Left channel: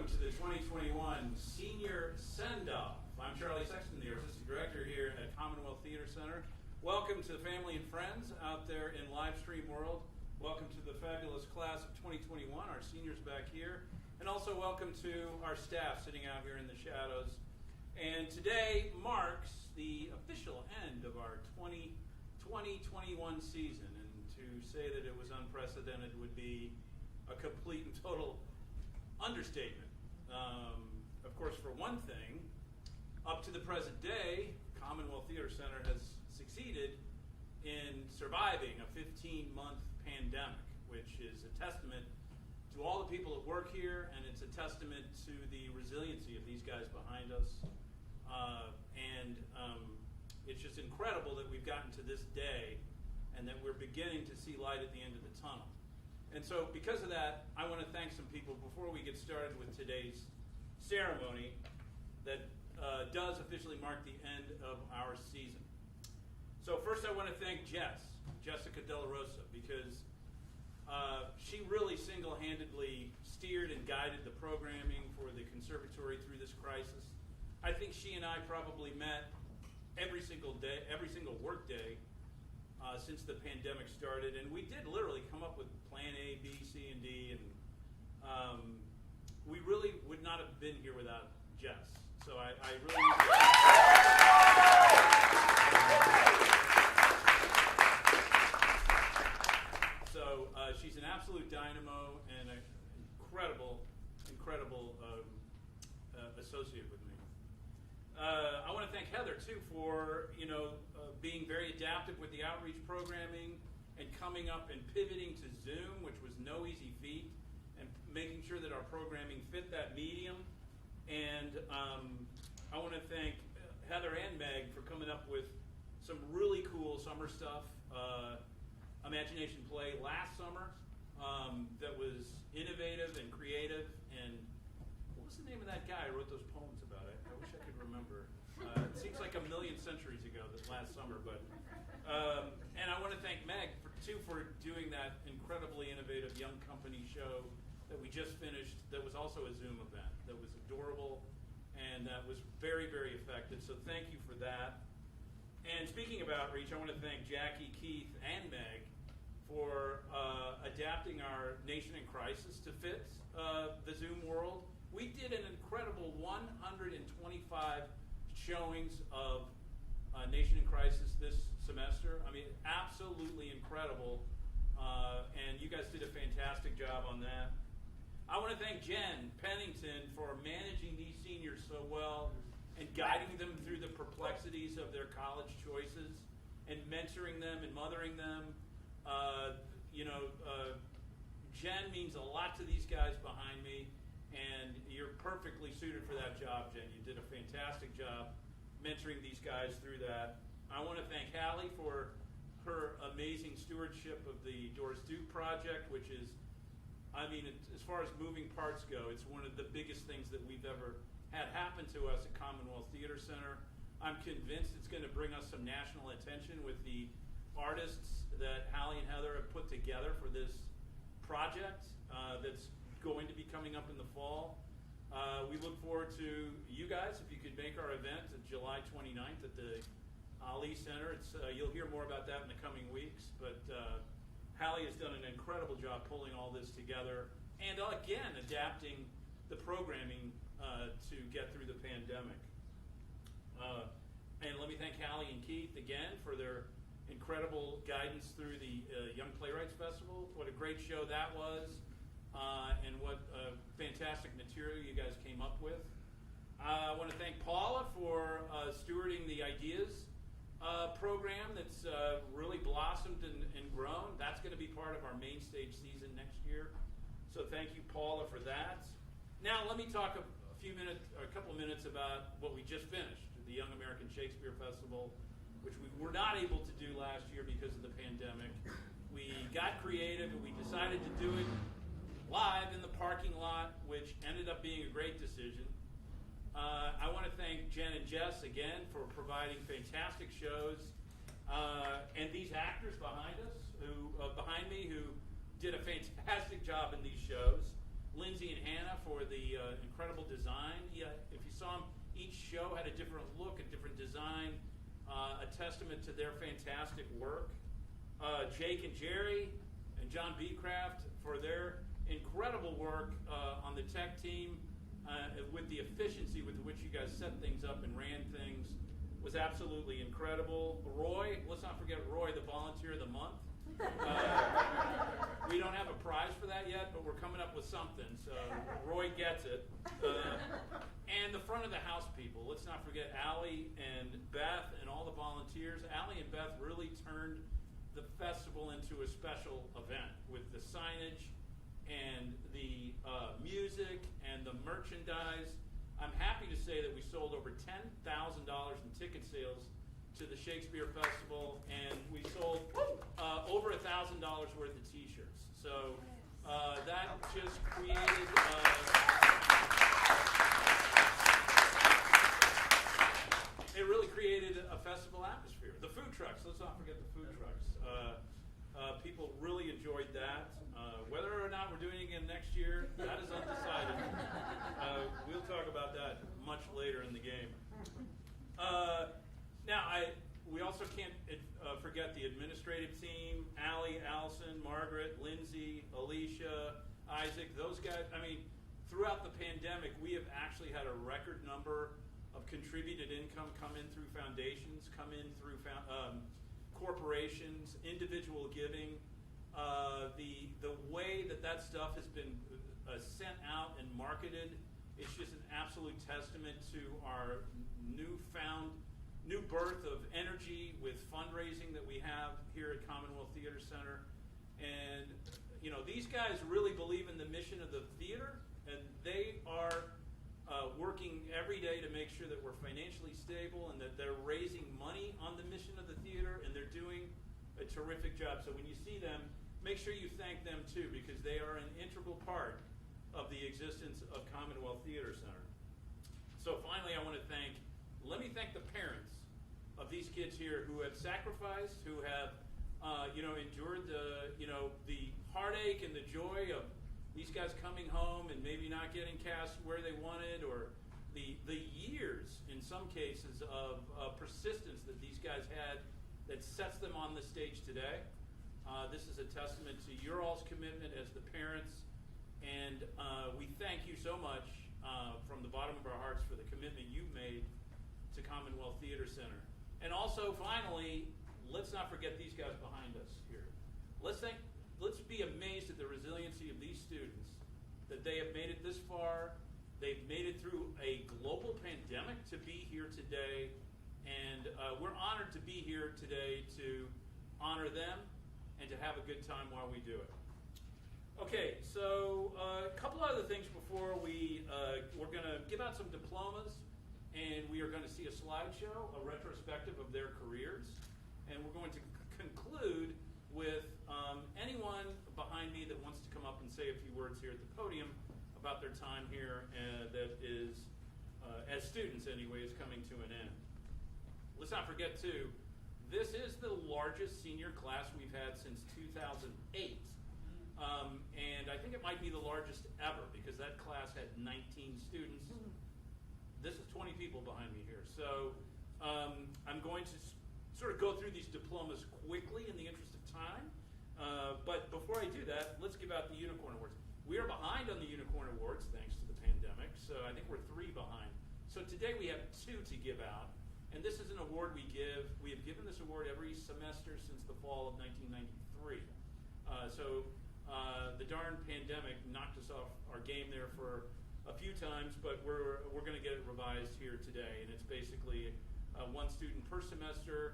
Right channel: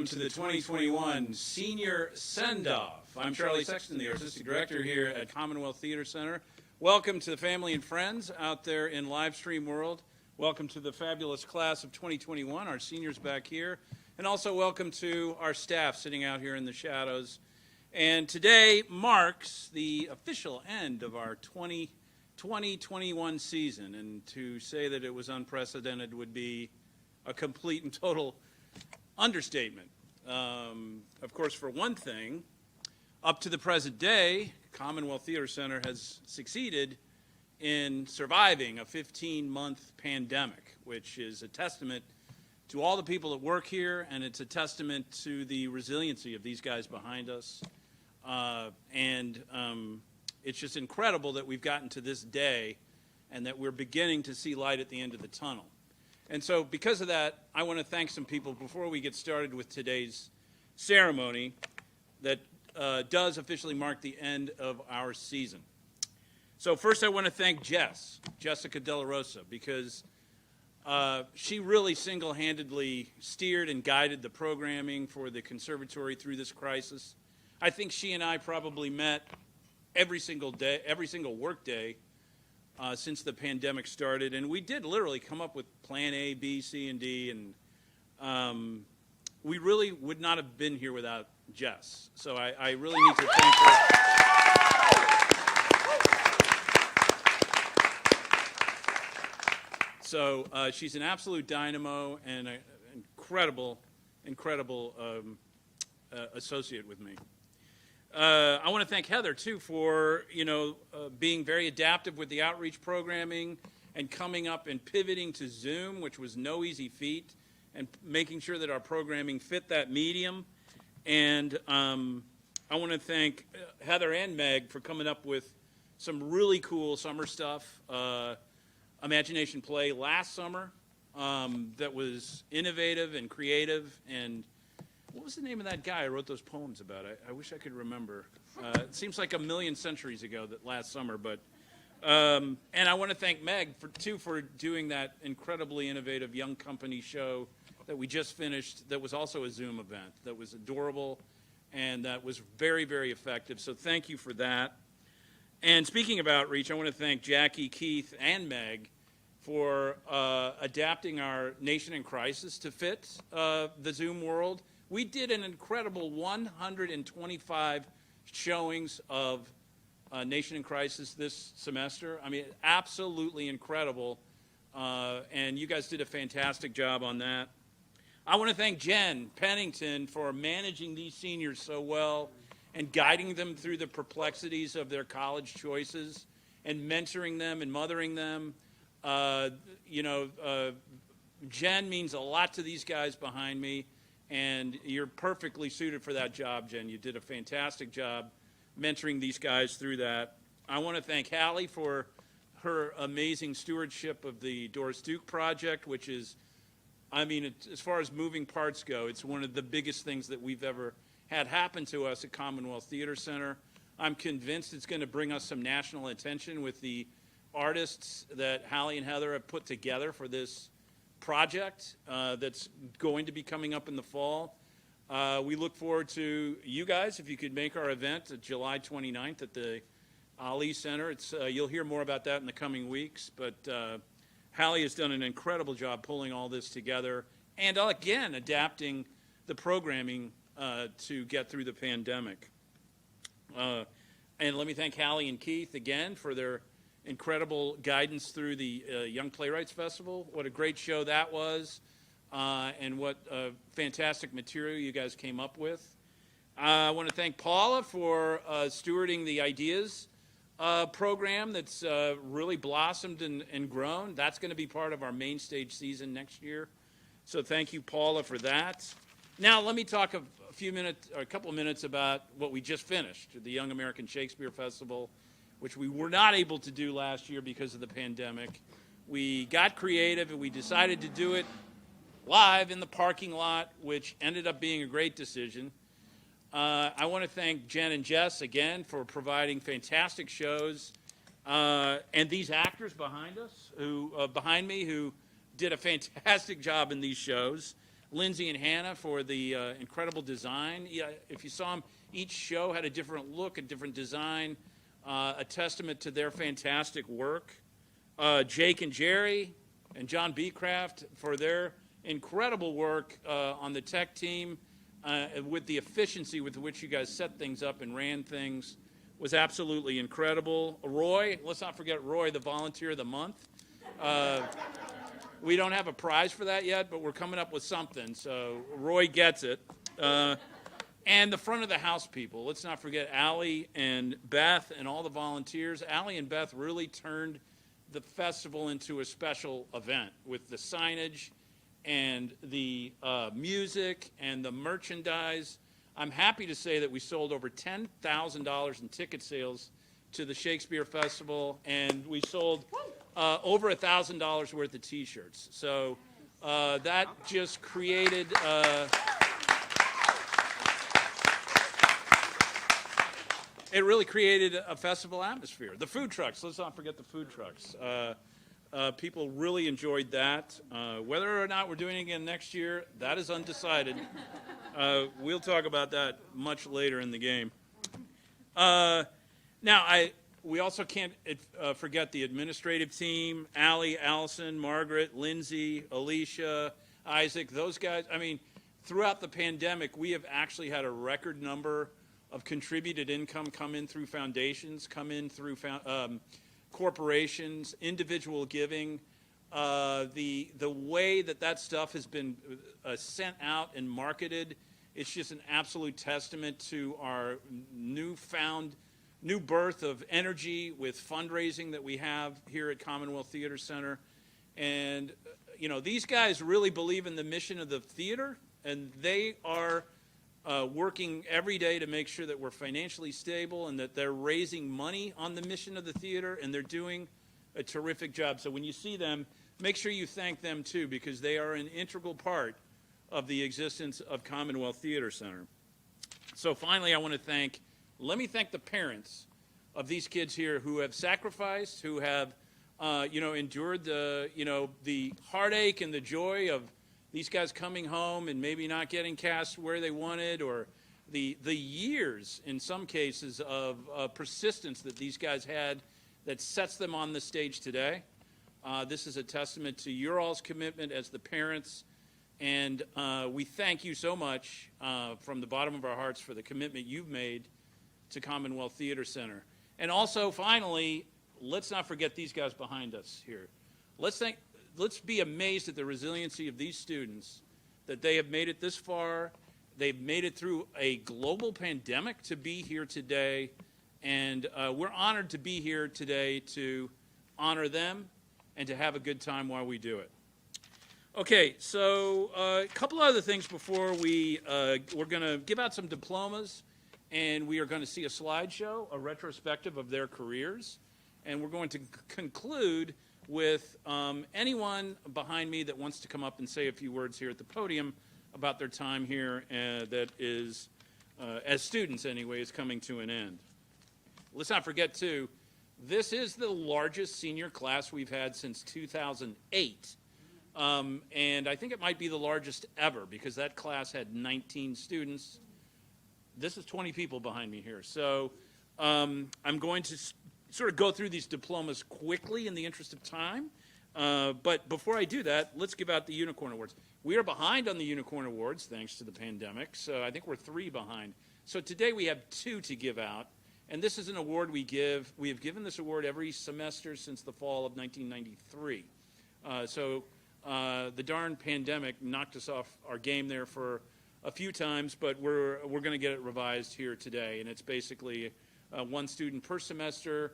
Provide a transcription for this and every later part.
welcome to the 2021 Senior Send-Off. I'm Charlie Sexton, the Artistic Director here at Commonwealth Theater Center. Welcome to the family and friends out there in live stream world. Welcome to the fabulous class of 2021, our seniors back here. And also welcome to our staff sitting out here in the shadows. And today marks the official end of our 2021 season. And to say that it was unprecedented would be a complete and total understatement. Of course, for one thing, up to the present day, Commonwealth Theater Center has succeeded in surviving a 15-month pandemic, which is a testament to all the people that work here, and it's a testament to the resiliency of these guys behind us. It's just incredible that we've gotten to this day and that we're beginning to see light at the end of the tunnel. And so because of that, I want to thank some people before we get started with today's ceremony that does officially mark the end of our season. So first I want to thank Jessica De La Rosa, because she really single-handedly steered and guided the programming for the conservatory through this crisis. I think she and I probably met every single day, every single work day since the pandemic started, and we did literally come up with plan A, B, C, and D, and we really would not have been here without Jess. So I really need to thank her. So she's an absolute dynamo and an incredible associate with me. I want to thank Heather, too, for being very adaptive with the outreach programming and coming up and pivoting to Zoom, which was no easy feat, and making sure that our programming fit that medium. And I want to thank Heather and Meg for coming up with some really cool summer stuff. Imagination play last summer that was innovative and creative. And what was the name of that guy I wrote those poems about? I wish I could remember. It seems like a million centuries ago, that last summer. But and I want to thank Meg for doing that incredibly innovative Young Company show that we just finished, that was also a Zoom event, that was adorable and that was very, very effective. So thank you for that. And speaking of outreach, I want to thank Jackie, Keith, and Meg for adapting our Nation in Crisis to fit the Zoom world. We did an incredible 125 showings of Nation in Crisis this semester. I mean, absolutely incredible. And you guys did a fantastic job on that. I want to thank Jen Pennington for managing these seniors so well and guiding them through the perplexities of their college choices and mentoring them and mothering them. Jen means a lot to these guys behind me, and you're perfectly suited for that job, Jen. You did a fantastic job mentoring these guys through that. I want to thank Hallie for her amazing stewardship of the Doris Duke project, which is, as far as moving parts go, it's one of the biggest things that we've ever had happen to us at Commonwealth Theater Center. I'm convinced it's going to bring us some national attention with the artists that Hallie and Heather have put together for this project that's going to be coming up in the fall. We look forward to you guys, if you could make our event at July 29th at the Ali Center. You'll hear more about that in the coming weeks, but Hallie has done an incredible job pulling all this together and, again, adapting the programming to get through the pandemic. And let me thank Hallie and Keith again for their incredible guidance through the Young Playwrights Festival. What a great show that was, and what fantastic material you guys came up with. I want to thank Paula for stewarding the Ideas program that's really blossomed and grown. That's going to be part of our main stage season next year. So thank you, Paula, for that. Now let me talk a couple of minutes about what we just finished, the Young American Shakespeare Festival, which we were not able to do last year because of the pandemic. We got creative and we decided to do it live in the parking lot, which ended up being a great decision. I want to thank Jen and Jess again for providing fantastic shows, and these actors behind me who did a fantastic job in these shows. Lindsay and Hannah for the incredible design. Yeah, if you saw them, each show had a different look, a different design, a testament to their fantastic work. Jake and Jerry and John Beecraft for their incredible work on the tech team, with the efficiency with which you guys set things up and ran things was absolutely incredible. Roy, let's not forget Roy, the volunteer of the month. We don't have a prize for that yet, but we're coming up with something, so Roy gets it. And the front of the house people, let's not forget Allie and Beth and all the volunteers. Allie and Beth really turned the festival into a special event with the signage and the music and the merchandise. I'm happy to say that we sold over $10,000 in ticket sales to the Shakespeare Festival, and we sold over $1,000 worth of T-shirts. So that just created it really created a festival atmosphere. The food trucks, let's not forget the food trucks. People really enjoyed that. Whether or not we're doing it again next year, that is undecided. We'll talk about that much later in the game. Now, we also can't forget the administrative team, Allie, Allison, Margaret, Lindsay, Alicia, Isaac, those guys. I mean, throughout the pandemic, we have actually had a record number of contributed income come in through foundations, come in through corporations, individual giving. The way that stuff has been sent out and marketed, it's just an absolute testament to our new birth of energy with fundraising that we have here at Commonwealth Theater Center. And these guys really believe in the mission of the theater, and they are working every day to make sure that we're financially stable and that they're raising money on the mission of the theater, and they're doing a terrific job. So when you see them, make sure you thank them too, because they are an integral part of the existence of Commonwealth Theater Center. So finally, let me thank the parents of these kids here who have sacrificed, who have endured the heartache and the joy of these guys coming home and maybe not getting cast where they wanted, or the years, in some cases, of persistence that these guys had that sets them on the stage today. This is a testament to your all's commitment as the parents, and we thank you so much from the bottom of our hearts for the commitment you've made to Commonwealth Theater Center. And also, finally, let's not forget these guys behind us here. Let's be amazed at the resiliency of these students, that they have made it this far. They've made it through a global pandemic to be here today, and we're honored to be here today to honor them and to have a good time while we do it. Okay, so a couple other things before we're going to give out some diplomas, and we are going to see a slideshow, a retrospective of their careers, and we're going to conclude with anyone behind me that wants to come up and say a few words here at the podium about their time here that is, as students anyway, is coming to an end. Let's not forget, too, this is the largest senior class we've had since 2008. And I think it might be the largest ever, because that class had 19 students. This is 20 people behind me here. So I'm going to sort of go through these diplomas quickly in the interest of time. But before I do that, let's give out the Unicorn Awards. We are behind on the Unicorn Awards thanks to the pandemic, so I think we're 3 behind. So today we have 2 to give out, and this is an award we give. We have given this award every semester since the fall of 1993. The darn pandemic knocked us off our game there for a few times, but we're going to get it revised here today, and it's basically 1 student per semester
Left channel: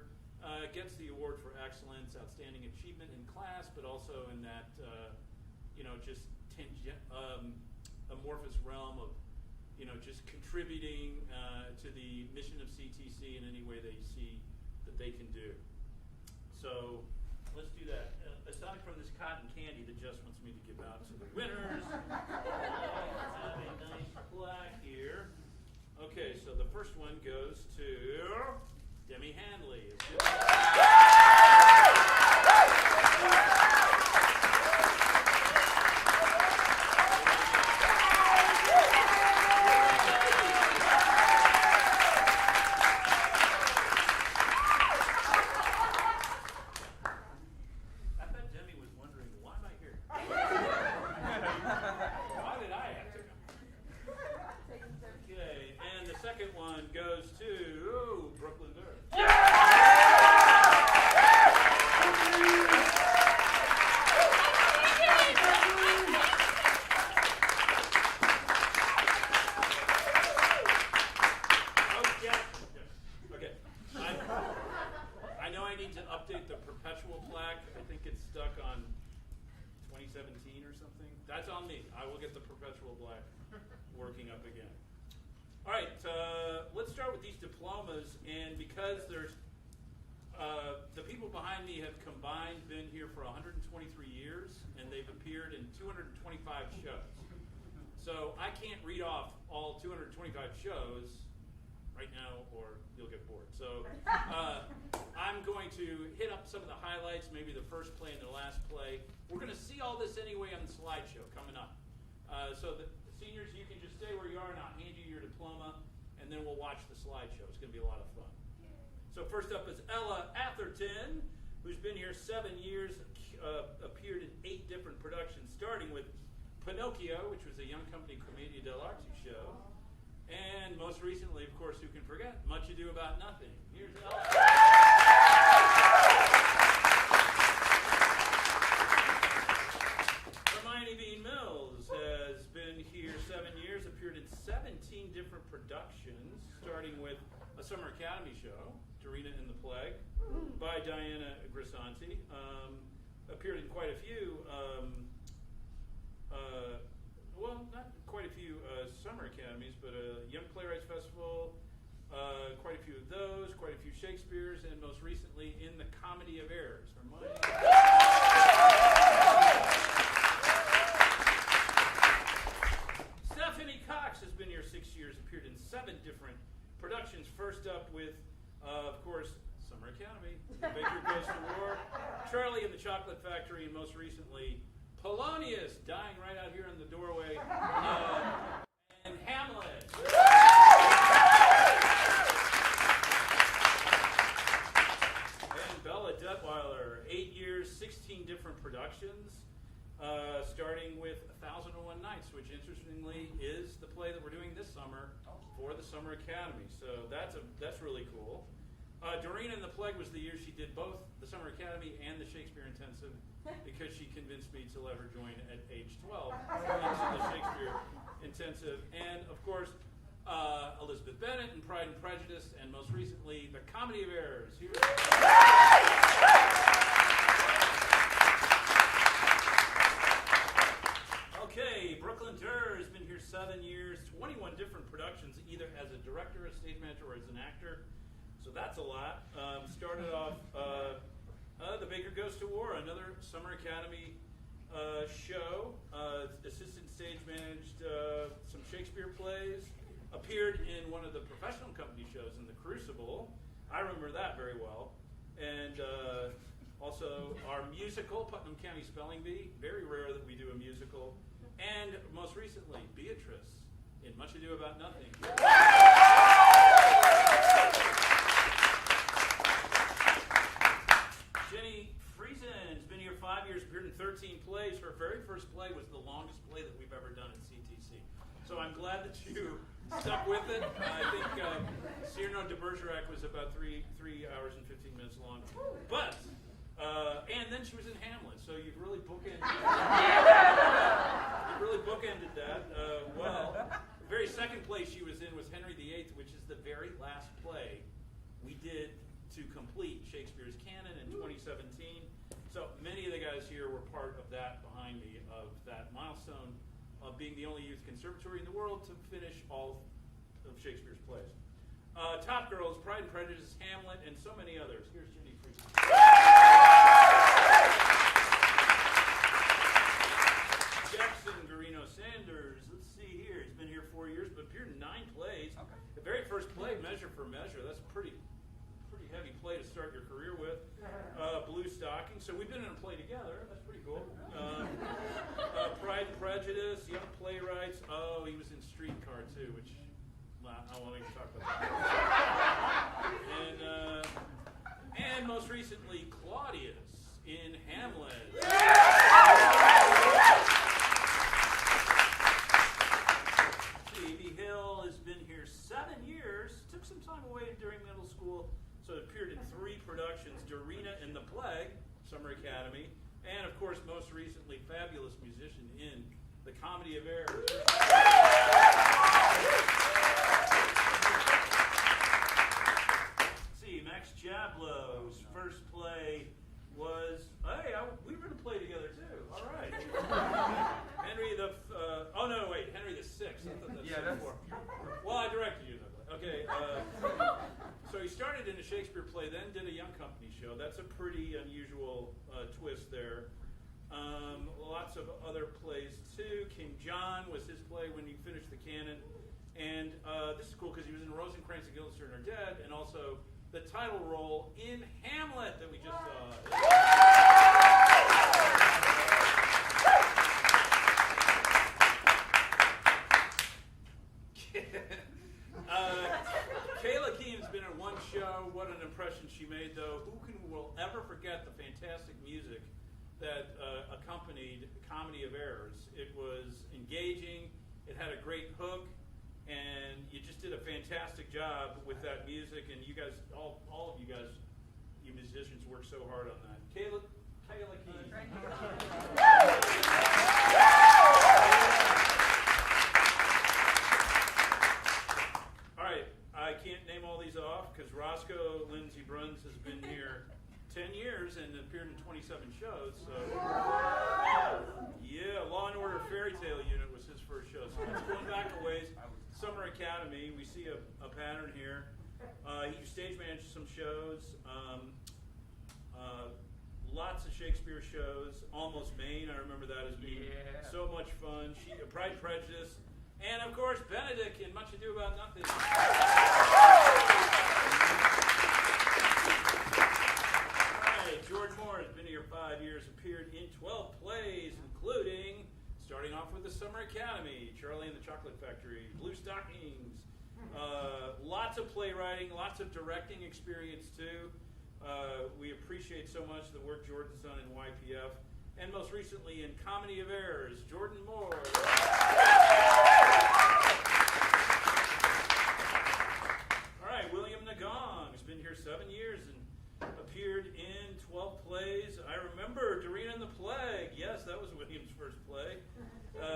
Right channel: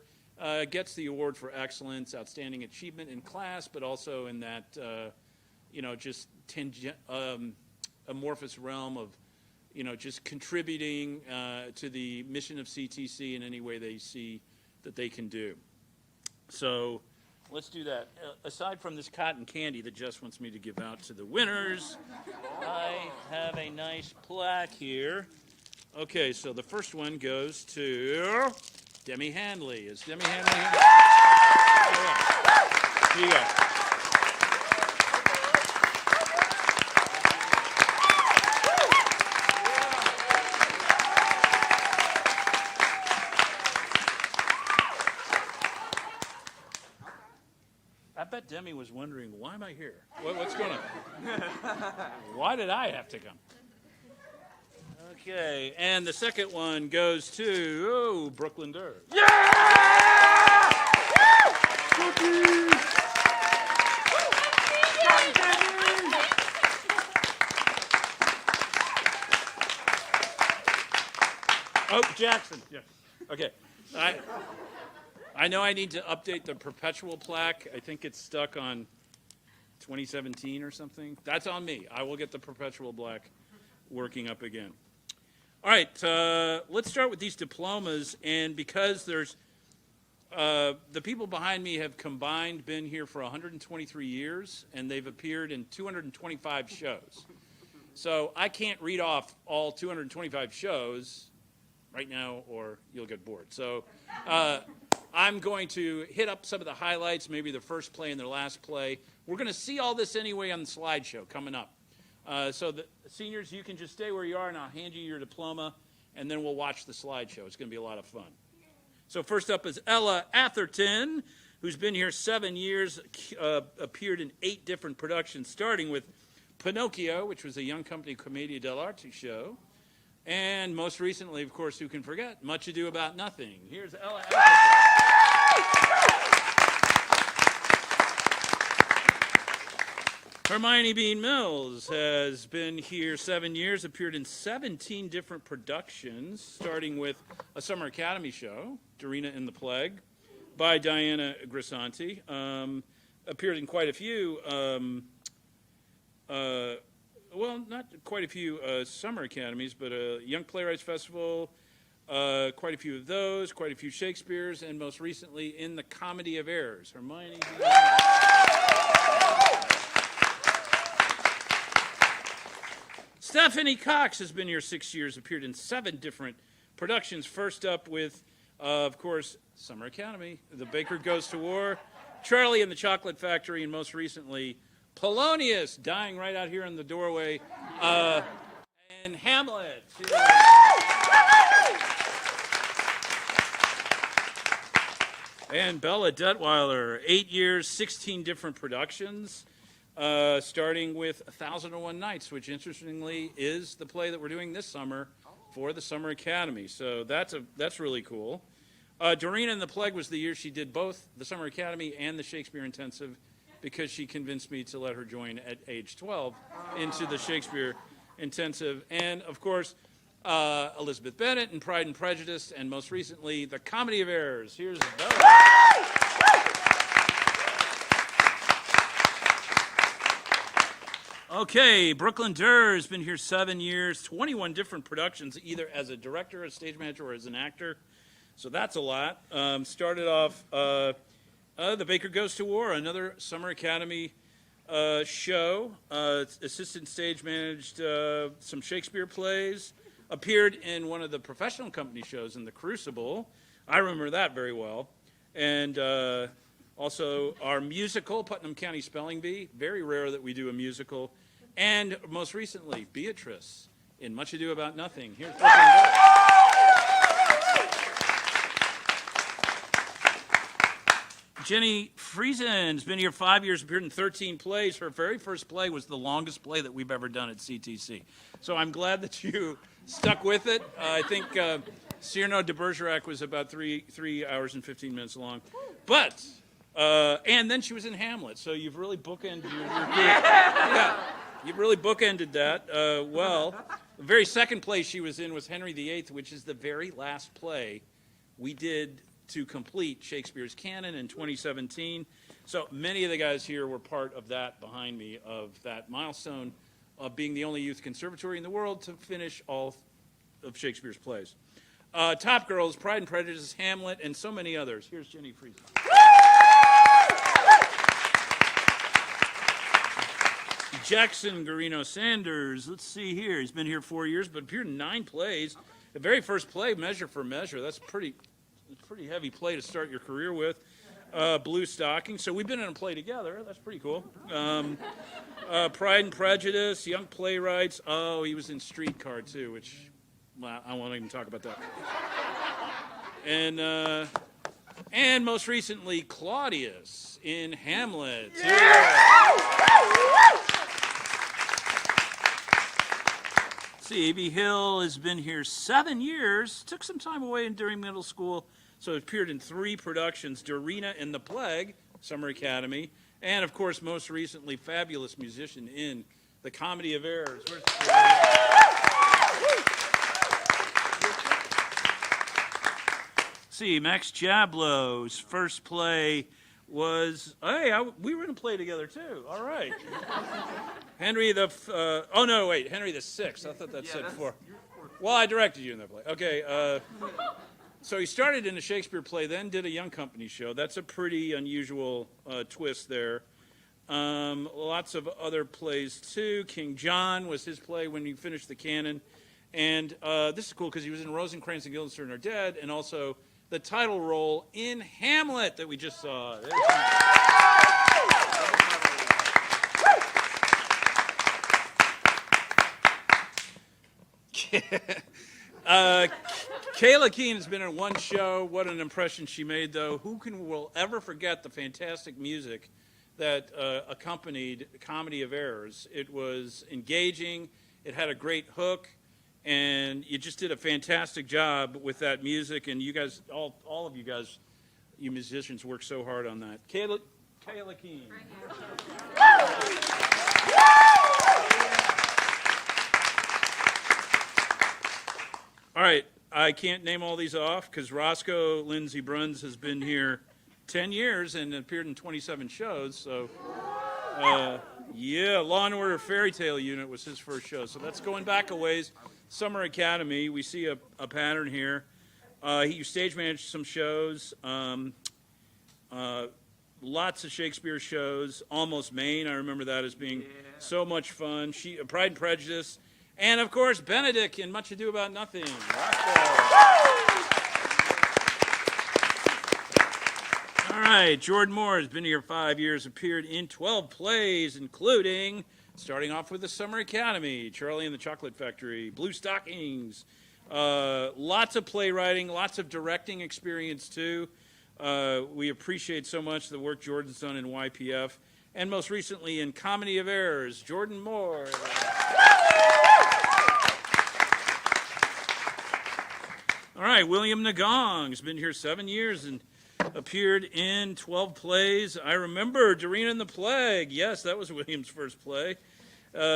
gets the award for excellence, outstanding achievement in class, but also in that just amorphous realm of just contributing to the mission of CTC in any way they see that they can do. So let's do that. Aside from this cotton candy that Jess wants me to give out to the winners, I have a nice plaque here. Okay, so the first one goes to Demi Handley. Is Demi Handley here? Here you go. was wondering, why am I here? What's going on? Why did I have to come? Okay, and the second one goes to, Brooklyn Durr. Oh, Jackson. Yeah. Okay. I know I need to update the perpetual plaque. I think it's stuck on 2017 or something. That's on me. I will get the perpetual plaque working up again. All right, let's start with these diplomas. And because there's the people behind me have combined been here for 123 years, and they've appeared in 225 shows. So I can't read off all 225 shows right now, or you'll get bored. So I'm going to hit up some of the highlights, maybe the first play and the last play. We're going to see all this anyway on the slideshow coming up. So the seniors, you can just stay where you are, and I'll hand you your diploma, and then we'll watch the slideshow. It's going to be a lot of fun. So first up is Ella Atherton, who's been here 7 years, appeared in 8 different productions, starting with Pinocchio, which was a Young Company Commedia dell'arte show. And most recently, of course, who can forget, Much Ado About Nothing. Here's Ella Hermione Bean Mills has been here 7 years, appeared in 17 different productions, starting with a Summer Academy show, Dorina and the Plague, by Diana Grisanti. Appeared in quite a few well, not quite a few summer academies, but a Young Playwrights Festival, quite a few of those, quite a few Shakespeare's, and most recently in the Comedy of Errors. Hermione. Stephanie Cox has been here 6 years, appeared in 7 different productions. First up with, of course, Summer Academy, The Baker Goes to War, Charlie and the Chocolate Factory, and most recently, Polonius, dying right out here in the doorway, and Hamlet. And Bella Detweiler, 8 years, 16 different productions, starting with 1001 Nights, which interestingly is the play that we're doing this summer for the Summer Academy. So that's really cool. Dorina and the Plague was the year she did both the Summer Academy and the Shakespeare Intensive, because she convinced me to let her join at age 12 into the Shakespeare Intensive. And, of course, Elizabeth Bennet in Pride and Prejudice, and most recently, The Comedy of Errors. Here's Bella. Okay, Brooklyn Durr has been here 7 years, 21 different productions, either as a director, a stage manager, or as an actor. So that's a lot. Started off... The Baker Goes to War, another Summer Academy show. Assistant stage managed some Shakespeare plays. Appeared in one of the professional company shows in The Crucible. I remember that very well. And also our musical, Putnam County Spelling Bee. Very rare that we do a musical. And most recently, Beatrice in Much Ado About Nothing. Here's Jenny Friesen's been here 5 years, appeared in 13 plays. Her very first play was the longest play that we've ever done at CTC. So I'm glad that you stuck with it. I think Cyrano de Bergerac was about 3 hours and 15 minutes long. But, and then she was in Hamlet, so you've really bookended you've really bookended that well. The very second play she was in was Henry VIII, which is the very last play we did to complete Shakespeare's canon in 2017. So many of the guys here were part of that behind me, of that milestone of being the only youth conservatory in the world to finish all of Shakespeare's plays. Top Girls, Pride and Prejudice, Hamlet, and so many others. Here's Jenny Friesen. Jackson Garino Sanders, let's see here. He's been here 4 years, but appeared in 9 plays. The very first play, Measure for Measure, that's pretty heavy play to start your career with. Blue Stocking. So we've been in a play together. That's pretty cool. Pride and Prejudice, Young Playwrights. Oh, he was in Streetcar too, which, well, I won't even talk about that. And most recently, Claudius in Hamlet. See, A.B. Hill has been here 7 years. Took some time away during middle school, so it appeared in 3 productions: Dorina in The Plague, Summer Academy, and of course, most recently, fabulous musician in The Comedy of Errors. See, Max Jablow's first play was, we were in a play together too. All right. Henry the Sixth. I thought that said 4. Well, I directed you in that play. Okay. So he started in a Shakespeare play, then did a Young Company show. That's a pretty unusual twist there. Lots of other plays too. King John was his play when he finished the canon. And this is cool because he was in Rosencrantz and Guildenstern Are Dead, and also the title role in Hamlet that we just saw. Kayla Keane has been in one show. What an impression she made, though. Will ever forget the fantastic music that accompanied Comedy of Errors? It was engaging. It had a great hook. And you just did a fantastic job with that music, and you guys, all of you guys, you musicians, worked so hard on that. Kayla Keane. All right, I can't name all these off because Roscoe Lindsay Bruns has been here 10 years and appeared in 27 shows. So, Law and Order Fairy Tale Unit was his first show. So that's going back a ways. Summer Academy, we see a pattern here. He stage managed some shows, lots of Shakespeare shows. Almost Maine, I remember that as being so much fun. Pride and Prejudice, and of course Benedict in Much Ado About Nothing. All right, Jordan Moore has been here 5 years, appeared in 12 plays, including, starting off with the Summer Academy, Charlie and the Chocolate Factory, Blue Stockings, lots of playwriting, lots of directing experience too. We appreciate so much the work Jordan's done in YPF, and most recently in Comedy of Errors, Jordan Moore. All right, William Nagong has been here 7 years and appeared in 12 plays. I remember Dorina in The Plague. Yes, that was William's first play.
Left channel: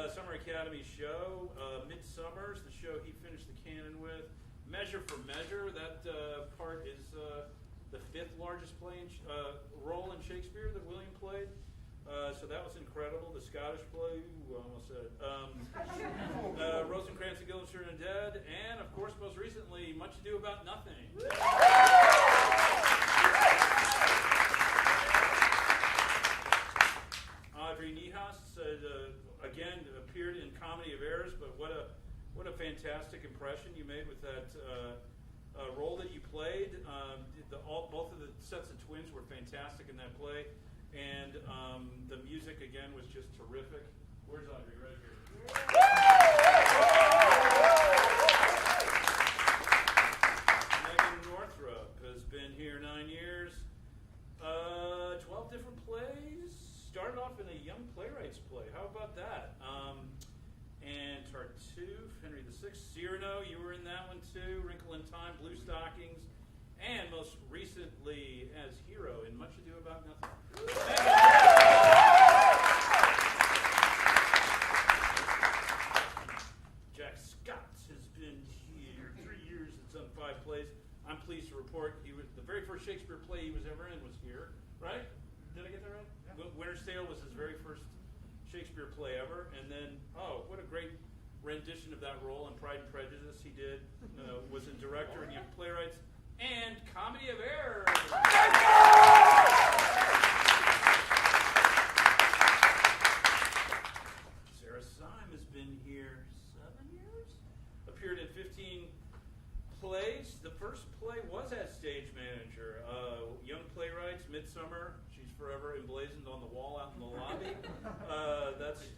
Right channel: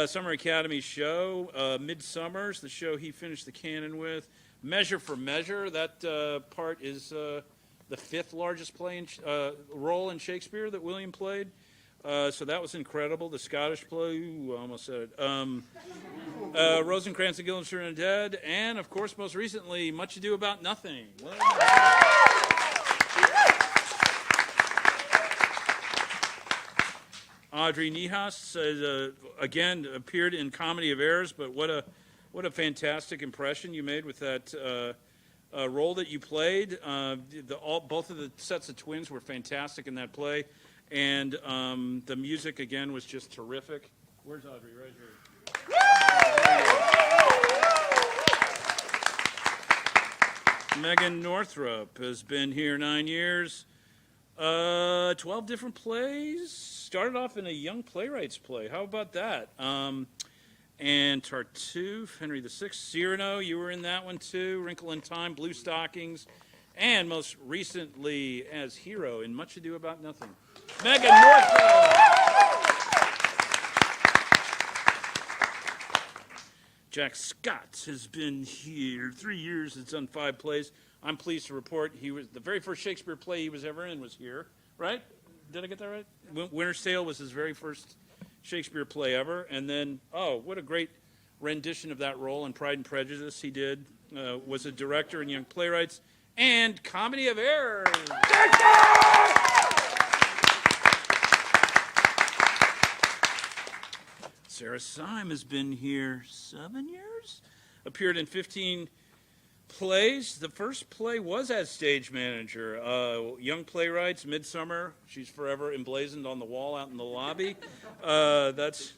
Summer Academy show. Midsummer's the show he finished the canon with. Measure for Measure. That part is the 5th largest play role in Shakespeare that William played. So that was incredible. The Scottish play. Ooh, I almost said it. Rosencrantz and Guildenstern Are Dead. And, of course, most recently, Much Ado About Nothing. Audrey Niehaus again appeared in Comedy of Errors, but what a fantastic impression you made with that role that you played. Both of the sets of twins were fantastic in that play, and the music again was just terrific. Where's Audrey? Right here. Megan Northrup has been here 9 years. 12 different plays. Started off in a Young Playwrights play. How about that? And Tartuffe, Henry VI, Cyrano, you were in that one too. Wrinkle in Time, Blue Stockings, and most recently as Hero in Much Ado About Nothing. Megan Northrup. Jack Scott has been here 3 years. It's done 5 plays. I'm pleased to report he was the very first Shakespeare play he was ever in was here, right? Did I get that right? Winter's Tale was his very first Shakespeare play ever. And then, what a great rendition of that role in Pride and Prejudice he did. Was a director in Young Playwrights and Comedy of Errors. Sarah Syme has been here 7 years. Appeared in 15 plays. The first play was as stage manager. Young Playwrights, Midsummer. She's forever emblazoned on the wall out in the lobby. That's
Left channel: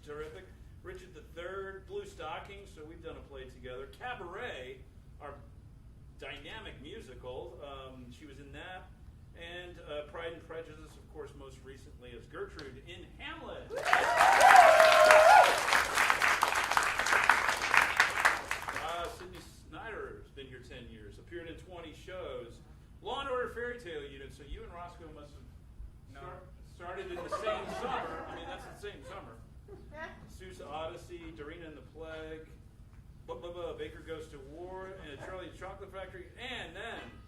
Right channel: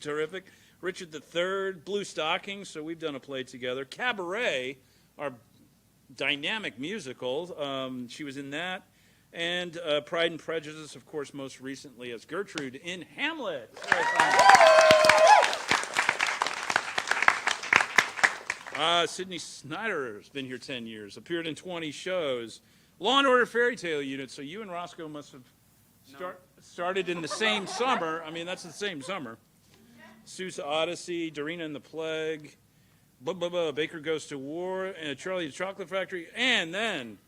terrific. Richard III, Blue Stockings. So we've done a play together. Cabaret, our dynamic musical. She was in that. And Pride and Prejudice, of course, most recently as Gertrude in Hamlet. Sydney Snyder has been here 10 years, appeared in 20 shows. Law & Order Fairy Tale Unit, so you and Roscoe must have started in the same summer. I mean, that's the same summer. Sousa Odyssey, Dorina and the Plague, Baker Goes to War, and Charlie and the Chocolate Factory, and then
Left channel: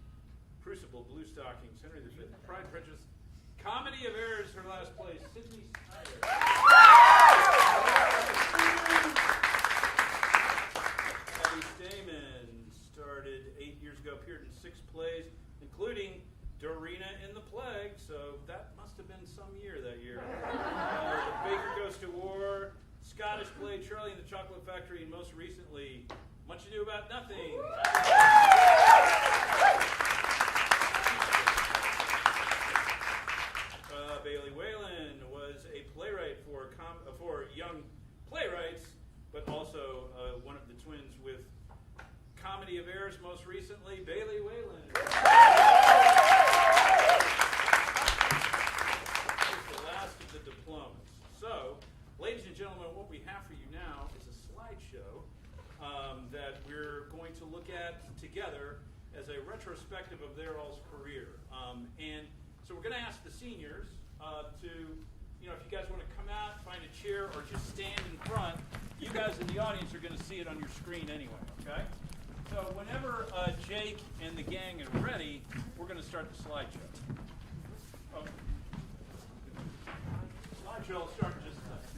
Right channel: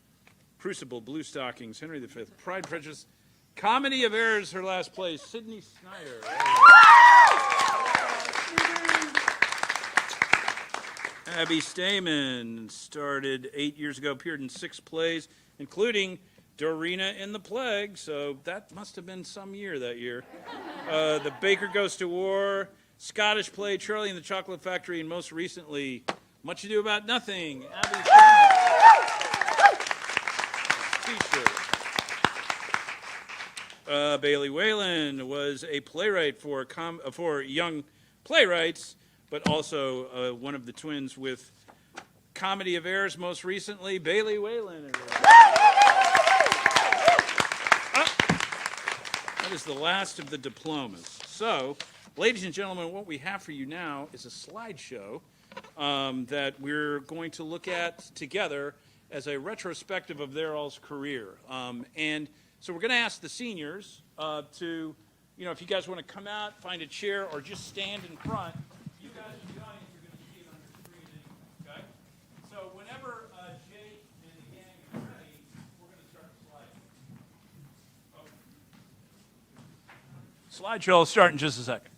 Crucible, Blue Stockings, Henry V, Pride, Prejudice, Comedy of Errors, her last place, Sydney Snyder. Abby Stamen started 8 years ago, appeared in 6 plays, including Dorina in the Plague, so that must have been some year that year. The Baker Goes to War, Scottish play, Charlie and the Chocolate Factory, and most recently, Much Ado About Nothing. Bailey Whalen was a playwright for young playwrights, but also one of the twins with Comedy of Errors most recently, Bailey Whalen. That is the last of the diplomas. So, ladies and gentlemen, what we have for you now is a slideshow that we're going to look at together as a retrospective of their all's career. And so we're going to ask the seniors to, if you guys want to come out, find a chair, or just stand in front. You guys in the audience are going to see it on your screen anyway, okay? So whenever Jake and the gang are ready, we're going to start the slideshow. Okay. Slideshow will start in just a second.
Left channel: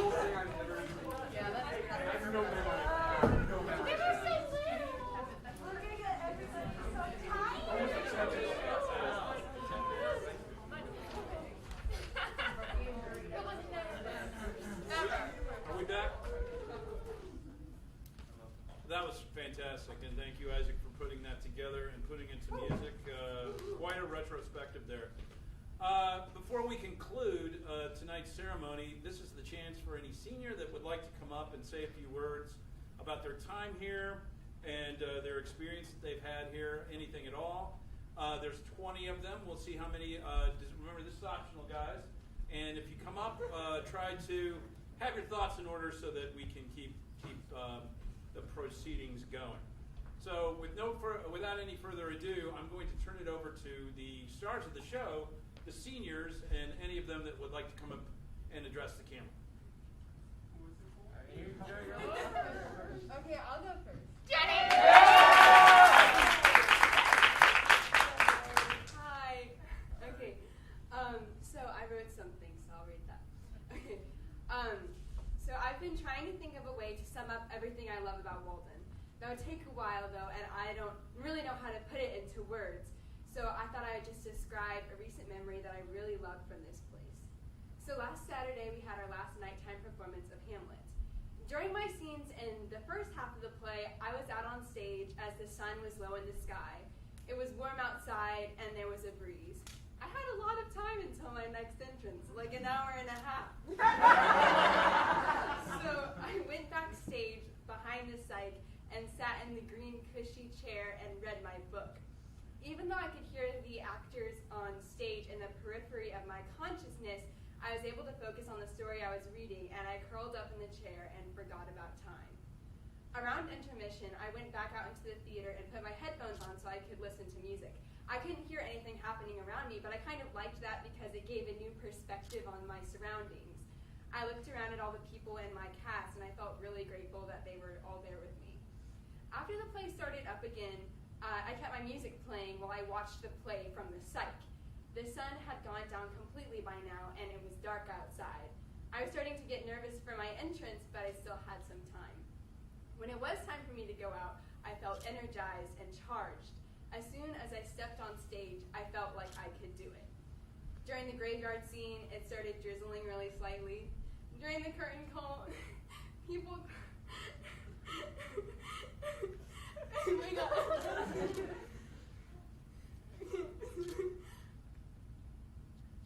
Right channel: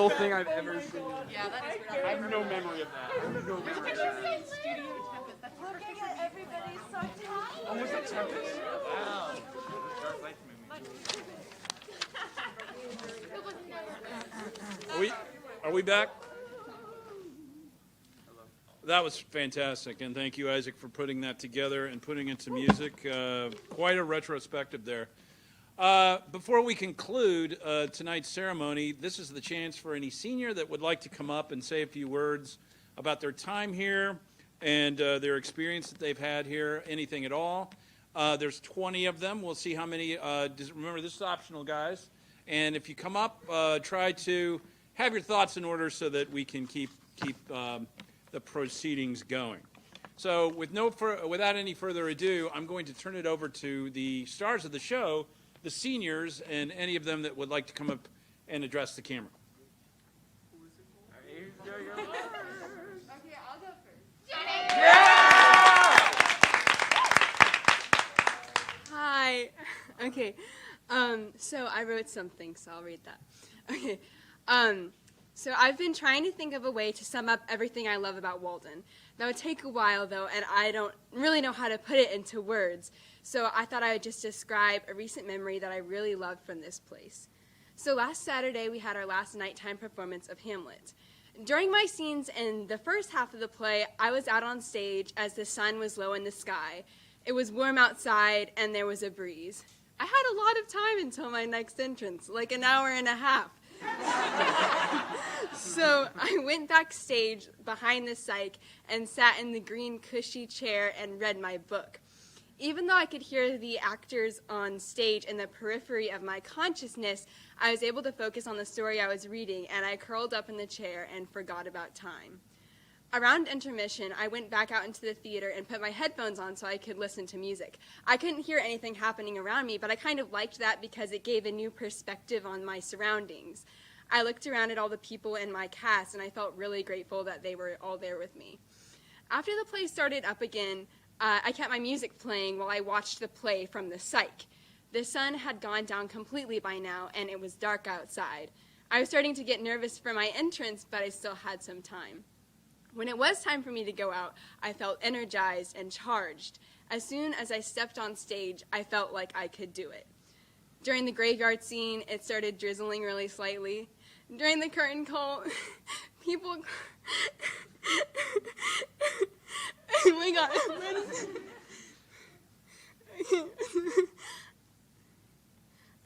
real thing I've ever seen. Yeah, that is. I have no memory of that. No memory. Are we back? That was fantastic, and thank you, Isaac, for putting that together and putting it to music. Quite a retrospective there. Before we conclude tonight's ceremony, this is the chance for any senior that would like to come up and say a few words about their time here and their experience that they've had here, anything at all. There's 20 of them. We'll see how many. Remember, this is optional, guys. And if you come up, try to have your thoughts in order so that we can keep the proceedings going. So without any further ado, I'm going to turn it over to the stars of the show, the seniors, and any of them that would like to come up and address the camera. Okay, I'll go first. Hi. Okay. So I wrote something, so I'll read that. Okay. So I've been trying to think of a way to sum up everything I love about Walden. That would take a while, though, and I don't really know how to put it into words. So I thought I would just describe a recent memory that I really loved from this place. So last Saturday, we had our last nighttime performance of Hamlet. During my scenes in the first half of the play, I was out on stage as the sun was low in the sky. It was warm outside, and there was a breeze. I had a lot of time until my next entrance, like an hour and a half. So I went backstage behind the psych and sat in the green cushy chair and read my book. Even though I could hear the actors on stage in the periphery of my consciousness, I was able to focus on the story I was reading, and I curled up in the chair and forgot about time. Around intermission, I went back out into the theater and put my headphones on so I could listen to music. I couldn't hear anything happening around me, but I kind of liked that because it gave a new perspective on my surroundings. I looked around at all the people in my cast, and I felt really grateful that they were all there with me. After the play started up again, I kept my music playing while I watched the play from the psych. The sun had gone down completely by now, and it was dark outside. I was starting to get nervous for my entrance, but I still had some time. When it was time for me to go out, I felt energized and charged. As soon as I stepped on stage, I felt like I could do it. During the graveyard scene, it started drizzling really slightly. During the curtain call, people... Oh my God.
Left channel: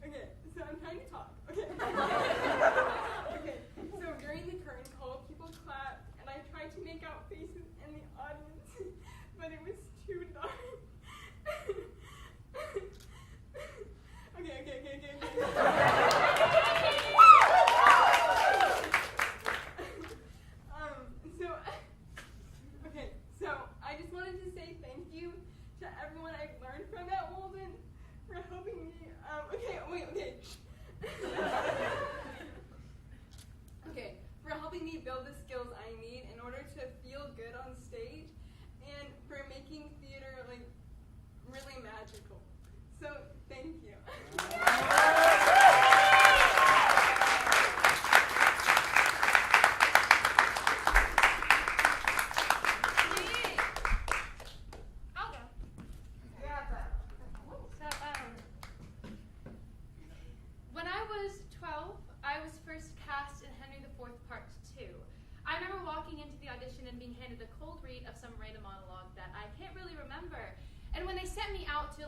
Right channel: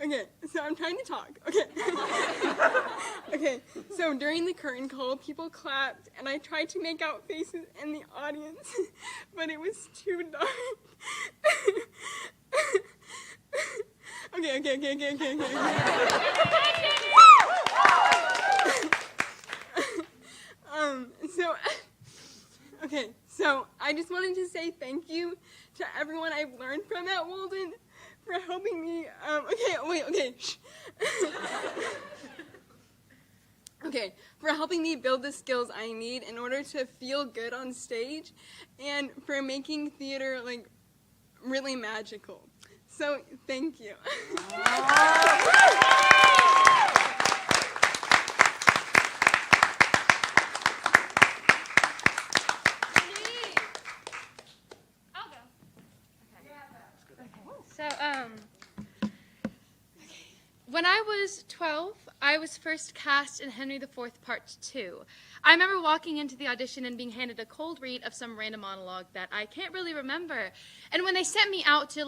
Okay, so I'm trying to talk. Okay. Okay, so during the curtain call, people clapped, and I tried to make out faces in the audience, but it was too dark. Okay. So I just wanted to say thank you to everyone I've learned from at Walden for helping me, for helping me build the skills I need in order to feel good on stage, and for making theater, really magical. So, thank you. When I was 12, I was first cast in Henry IV Part 2. I remember walking into the audition and being handed a cold read of some random monologue that I can't really remember. And when they sent me out to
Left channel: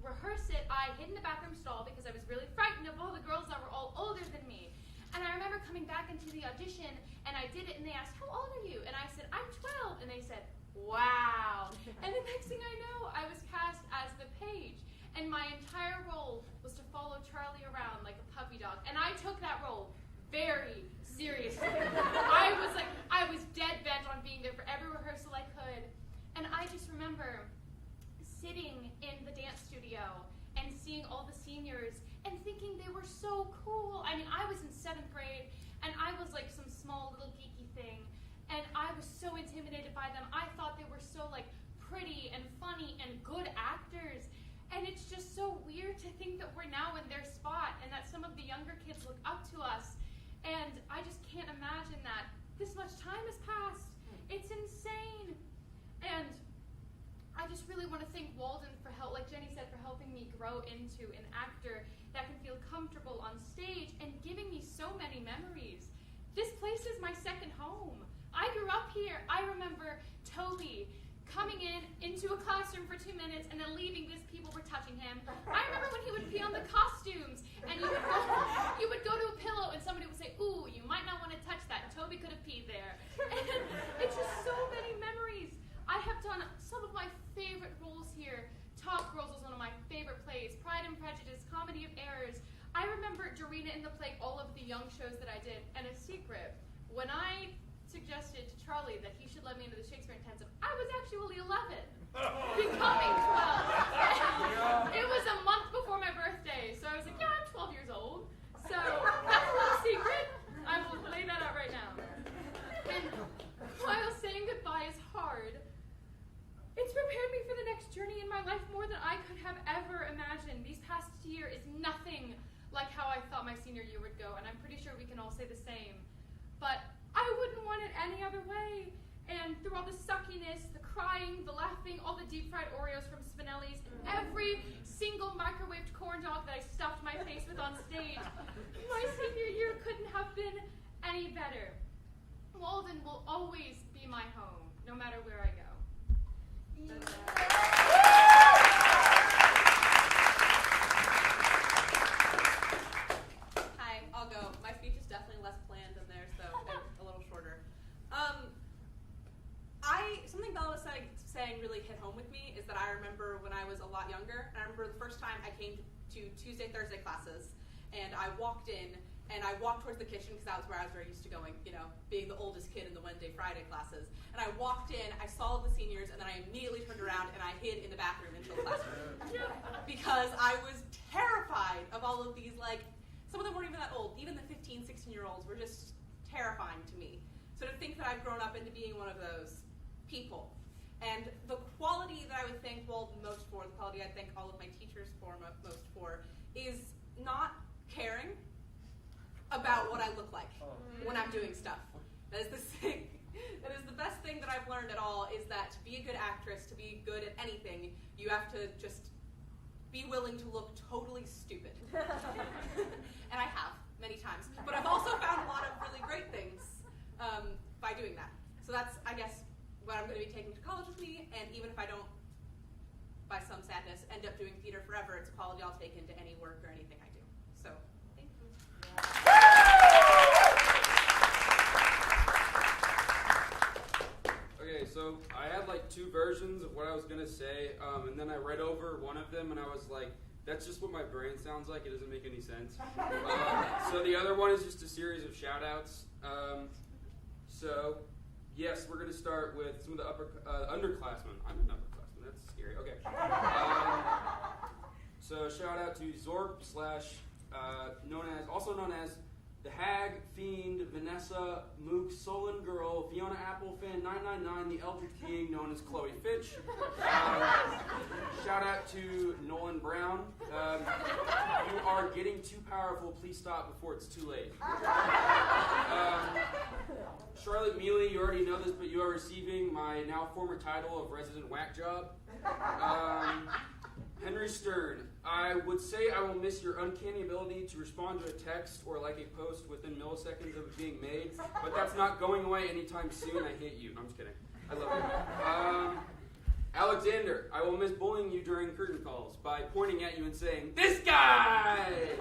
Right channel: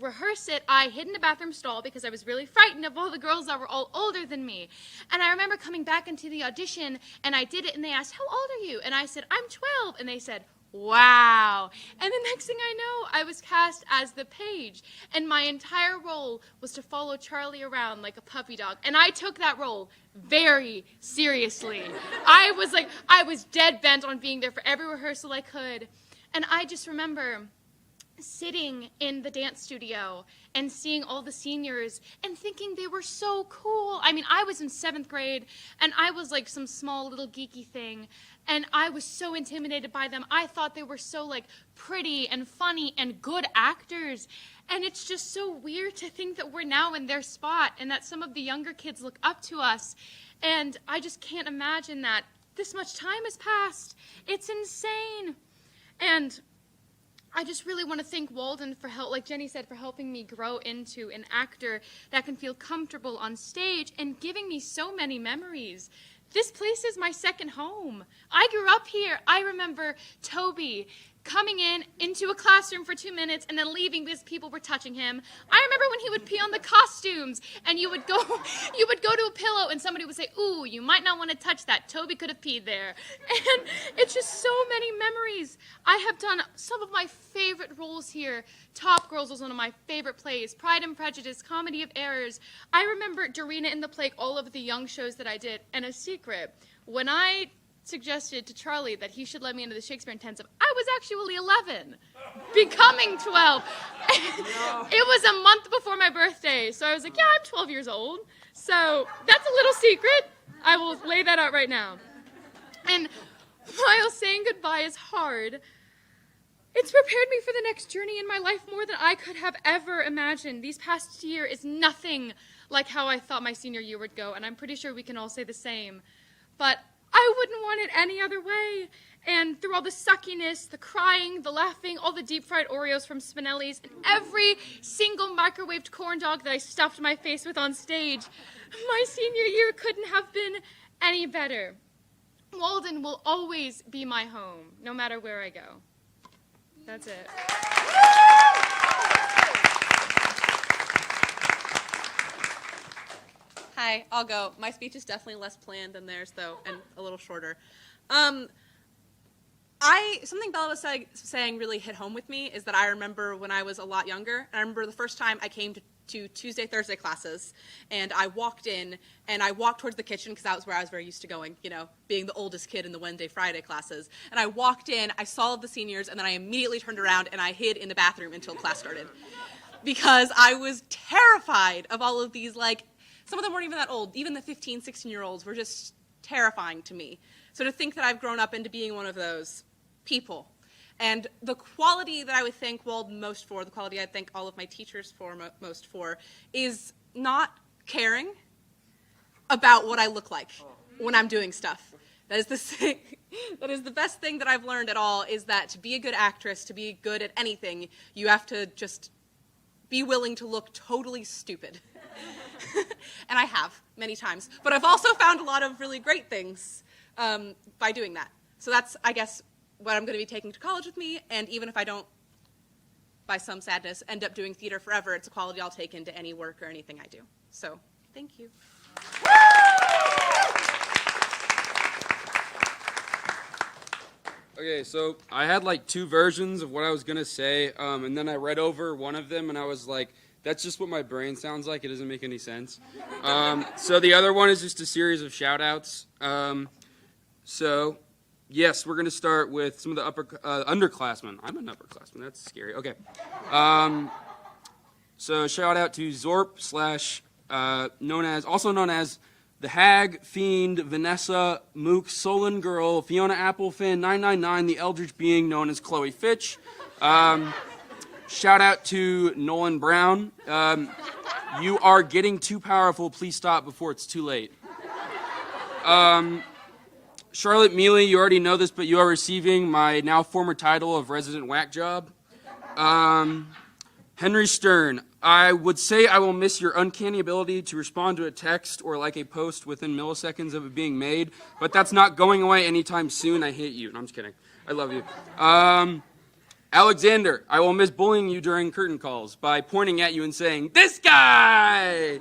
rehearse it, I hid in the bathroom stall because I was really frightened of all the girls that were all older than me. And I remember coming back into the audition, and I did it, and they asked, "How old are you?" And I said, "I'm 12." And they said, "Wow." And the next thing I know, I was cast as the page, and my entire role was to follow Charlie around like a puppy dog, and I took that role very seriously. I was dead bent on being there for every rehearsal I could, and I just remember sitting in the dance studio and seeing all the seniors and thinking they were so cool. I mean, I was in 7th grade, and I was like some small little geeky thing, and I was so intimidated by them. I thought they were so pretty and funny and good actors. And it's just so weird to think that we're now in their spot and that some of the younger kids look up to us. And I just can't imagine that this much time has passed. It's insane. And I just really want to thank Walden for help, like Jenny said, for helping me grow into an actor that can feel comfortable on stage and giving me so many memories. This place is my second home. I grew up here. I remember Toby coming into a classroom for 2 minutes and then leaving because people were touching him. I remember when he would pee on the costumes and you would go to a pillow and somebody would say, "Ooh, you might not want to touch that. Toby could have peed there." And it's just so many memories. I have done some of my favorite roles here. Top Girls was one of my favorite plays. Pride and Prejudice, Comedy of Errors. I remember Dorina in the Plague, all of the young shows that I did. And a secret, when I suggested to Charlie that he should let me into the Shakespeare intensive, I was actually 11, becoming 12. It was a month before my birthday, so I was like, yeah, I'm 12 years old. So that's a little secret. I will lay that out right now. And while saying goodbye is hard, it's prepared me for the next journey in my life more than I could have ever imagined. These past year is nothing like how I thought my senior year would go, and I'm pretty sure we can all say the same. But I wouldn't want it any other way. And through all the suckiness, the crying, the laughing, all the deep-fried Oreos from Spinelli's, and every single microwaved corn dog that I stuffed my face with on stage, my senior year couldn't have been any better. Walden will always be my home, no matter where I go. That's it. Hi, I'll go. My speech is definitely less planned than theirs, though, and a little shorter. Something Bella was saying really hit home with me is that I remember when I was a lot younger, and I remember the first time I came to Tuesday, Thursday classes, and I walked in, and I walked towards the kitchen because that was where I was very used to going, you know, being the oldest kid in the Wednesday, Friday classes. And I walked in, I saw the seniors, and then I immediately turned around and I hid in the bathroom until class started. Because I was terrified of all of these, like, some of them weren't even that old. Even the 15, 16-year-olds were just terrifying to me. So to think that I've grown up into being one of those people. And the quality that I would thank Walden most for, the quality I thank all of my teachers for most for, is not caring about what I look like when I'm doing stuff. That is the best thing that I've learned at all, is that to be a good actress, to be good at anything, you have to just be willing to look totally stupid. And I have, many times. But I've also found a lot of really great things by doing that. So that's, I guess, what I'm going to be taking to college with me, and even if I don't, by some sadness, end up doing theater forever, it's a quality I'll take into any work or anything I do. So, thank you. Okay, so I had like two versions of what I was going to say, and then I read over one of them, and I was like, that's just what my brain sounds like. It doesn't make any sense. So the other one is just a series of shout-outs. So, yes, we're going to start with some of the underclassmen. I'm an upperclassman. That's scary. Okay. So shout-out to Zorp / also known as The Hag, Fiend, Vanessa, Mook, Solon Girl, Fiona Applefin, 999, the Eldritch Being known as Chloe Fitch. Shout out to Nolan Brown. You are getting too powerful. Please stop before it's too late. Charlotte Mealy, you already know this, but you are receiving my now former title of Resident Whack Job. Henry Stern, I would say I will miss your uncanny ability to respond to a text or like a post within milliseconds of it being made, but that's not going away anytime soon. I hate you. No, I'm just kidding. I love you. Alexander, I will miss bullying you during curtain calls by pointing at you and saying, "This guy!"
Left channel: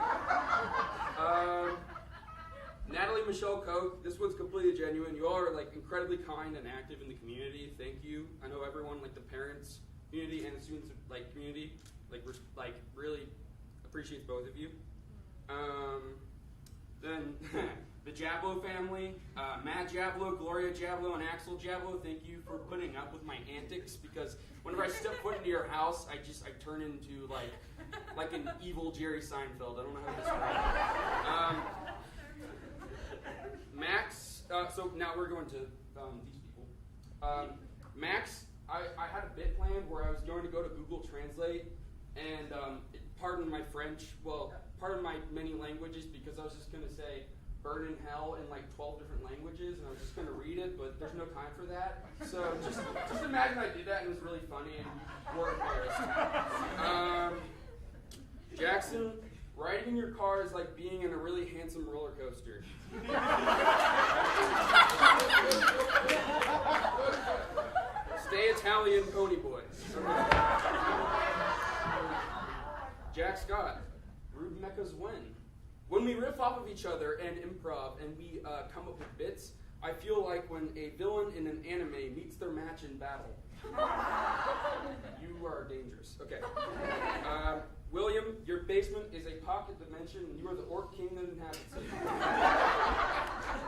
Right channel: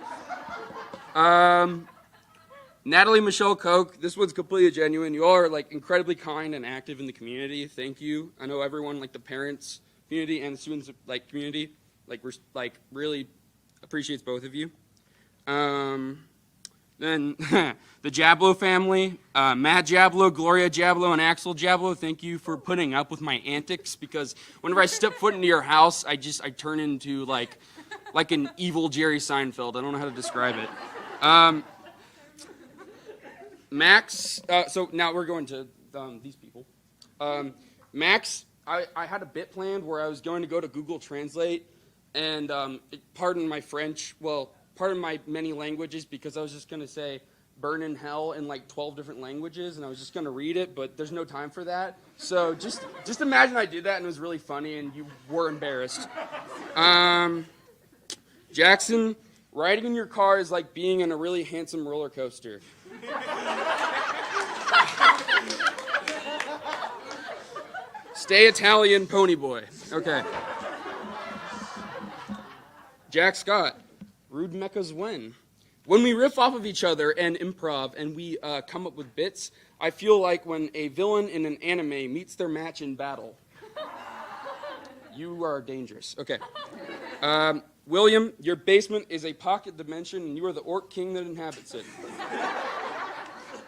Natalie Michelle Koch, this one's completely genuine. You all are like incredibly kind and active in the community. Thank you. I know everyone, like the parents community and the students like community, like really appreciates both of you. Then the Jablo family, Matt Jablo, Gloria Jablo, and Axel Jablo, thank you for putting up with my antics, because whenever I step foot into your house, I turn into like an evil Jerry Seinfeld. I don't know how to describe it. Max, so now we're going to these people. Max, I had a bit planned where I was going to go to Google Translate and pardon my French, well, pardon my many languages, because I was just going to say, burn in hell in like 12 different languages, and I was just gonna read it, but there's no time for that. So just imagine I did that and it was really funny and you were embarrassed. Jackson, riding in your car is like being in a really handsome roller coaster. Stay Italian, pony boy. Okay. Jack Scott, rude mechas when? When we riff off of each other and improv and we come up with bits, I feel like when a villain in an anime meets their match in battle. You are dangerous. Okay. William, your basement is a pocket dimension and you are the orc king that inhabits it.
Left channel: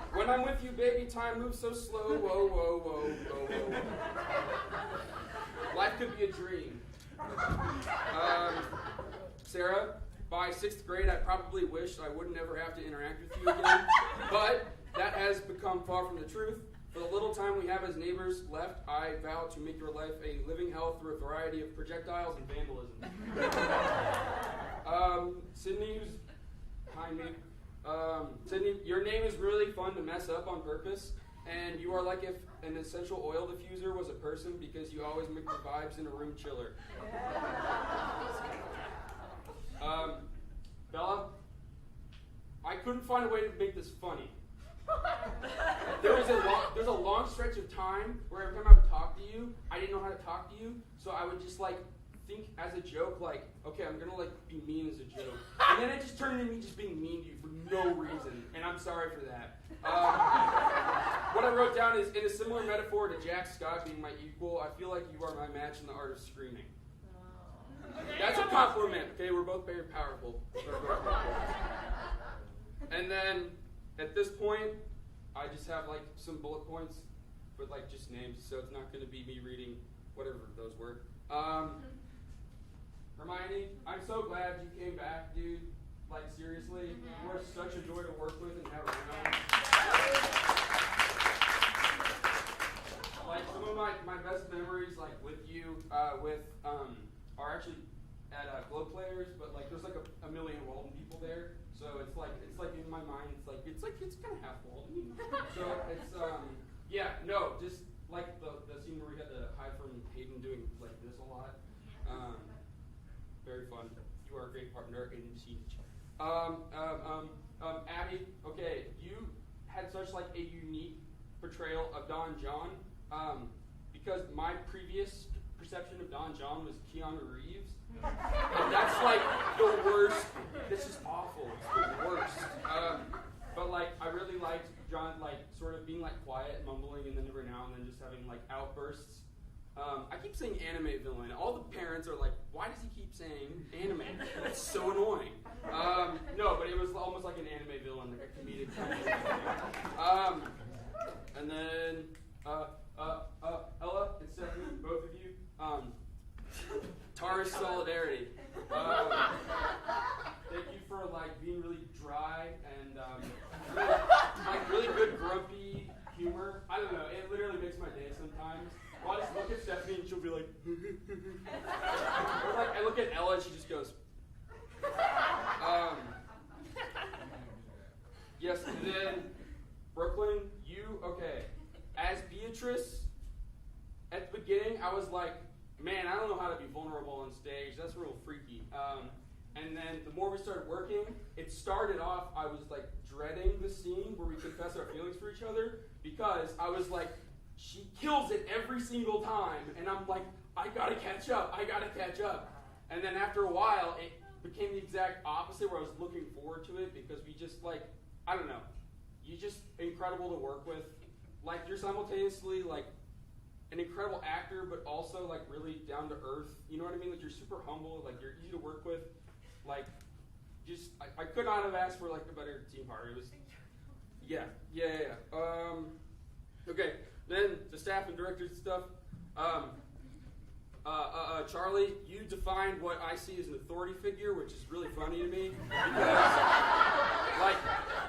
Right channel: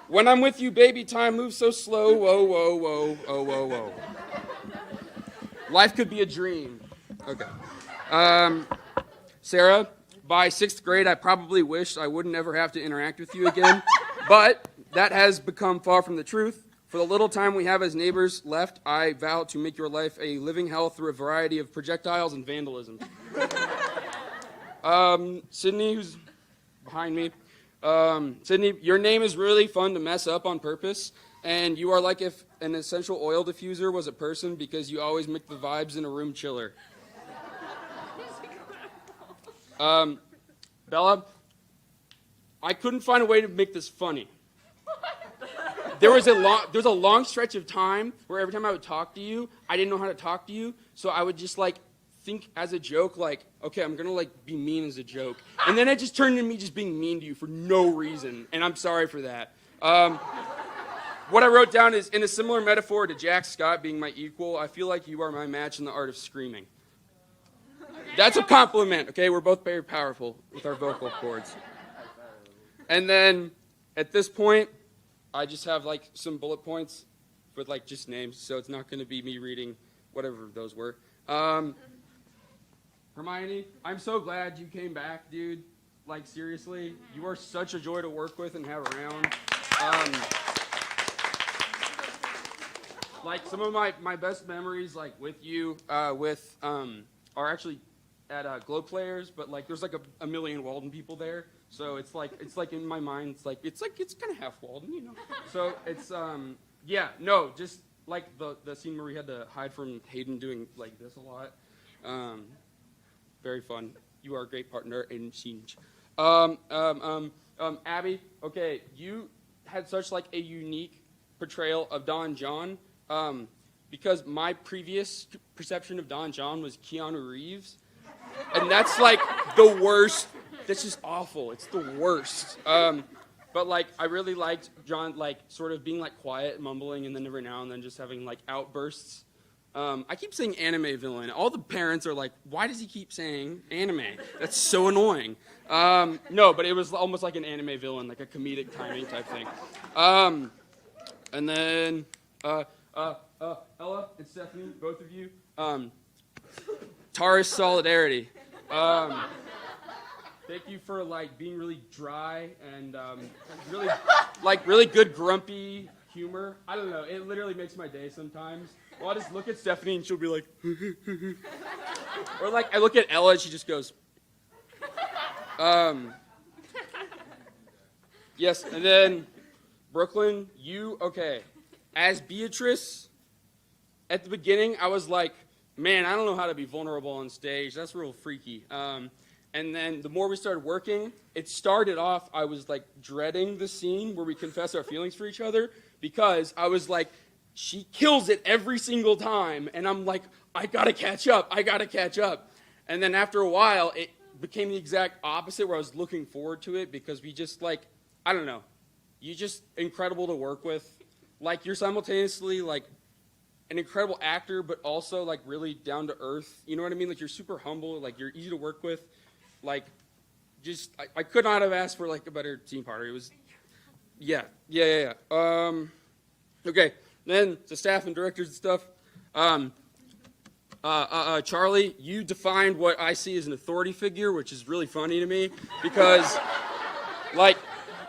When I'm with you, baby, time moves so slow. Whoa, whoa, whoa, oh, whoa, whoa. Life could be a dream. Okay. Sarah, by 6th grade, I probably wished I wouldn't ever have to interact with you again, but that has become far from the truth. For the little time we have as neighbors left, I vow to make your life a living hell through a variety of projectiles and vandalism. Sydney, who's behind me. Sydney, your name is really fun to mess up on purpose, and you are like if an essential oil diffuser was a person because you always make the vibes in a room chiller. Bella, I couldn't find a way to make this funny. There's a long stretch of time where every time I would talk to you, I didn't know how to talk to you, so I would just like think as a joke, like, okay, I'm gonna like be mean as a joke, and then it just turned into me just being mean to you for no reason, and I'm sorry for that. What I wrote down is, in a similar metaphor to Jack Scott being my equal, I feel like you are my match in the art of screaming. That's a compliment, okay? We're both very powerful with our vocal cords. And then, at this point, I just have, like, some bullet points with, like, just names, so it's not going to be me reading whatever those were. Hermione, I'm so glad you came back, dude. Like, seriously, you are such a joy to work with and have around. Like, some of my best memories, like, with you, are actually at Glow Players, but like there's like a million Walden people there, so it's like in my mind it's kind of half Walden, you know. So it's just like the scene where we had to hide from Hayden doing like this a lot. Very fun. You are a great partner in Siege. Abby, okay, you had such like a unique portrayal of Don John, because my previous perception of Don John was Keanu Reeves. And that's like the worst. That's just awful. It's the worst. But like I really liked John like sort of being like quiet and mumbling and then every now and then just having like outbursts. I keep saying anime villain. All the parents are like, why does he keep saying anime? That's so annoying. No, but it was almost like an anime villain, like a comedic timing type thing. And then Ella and Stephanie, both of you. Taurus solidarity. Thank you for like being really dry and really good grumpy humor. I don't know. It literally makes my day sometimes. Well, I just look at Stephanie and she'll be like, or like I look at Ella and she just goes. Yes, and then Brooklyn, okay. As Beatrice, at the beginning, I was like, man, I don't know how to be vulnerable on stage. That's real freaky. And then the more we started working, it started off, I was like dreading the scene where we confess our feelings for each other because I was like, she kills it every single time. And I'm like, I gotta catch up. And then after a while, it became the exact opposite where I was looking forward to it because we just like, I don't know, you're just incredible to work with. Like you're simultaneously like, an incredible actor, but also like really down to earth. You know what I mean? Like you're super humble. Like you're easy to work with. Like, just I could not have asked for like a better team partner. It was, yeah. Okay, then the staff and directors and stuff. Charlie, you defined what I see as an authority figure, which is really funny to me because, like,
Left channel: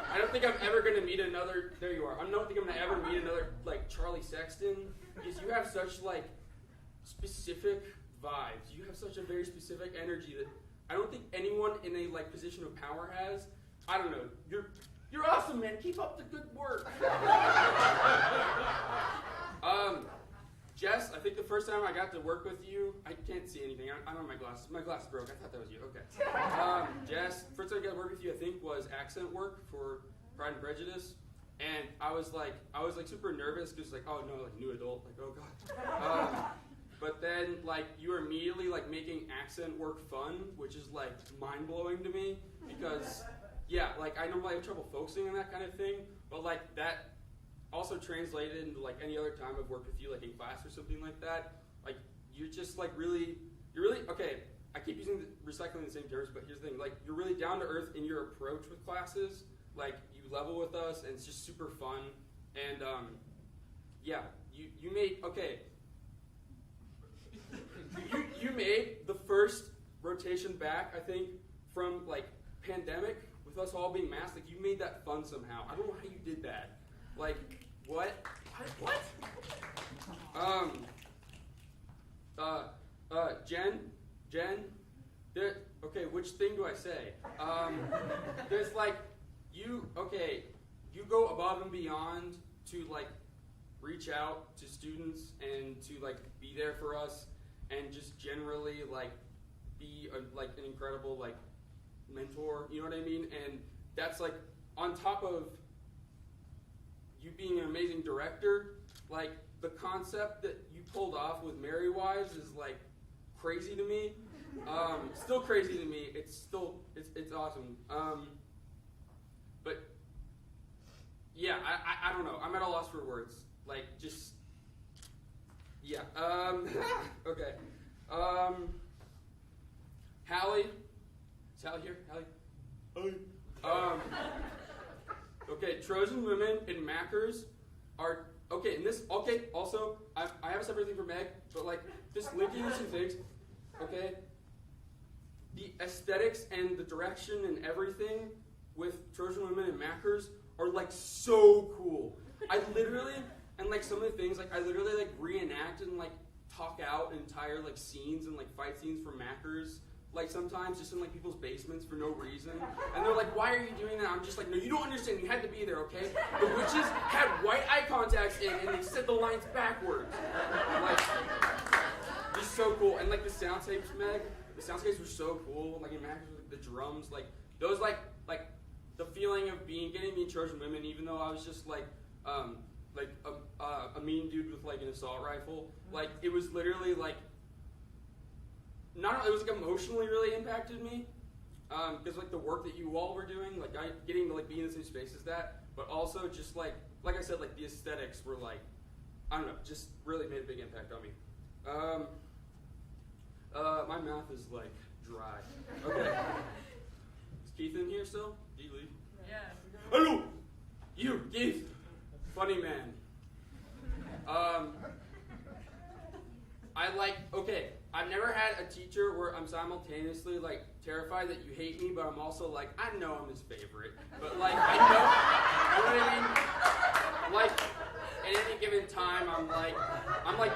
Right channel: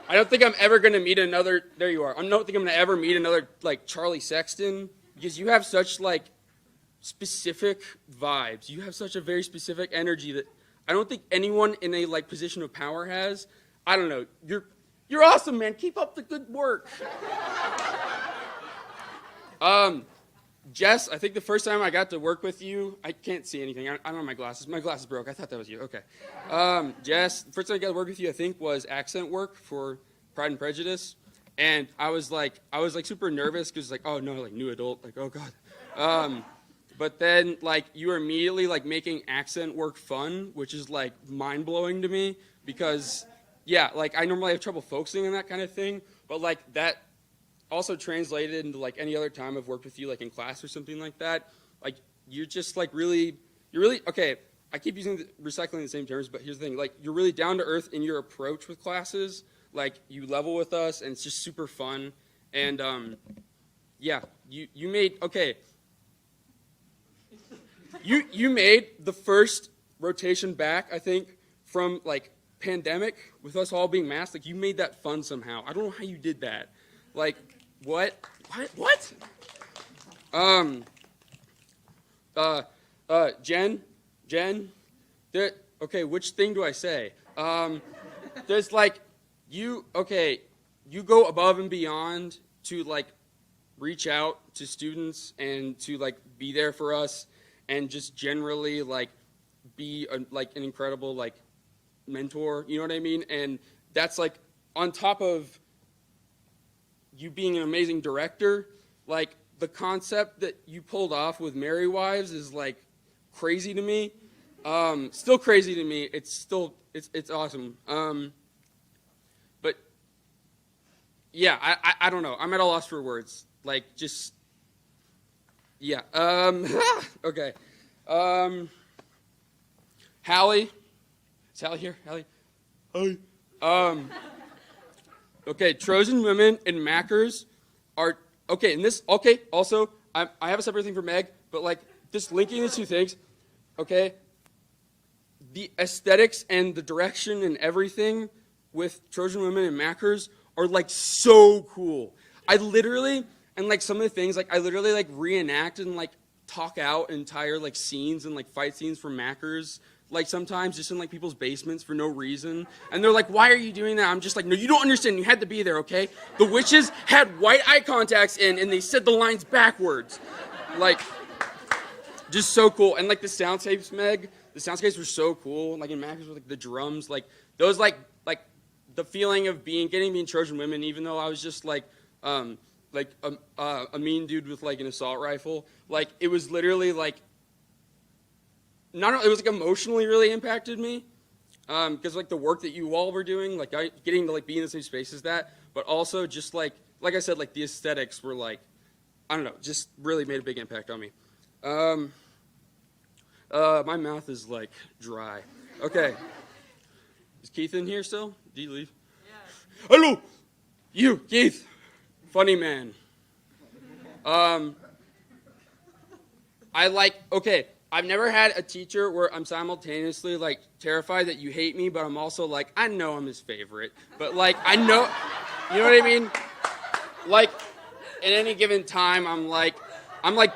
I don't think I'm ever gonna meet another. There you are. I don't think I'm gonna ever meet another like Charlie Sexton. Because you have such, like, specific vibes. You have such a very specific energy that I don't think anyone in a, like, position of power has. I don't know. You're awesome, man. Keep up the good work. Jess, I think the first time I got to work with you, I can't see anything. I don't have my glasses. My glasses broke. I thought that was you. Okay. Jess, the first time I got to work with you, I think, was accent work for Pride and Prejudice. And I was like super nervous because like, oh no, like new adult, like, oh God. But then like you were immediately like making accent work fun, which is like mind blowing to me because yeah, like I normally have trouble focusing on that kind of thing, but like that also translated into like any other time I've worked with you, like in class or something like that. Like you're just like you're really okay. I keep recycling the same terms, but here's the thing: like you're really down to earth in your approach with classes. Like you level with us, and it's just super fun. And yeah, you made okay. You made the first rotation back, I think, from like pandemic with us all being masked. Like you made that fun somehow. I don't know how you did that. Like what? Jen, there. Okay, which thing do I say? There's like. You go above and beyond to like reach out to students and to like be there for us and just generally like be like an incredible like mentor, you know what I mean? And that's like on top of you being an amazing director, like the concept that you pulled off with Merry Wives is like crazy to me. Still crazy to me. It's awesome. But yeah, I don't know. I'm at a loss for words. Like just yeah. Okay. Hallie. Is Hallie here? Hallie. Hi. Okay, Trojan women and Mackers are okay, and this okay, also I have a separate thing for Meg, but like just linking the two things, okay? The aesthetics and the direction and everything with Trojan Women and Mackers are like so cool. I literally, and like some of the things, like I literally like reenact and like talk out entire like scenes and like fight scenes from Mackers, like sometimes just in like people's basements for no reason. And they're like, why are you doing that? I'm just like, no, you don't understand. You had to be there, okay? The witches had white eye contacts in and they said the lines backwards. Like, just so cool. And like the soundscapes, Meg, the soundscapes were so cool. Like in Mackers with like the drums, like those like the feeling of getting Trojan Women, even though I was just like a mean dude with like an assault rifle. Like it was literally like it was like emotionally really impacted me because like the work that you all were doing, like getting to like be in the same space as that, but also just like I said, like the aesthetics were like I don't know, just really made a big impact on me. My mouth is like dry. Okay. Is Keith in here still? Did he leave? Yeah. Hello! You, Keith. Funny man. I've never had a teacher where I'm simultaneously like terrified that you hate me, but I'm also like, I know I'm his favorite. But like, I know, you know what I mean? Like, at any given time, I'm like,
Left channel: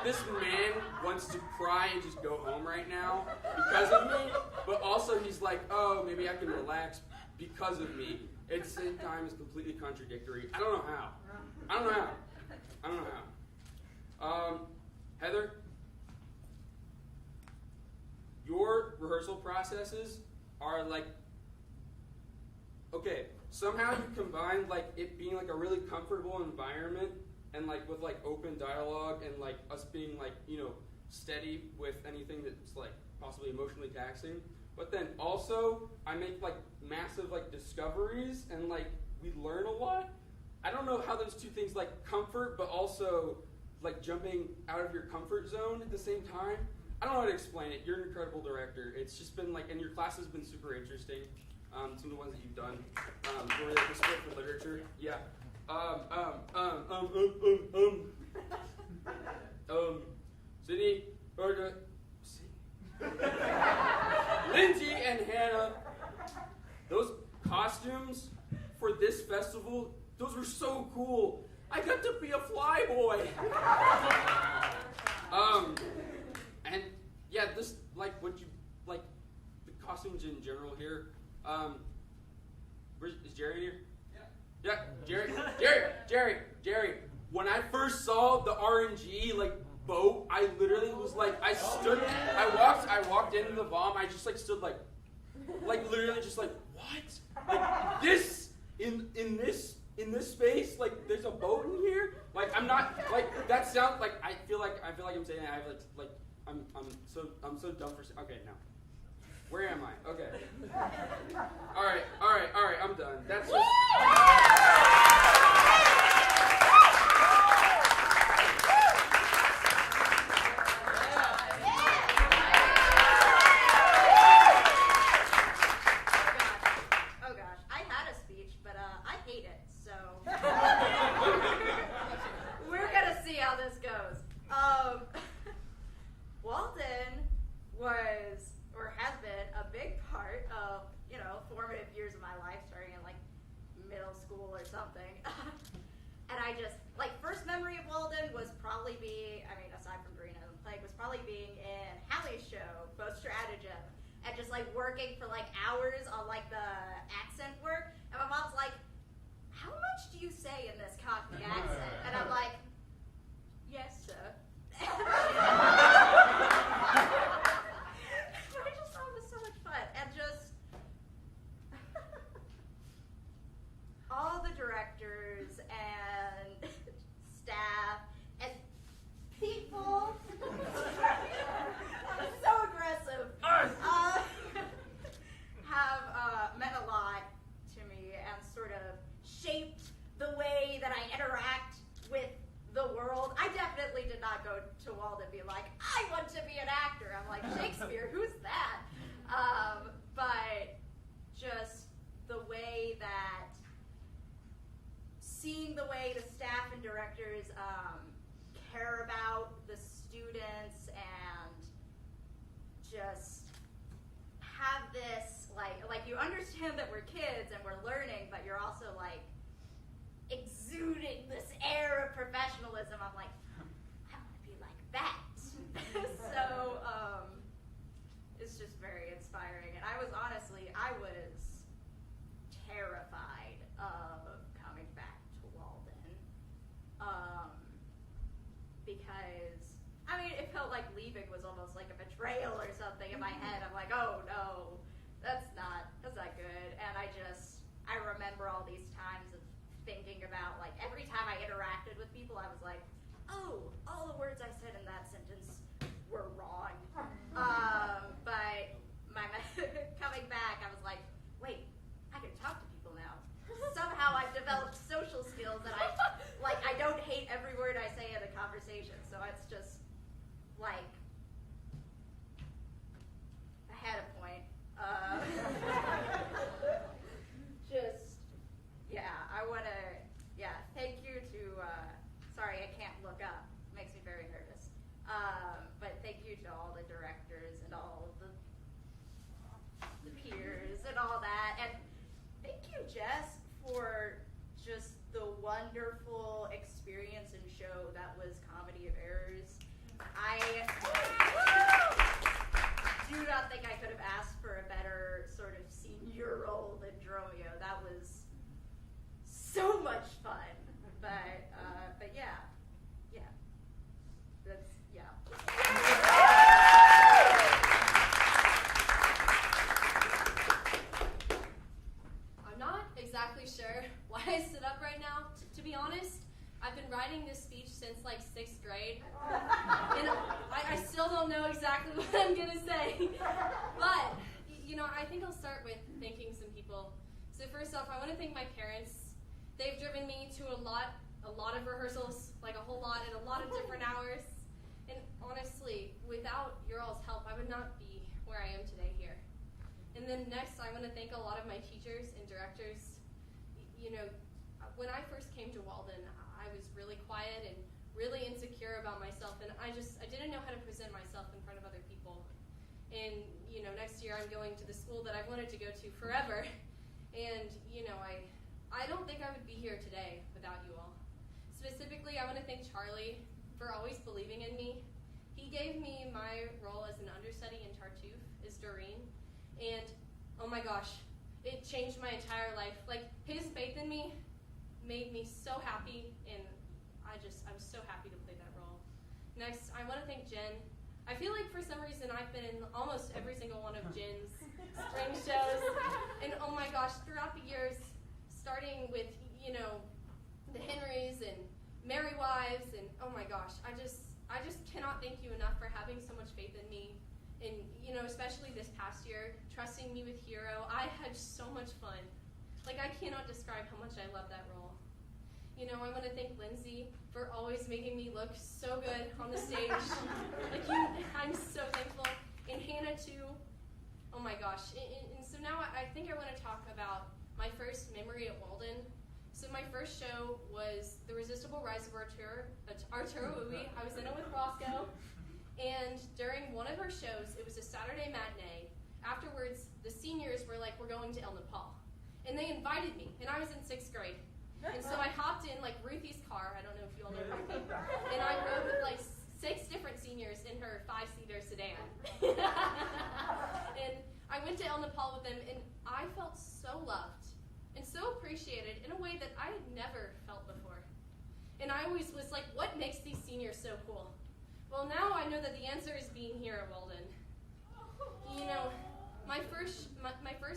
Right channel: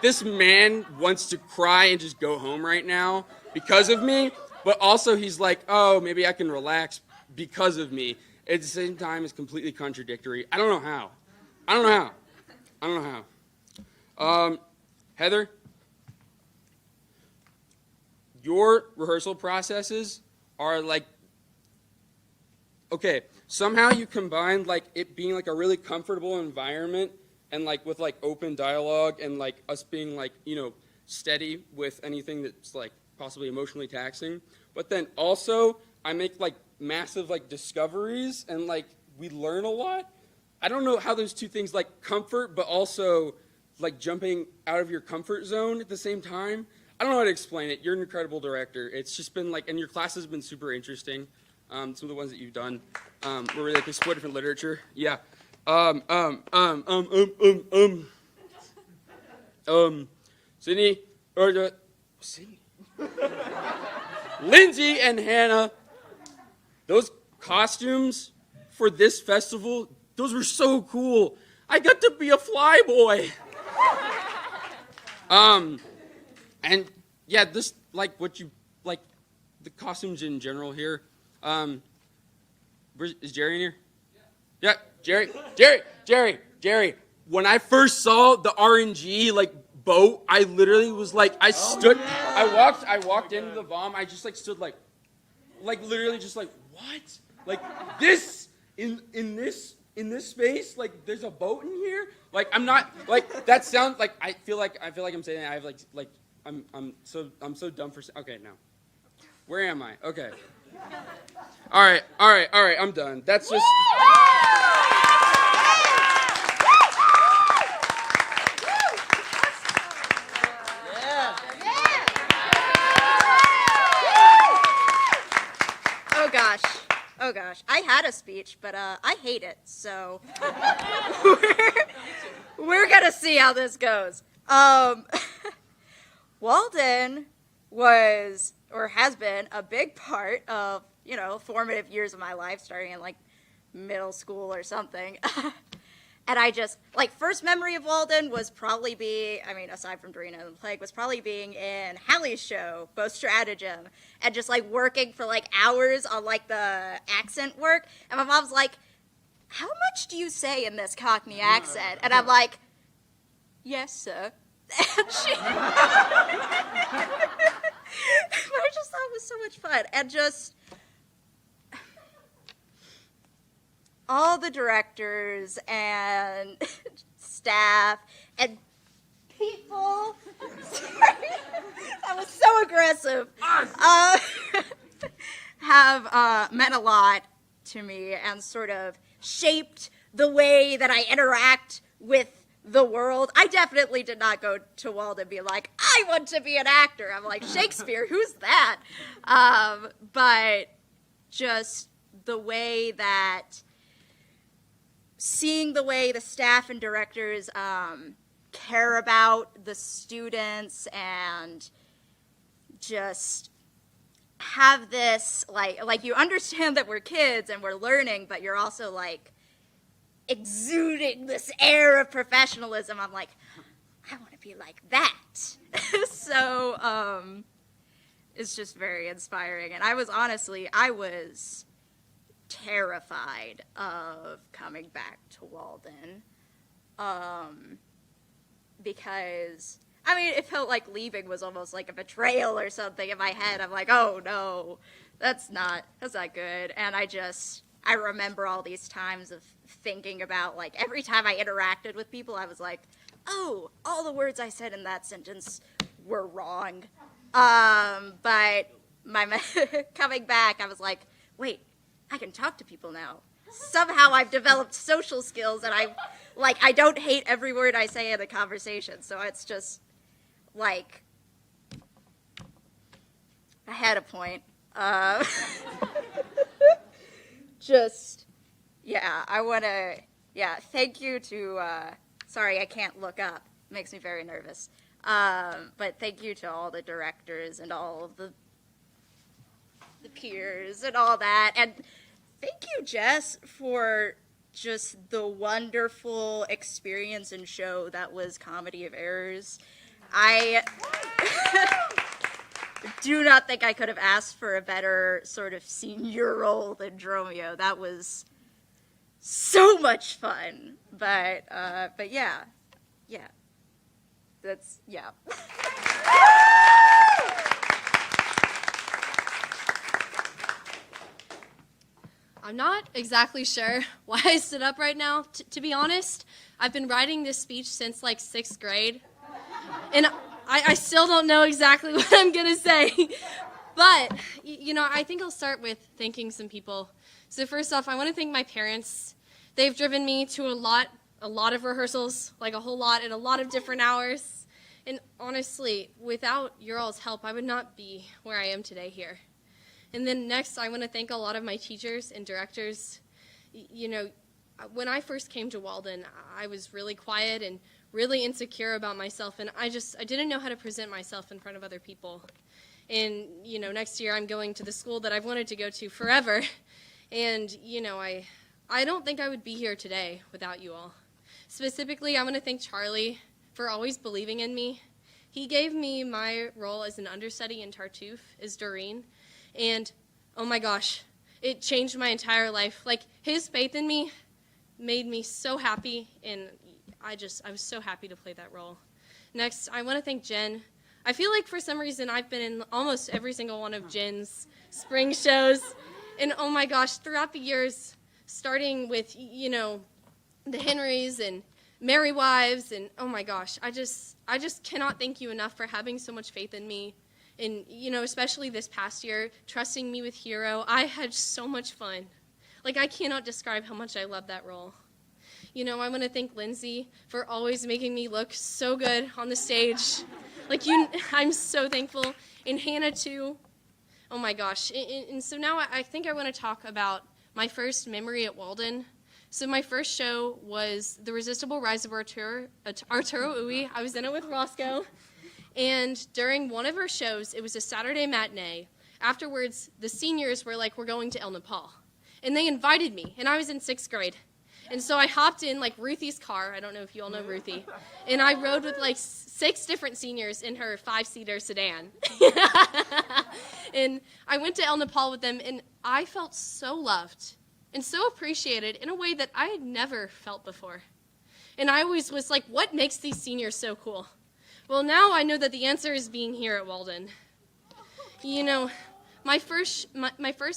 this man wants to cry and just go home right now because of me. But also he's like, oh, maybe I can relax because of me. At the same time, it's completely contradictory. I don't know how. Heather, your rehearsal processes are like, okay, somehow you combine like it being like a really comfortable environment and like with like open dialogue and like us being like, you know, steady with anything that's like possibly emotionally taxing. But then also I make like massive like discoveries and like we learn a lot. I don't know how those two things like comfort but also like jumping out of your comfort zone at the same time. I don't know how to explain it. You're an incredible director. It's just been like, and your class has been super interesting. Some of the ones that you've done were really like explore different literature. Yeah. Sydney, Lindsay and Hannah, those costumes for this festival, those were so cool. I got to be a flyboy. And yeah, this like what you like the costumes in general here. Is Jerry in here? Yeah, Jerry. When I first saw the RNG boat, I literally was like, I walked into the bomb. I just stood literally just what? This in this space? There's a boat in here? I'm not that sounds I feel like I'm saying that I have I'm so dumb for okay now. Where am I? Okay. All right. I'm done. That's just. Oh gosh. I had a speech, but I hate it. So we're gonna see how this goes. Walden was or has been a big part of, formative years of my life, starting in middle school or something. And I just, first memory of Walden was probably aside from Dorina and the Plague, was probably being in Hallie's show, Both Stratagem, and just working for hours on the accent work. And my mom's like, how much do you say in this Cockney accent? And I'm like, yes, sir. And she, I just thought it was so much fun. And just all the directors and staff and people, that was so aggressive, have meant a lot to me and sort of shaped the way that I interact with the world. I definitely did not go to Walden and be like, I want to be an actor. I'm like, Shakespeare, who's that? But just the way that, seeing the way the staff and directors care about the students and just have this, you understand that we're kids and we're learning, but you're also exuding this air of professionalism. I'm like, I want to be like that. So it's just very inspiring. And I was terrified of coming back to Walden, because it felt like leaving was almost like a betrayal or something in my head. I'm like, oh no, that's not good. And I remember all these times of thinking about every time I interacted with people, I was like, oh, all the words I said in that sentence were wrong. But coming back, I was like, wait, I can talk to people now. Somehow I've developed social skills, and I don't hate every word I say in a conversation. So it's just I had a point. I want to, thank you to, sorry, I can't look up. Makes me very nervous. But thank you to all the directors and all of the peers and all that. And thank you, Jess, for just the wonderful experience and show that was Comedy of Errors. I do not think I could have asked for a better sort of senior role than Dromio. That was so much fun. But yeah. That's, yeah. I'm not exactly sure why I stood up right now. To be honest, I've been writing this speech since 6th grade. And I still don't know exactly what I'm going to say. But, I think I'll start with thanking some people. So first off, I want to thank my parents. They've driven me to a lot of rehearsals, a whole lot, in a lot of different hours. And honestly, without your all's help, I would not be where I am today here. And then next, I want to thank a lot of my teachers and directors. When I first came to Walden, I was really quiet and really insecure about myself, and I didn't know how to present myself in front of other people. And, next year I'm going to the school that I've wanted to go to forever. And, I don't think I would be here today without you all. Specifically, I want to thank Charlie for always believing in me. He gave me my role as an understudy in Tartuffe as Doreen, and oh my gosh, it changed my entire life. His faith in me made me so happy, and I was so happy to play that role. Next, I want to thank Jen. I feel like for some reason I've been in almost every single one of Jen's spring shows, and oh my gosh, throughout the years, starting with, the Henrys and Merry Wives, and oh my gosh, I just cannot thank you enough for having so much faith in me, and especially this past year, trusting me with Hero. I had so much fun. Like, I cannot describe how much I love that role. I want to thank Lindsay for always making me look so good on the stage. I'm so thankful. And Hannah, too. Oh, my gosh. And so now I think I want to talk about my first memory at Walden. So my first show was The Resistible Rise of Arturo Ui. I was in it with Roscoe. And during one of our shows, it was a Saturday matinee. Afterwards, the seniors were like, we're going to El Nepal. And they invited me, and I was in 6th grade. And so I hopped in, Ruthie's car. I don't know if you all know Ruthie. And I rode with, 6 different seniors in her 5-seater sedan. And I went to El Nepal with them, and I felt so loved and so appreciated in a way that I had never felt before. And I always was like, what makes these seniors so cool? Well, now I know that the answer is being here at Walden. My first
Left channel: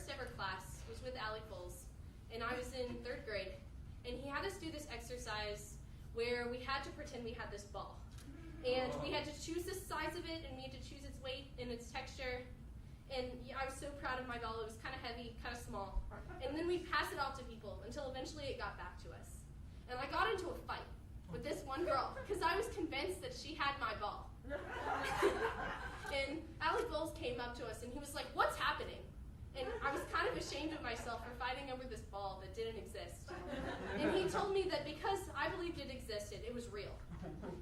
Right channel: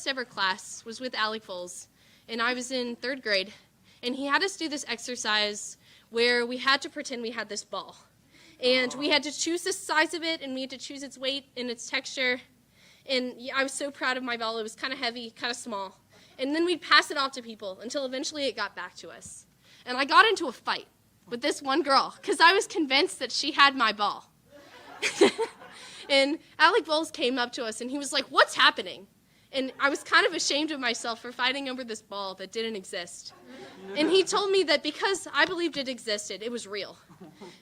ever class was with Alec Foles, and I was in 3rd grade. And he had us do this exercise where we had to pretend we had this ball. And we had to choose the size of it, and we had to choose its weight and its texture. And I was so proud of my ball. It was kind of heavy, kind of small. And then we'd pass it off to people until eventually it got back to us. And I got into a fight with this one girl because I was convinced that she had my ball. And Alec Bowles came up to us, and he was like, what's happening? And I was kind of ashamed of myself for fighting over this ball that didn't exist. And he told me that because I believed it existed, it was real.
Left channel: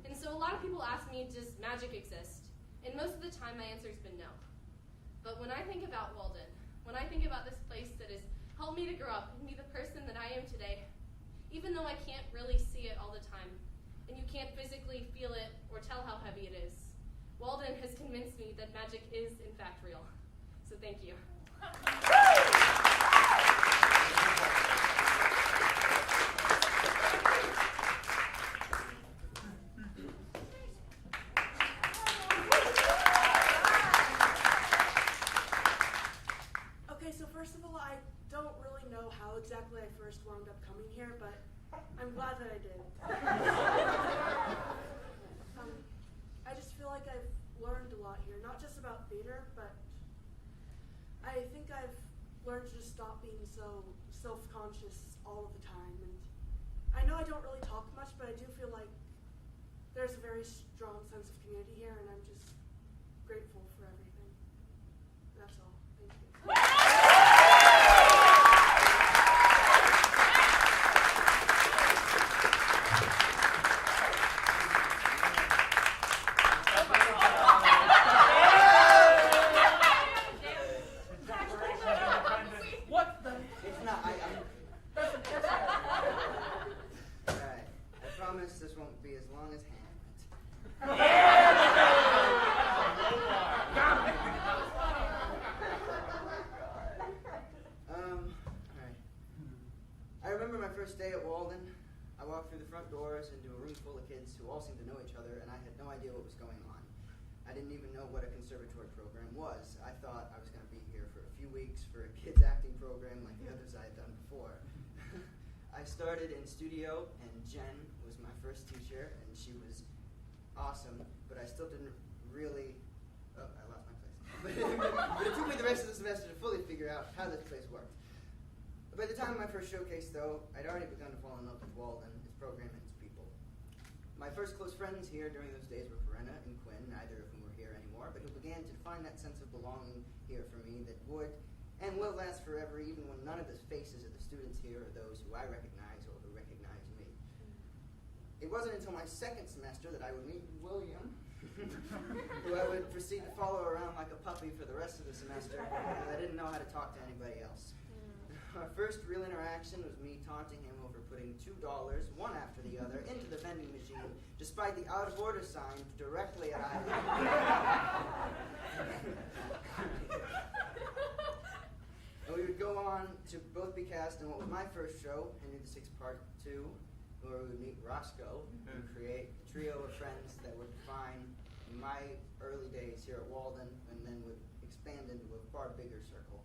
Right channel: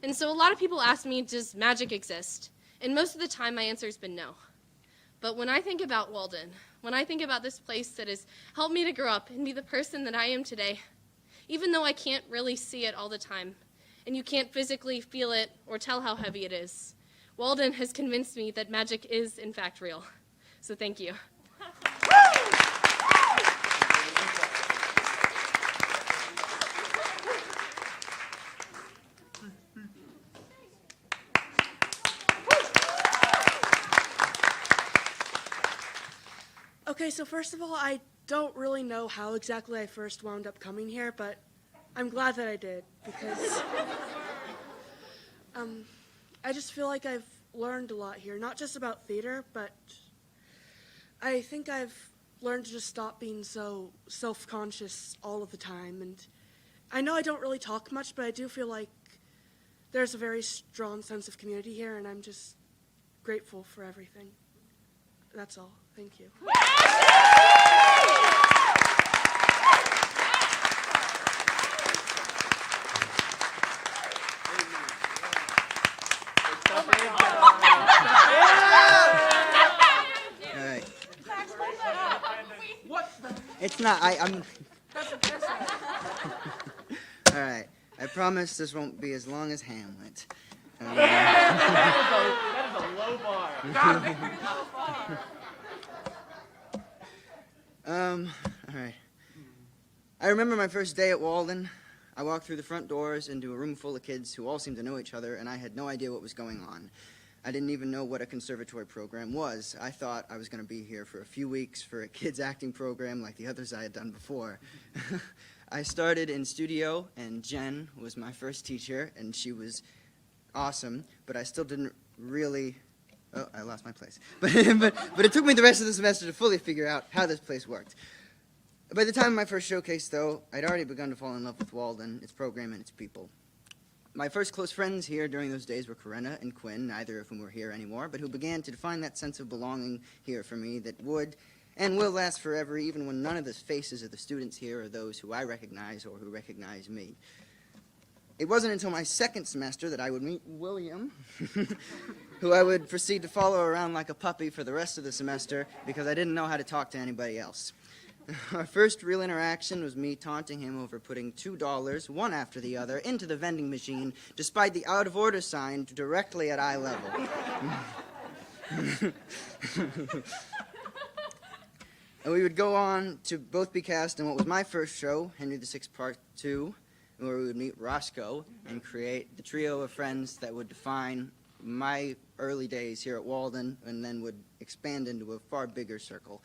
And so a lot of people ask me, does magic exist? And most of the time, my answer has been no. But when I think about Walden, when I think about this place that has helped me to grow up and be the person that I am today, even though I can't really see it all the time, and you can't physically feel it or tell how heavy it is, Walden has convinced me that magic is, in fact, real. So thank you. Okay, so first of all, I don't really know how exactly I first wound up coming here, but I'm glad that I did, because I just feel like I've learned a lot here, not just about theater, but I think I've learned to just stop being so self-conscious all of the time. And I know I don't really talk much, but I do feel like there's a very strong sense of community here, and I'm just grateful for everything. That's all. Thank you. It's not, I'm... All right, I promise this won't be as long as Hamlet. All right. I remember my first day at Walden. I walked through the front doors into a room full of kids who all seemed to know each other, and I had no idea what was going on. I didn't even know what a conservatory program was. I thought I was going to be here for a few weeks for a kids acting program like the others I had done before. I started in studio, and Jen was my first teacher, and she was awesome, but I still didn't really... Oh, I lost my place. But it took me the rest of the semester to fully figure out how this place worked. By the time of my first showcase, though, I'd already begun to fall in love with Walden, its program, and its people. My first close friends here during those days were Corinna and Quinn, neither of whom were here anymore, but who began to define that sense of belonging here for me that would and will last forever, even when none of the faces of the students here are those who I recognize or who recognize me. It wasn't until my second semester that I would meet William, who I would proceed to follow around like a puppy for the rest of the semester because I didn't know how to talk to anybody else. Our first real interaction was me taunting him over putting $2, one after the other, into the vending machine, despite the out-of-order sign directly at eye level. And we would go on to both be cast in what was my first show, Henry VI Part 2, where we would meet Roscoe and create the trio of friends that would define my early days here at Walden and then would expand into a far bigger circle.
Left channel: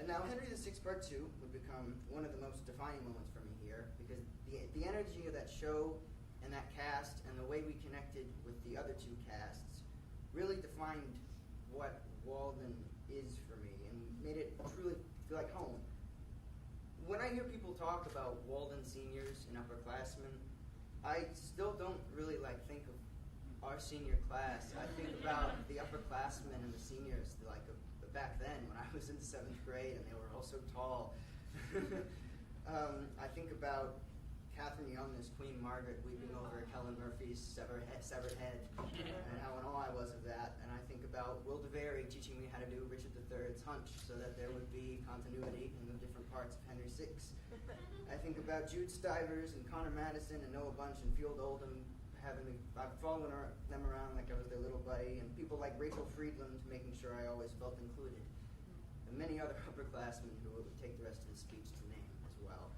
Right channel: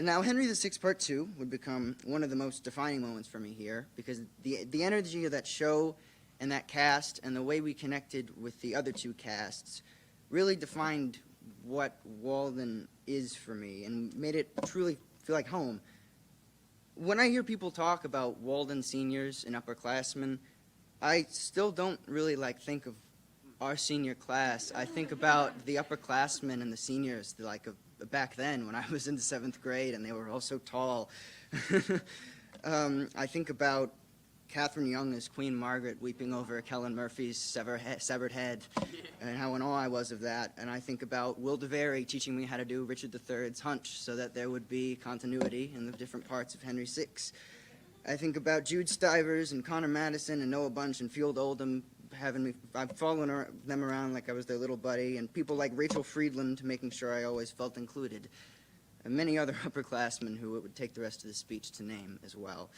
Now, Henry VI Part 2 would become one of the most defining moments for me here because the energy of that show and that cast and the way we connected with the other two casts really defined what Walden is for me and made it truly feel like home. When I hear people talk about Walden seniors and upperclassmen, I still don't really think of our senior class. I think about the upperclassmen and the seniors back then when I was in the 7th grade and they were all so tall. I think about Catherine Young as Queen Margaret weeping over Kellen Murphy's severed head and how in awe I was of that. And I think about Will DeVary teaching me how to do Richard III's hunch so that there would be continuity in the different parts of Henry VI. I think about Jude Stivers and Connor Madison and Noah Bunch and Field Oldham I've followed them around like I was their little buddy, and people like Rachel Friedland making sure I always felt included, and many other upperclassmen who it would take the rest of the speech to name as well.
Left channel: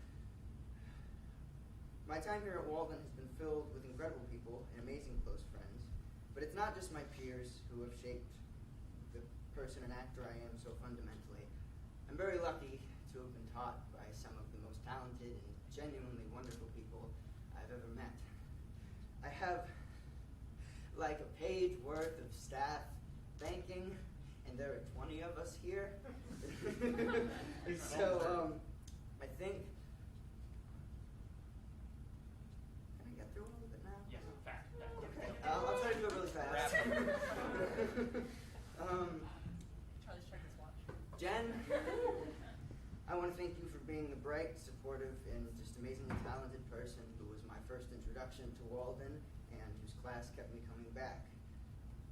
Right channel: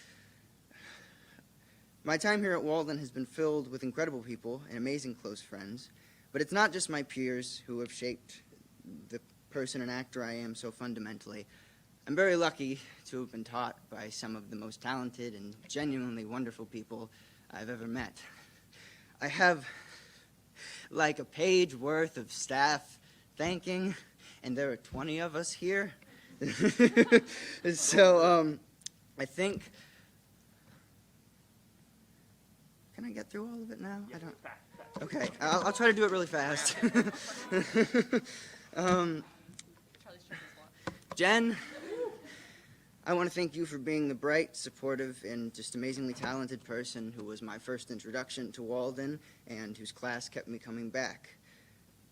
My time here at Walden has been filled with incredible people and amazing close friends, but it's not just my peers who have shaped the person and actor I am so fundamentally. I'm very lucky to have been taught by some of the most talented and genuinely wonderful people I've ever met. I have a page worth of staff thanking, and there are 20 of us here. So I think, can I get through all of it now? I don't. Okay, I'll try to do it really fast. Jen, I want to thank you for being the bright, supportive, and just amazingly talented person who was my first introduction to Walden and whose class kept me coming back.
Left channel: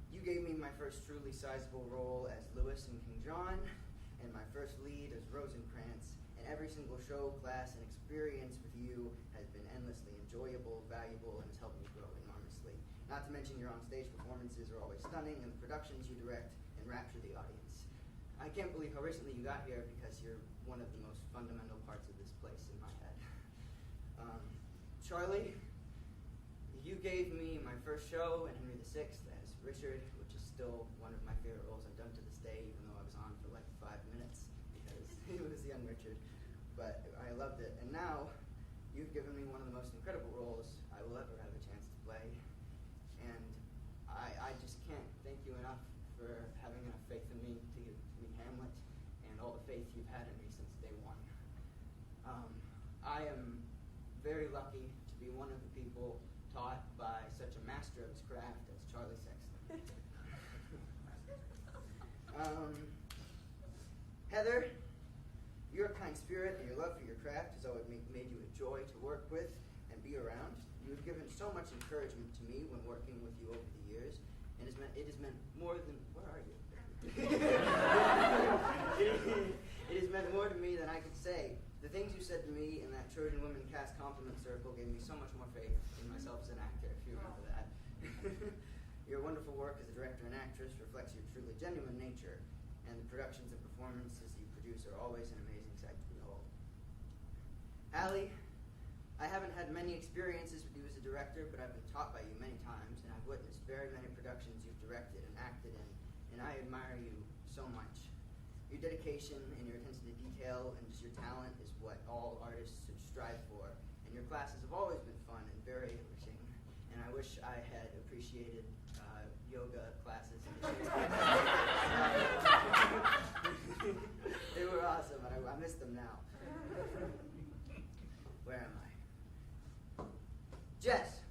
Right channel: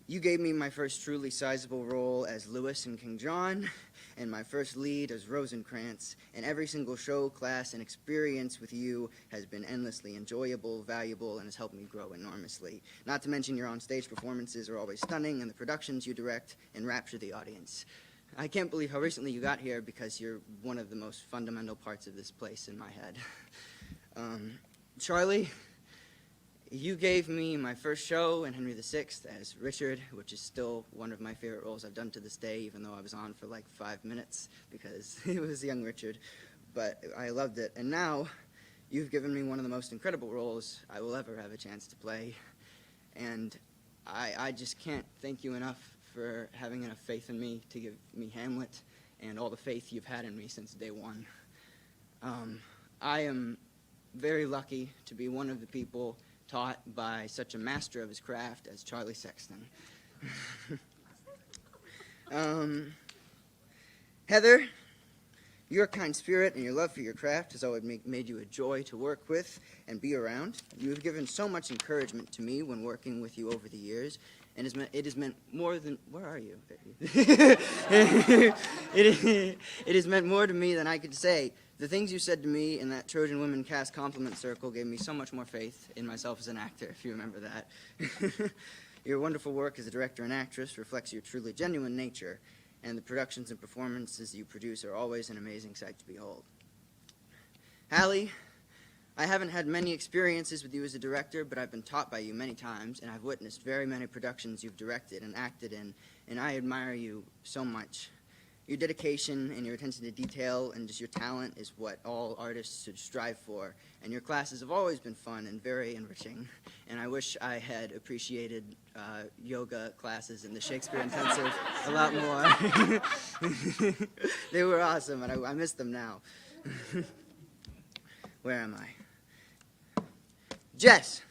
You gave me my first truly sizable role as Louis in King John, and my first lead as Rosencrantz, and every single show, class, and experience with you has been endlessly enjoyable, valuable, and has helped me grow enormously. Not to mention your on-stage performances are always stunning, and the productions you direct enrapture the audience. I can't believe how recently you got here because you're one of the most fundamental parts of this place in my head. Charlie, you gave me my first show in Henry VI as Richard, which is still one of my favorite roles I've done to this day, even though I was on for 5 minutes because it was young Richard. But I loved it. And now you've given me one of the most incredible roles I will ever have a chance to play. And I just can't thank you enough for having enough faith in me to give me Hamlet and all the faith you've had in me since day one. I am very lucky to be one of the people taught by such a master of his craft as Charlie Sexton. Heather, your kind spirit and your love for your craft has always made you a joy to work with and be around. You have given so much encouragement to me when working with you over the years, and it has meant more than... Where are you? It has meant more to me than I could say. The things you said to me in that Trojan Women cast compliment circle gave me so much more faith in myself as an actor, if you remember that. Your wonderful work as a director and actress reflects your truly genuine nature, and the productions and performances you produce are always an amazing sight to behold. Hallie, I haven't had many experiences with you as a director, but I've been taught by you many times, and I've witnessed very many productions you've directed and acted in, and I admire you so much. Your dedication and your attention to detail and just your talent is what all artists should strive for, and your classes have always been fun and very enriching, and I wish I had appreciated yoga classes in the Shakespeare intensive a lot more. They were awesome, and I miss them now. Where am I? Jess,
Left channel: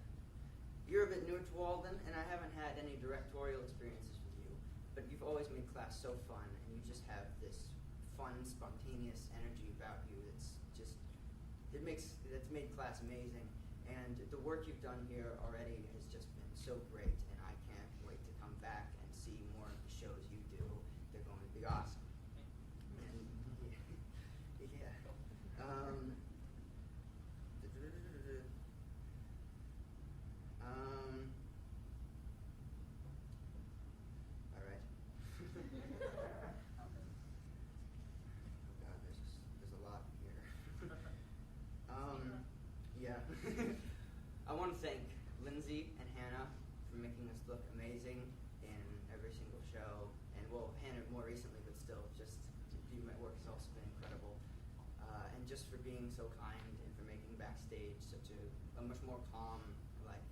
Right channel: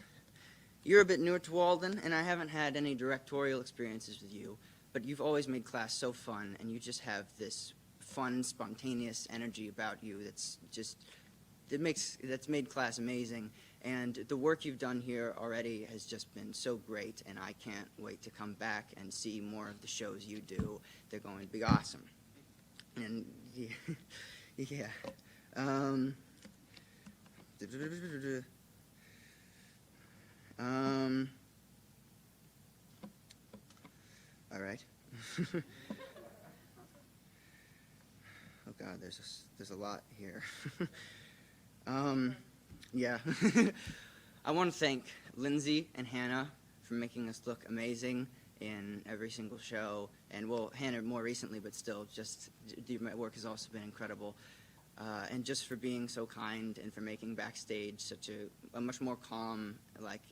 you're a bit newer to Walden, and I haven't had any directorial experiences with you, but you've always made class so fun, and you just have this fun, spontaneous energy about you that's made class amazing. And the work you've done here already has just been so great, and I can't wait to come back and see more of the shows you do. They're going to be awesome. And yeah. All right. God, there's a lot here. Yeah. I want to thank Lindsay and Hannah for making us look amazing in every single show, and well, Hannah more recently, but still, just my work has also been incredible. And just for being so kind and for making backstage such a much more calm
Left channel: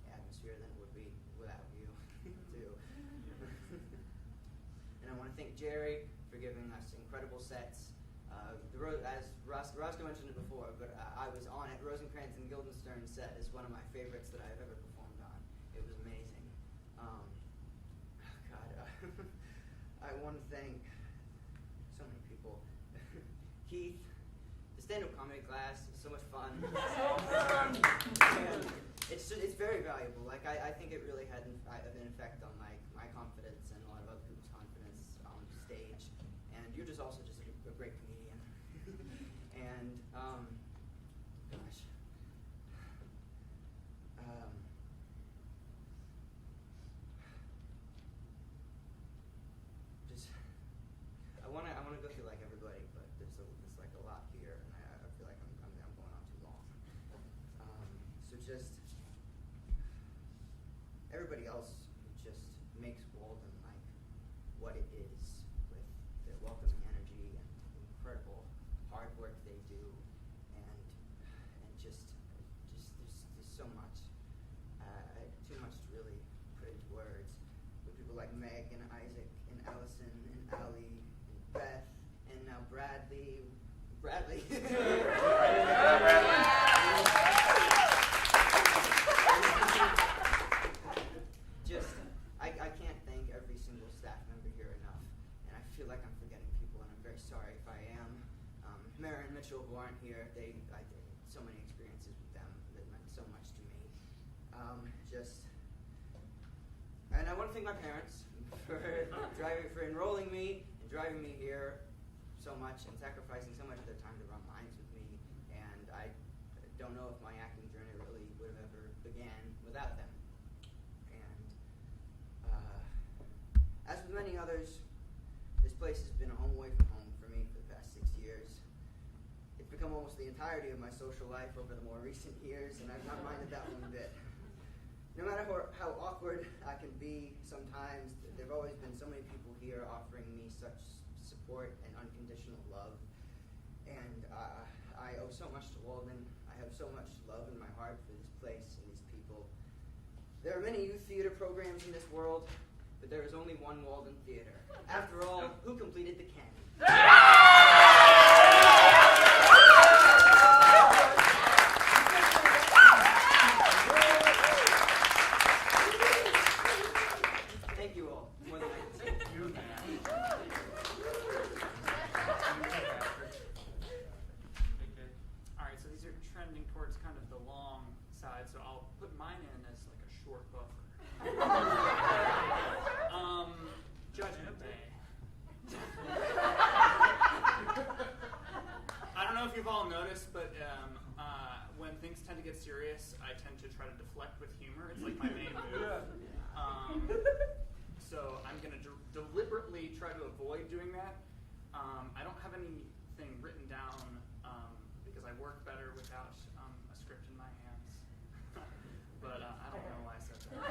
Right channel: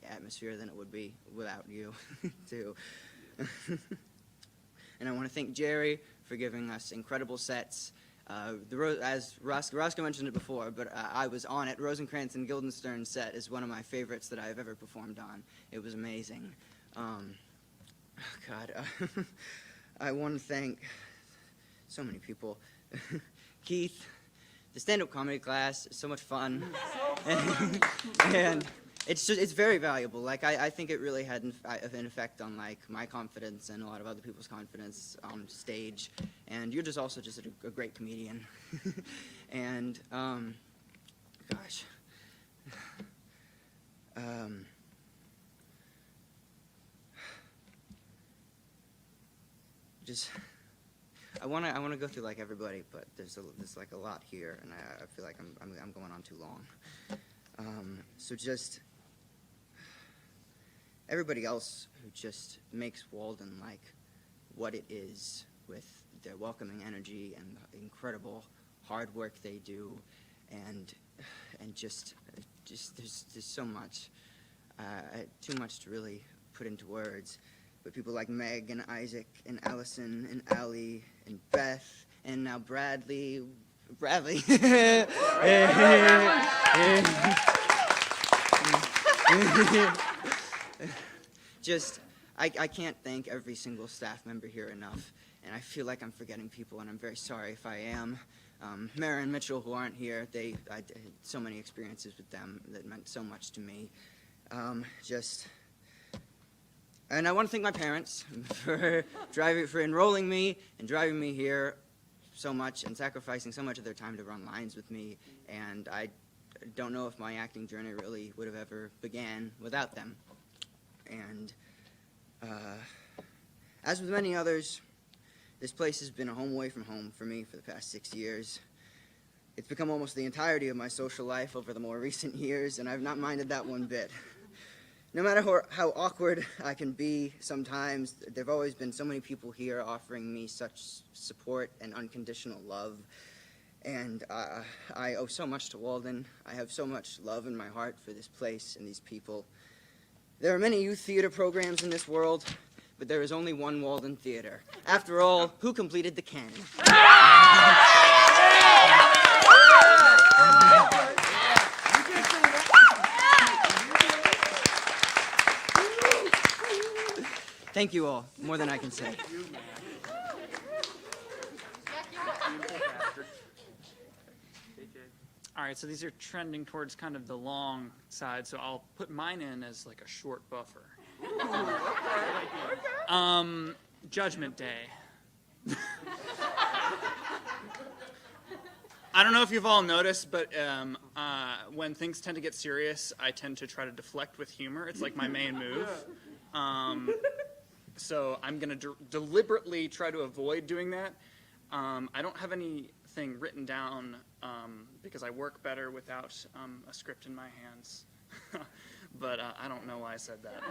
atmosphere than it would be without you, too. And I want to thank Jerry for giving us incredible sets. As Roscoe mentioned it before, but I was on it. Rosencrantz and Guildenstern's set is one of my favorites that I've ever performed on. It was amazing. I want to thank so many people. Keith, the stand-up comedy class is so much fun, and it's very valuable. I think it really had an effect on my confidence and a lot of other people's confidence on stage. And you're just also just a great comedian. And I want to go through everybody, but there's a lot here, and I feel like I'm going on too long. So just everybody else who just makes Walden what it is, with their welcoming energy and the incredible hard work they do, and just there's so much, too much to really put into words. But people like Meg and Isaac and Allison and Allie and Beth and now Bradley. I can't thank every single staff member here enough, and I feel like I'm forgetting people, and I'm very sorry if I am. Mara and Mitchell, who aren't here, I had so many experiences with them that meant so much to me. And I want to thank my parents for enrolling me and driving me here so much and sacrificing so much of their time to run lines with me. And I don't know if my acting journey really would have ever began without them. And as with many others, this place has been a home away from home for me for the past 6 years. It's become almost the entirety of my social life over the more recent years, and I've not minded that one bit. No matter how awkward I can be sometimes, there have always been so many people here offering me such support and unconditional love. And I owe so much to Walden. I have so much love in my heart for this place and these people. There are many youth theater programs in this world, but there is only one Walden Theater. After all, who completed the canon? Thank you all, more than I can say. All right, so these are trending towards kind of the long side, so I'll put mine in as like a short buffer. Judgment Day. I don't know if you've all noticed, but when things tend to get serious, I tend to try to deflect with humor. It's like my main move. So I'm going to deliberately try to avoid doing that. I don't have anything written down because I work better without a script in my hands. But I don't know why I said that.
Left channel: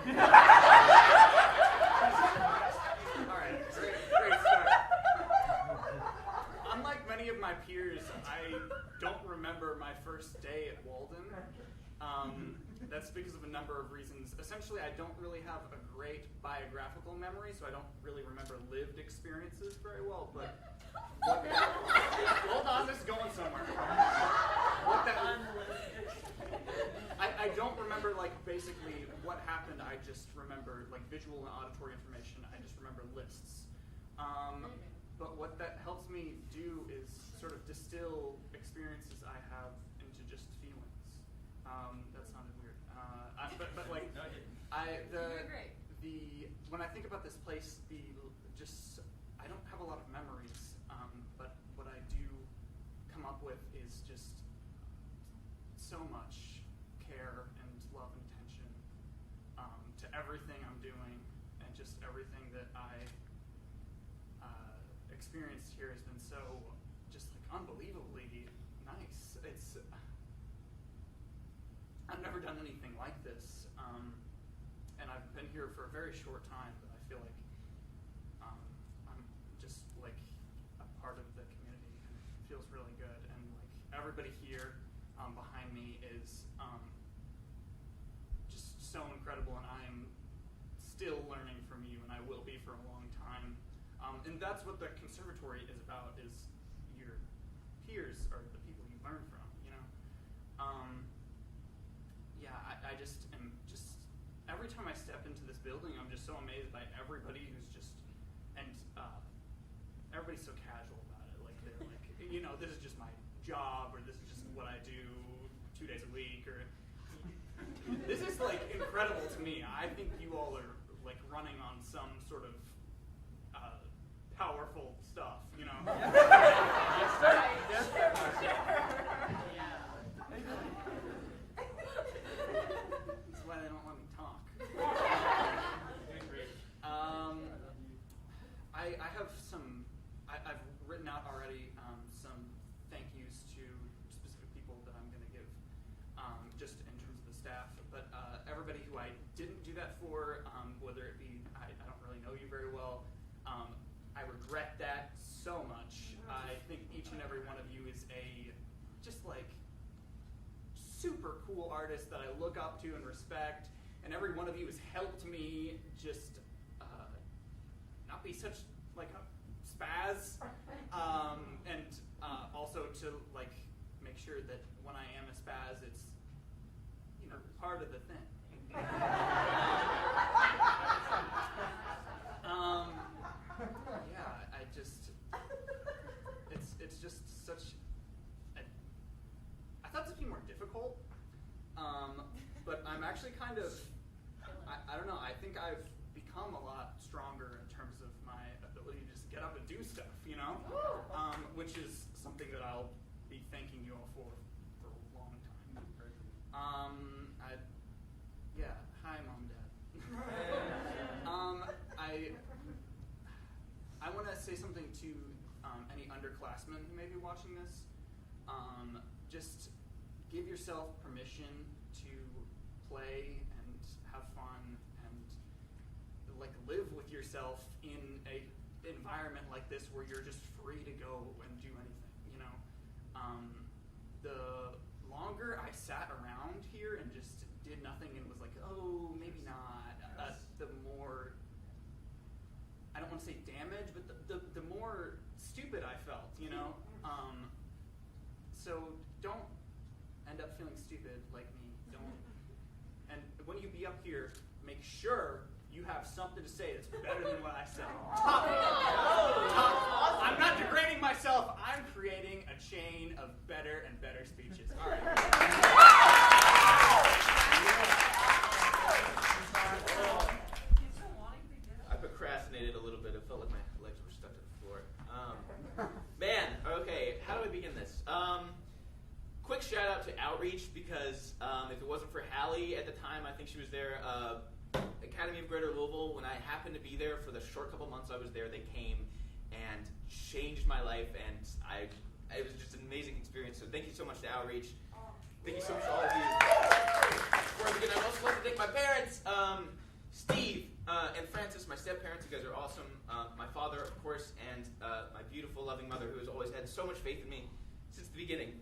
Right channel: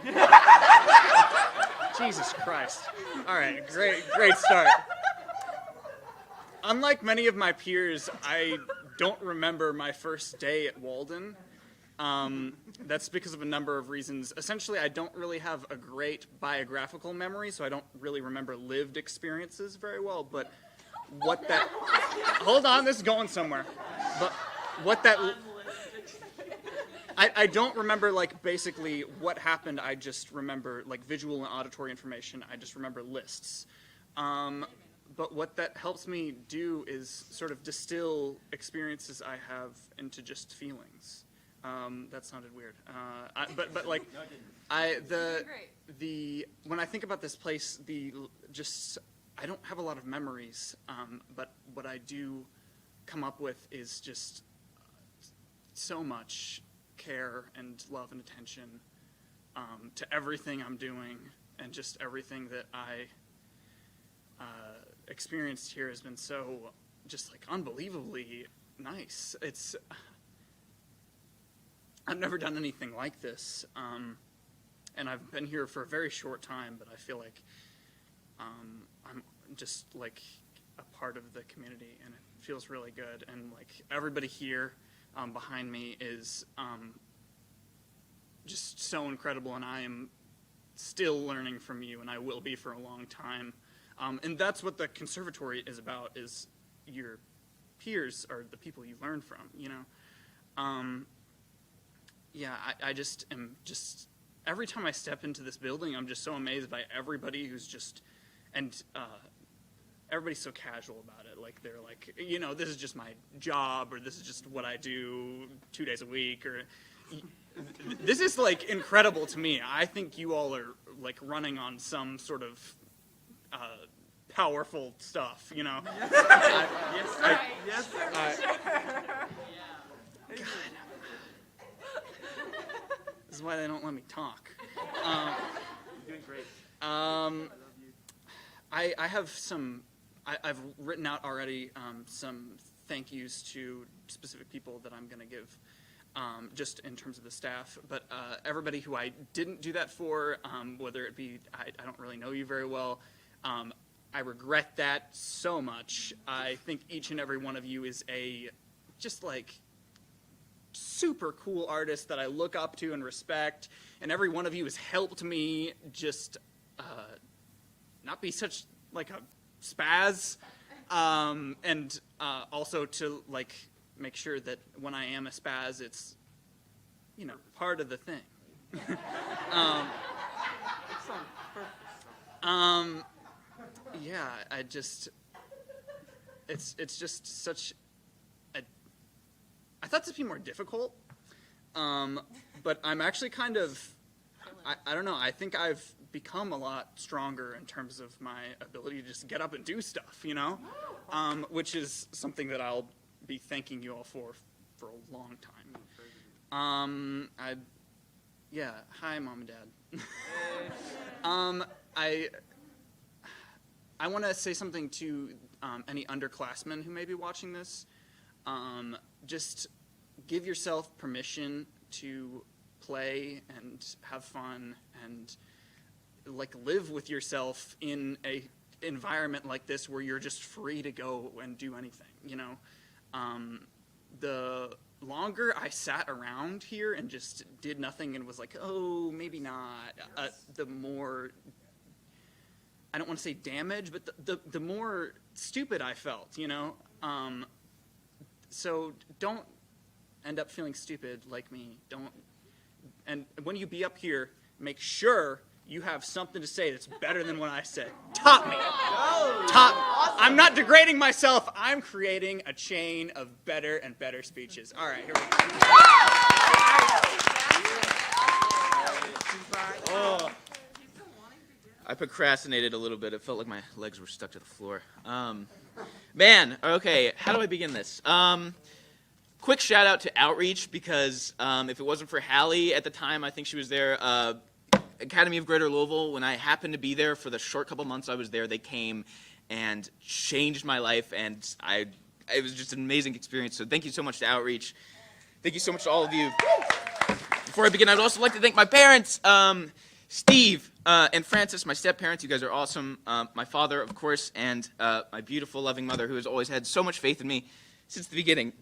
Jesus Christ. All right, great start. Unlike many of my peers, I don't remember my first day at Walden. That's because of a number of reasons. Essentially, I don't really have a great biographical memory, so I don't really remember lived experiences very well, but what that... Hold on, this is going somewhere. But what that... I don't remember, basically what happened. I just remember, visual and auditory information. I just remember lists. But what that helps me do is sort of distill experiences I have into just feelings. That sounded weird. When I think about this place, I don't have a lot of memories, but what I do come up with is just so much care and love and attention to everything I'm doing, and just everything that I experienced here has been so just like unbelievably nice. I've never done anything like this, and I've been here for a very short time, but I feel like I'm just like a part of the community, and it feels really good. And like everybody here behind me is just so incredible, and I am still learning from you, and I will be for a long time. And that's what the conservatory is about, is your peers are the people you learn from, you know? Yeah, I just am just, every time I step into this building, I'm just so amazed by everybody who's just, and everybody's so casual about it. Like, they're like, you know, this is just my job, or this is just what I do 2 days a week, or this is like incredible to me. I think you all are like running on some sort of powerful stuff, you know? This is why they don't let me talk. Doing great. I have some, I've written out already some thank yous to specific people that I'm going to give, just in terms of the staff. But everybody who I didn't do that for, whether it be, I don't really know you very well, I regret that so much. I think each and every one of you is a just like super cool artist that I look up to and respect, and every one of you has helped me just not be such like a spaz, and also to like make sure that when I am a spaz, it's, you know, part of the thing. Yeah, I just, it's just such a, I thought this would be more difficult, but I'm actually kind of, I don't know, I think I've become a lot stronger in terms of my ability to just get up and do stuff, you know, which is something that I'll be thanking you all for a long time. Yeah, hi, Mom and Dad. I want to say something to any underclassmen who may be watching this. Just give yourself permission to play and have fun and like live with yourself in a environment like this where you're just free to go and do anything, you know. The longer I sat around here and just did nothing and was like, oh, maybe not, the more, I don't want to say damage, but the more stupid I felt, you know? So don't end up feeling stupid like me. Don't. And when you be up here, make sure you have something to say that's better than what I said. Top me. I'm not degrading myself. I'm creating a chain of better and better speeches. All right. Here we go. I procrastinated a little bit. It felt like my legs were stuck to the floor. Man, okay, how do I begin this? Quick shout out to Outreach, because if it wasn't for Hallie at the time, I think she was there, Academy of Greater Louisville, when I happened to be there for the short couple months I was there, they came and changed my life, and it was just an amazing experience. So thank you so much to Outreach. Thank you so much to all of you. Before I begin, I'd also like to thank my parents, Steve and Francis, my step-parents. You guys are awesome. My father, of course, and my beautiful, loving mother, who has always had so much faith in me since the beginning.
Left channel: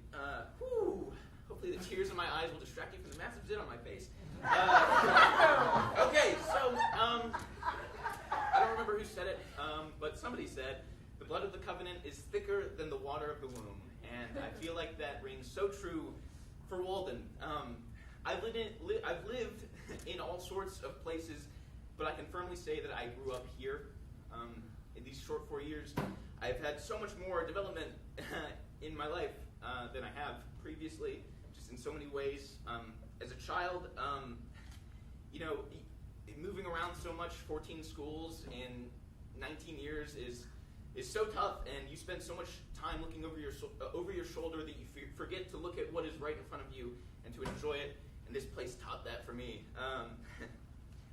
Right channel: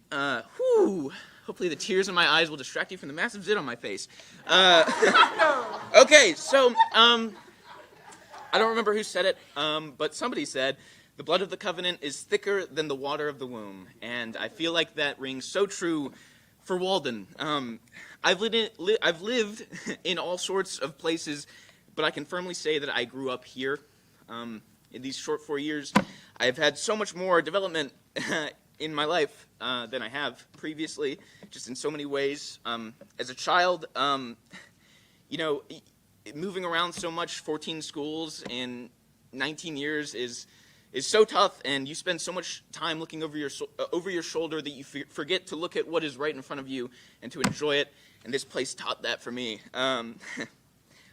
Hopefully the tears in my eyes will distract you from the massive zit on my face. Okay, so I don't remember who said it, but somebody said, the blood of the covenant is thicker than the water of the womb. And I feel like that rings so true for Walden. I've lived in all sorts of places, but I can firmly say that I grew up here. In these short 4 years, I've had so much more development in my life than I have previously, just in so many ways. As a child, you know, moving around so much, 14 schools in 19 years is so tough, and you spend so much time looking over your shoulder that you forget to look at what is right in front of you and to enjoy it. And this place taught that for me.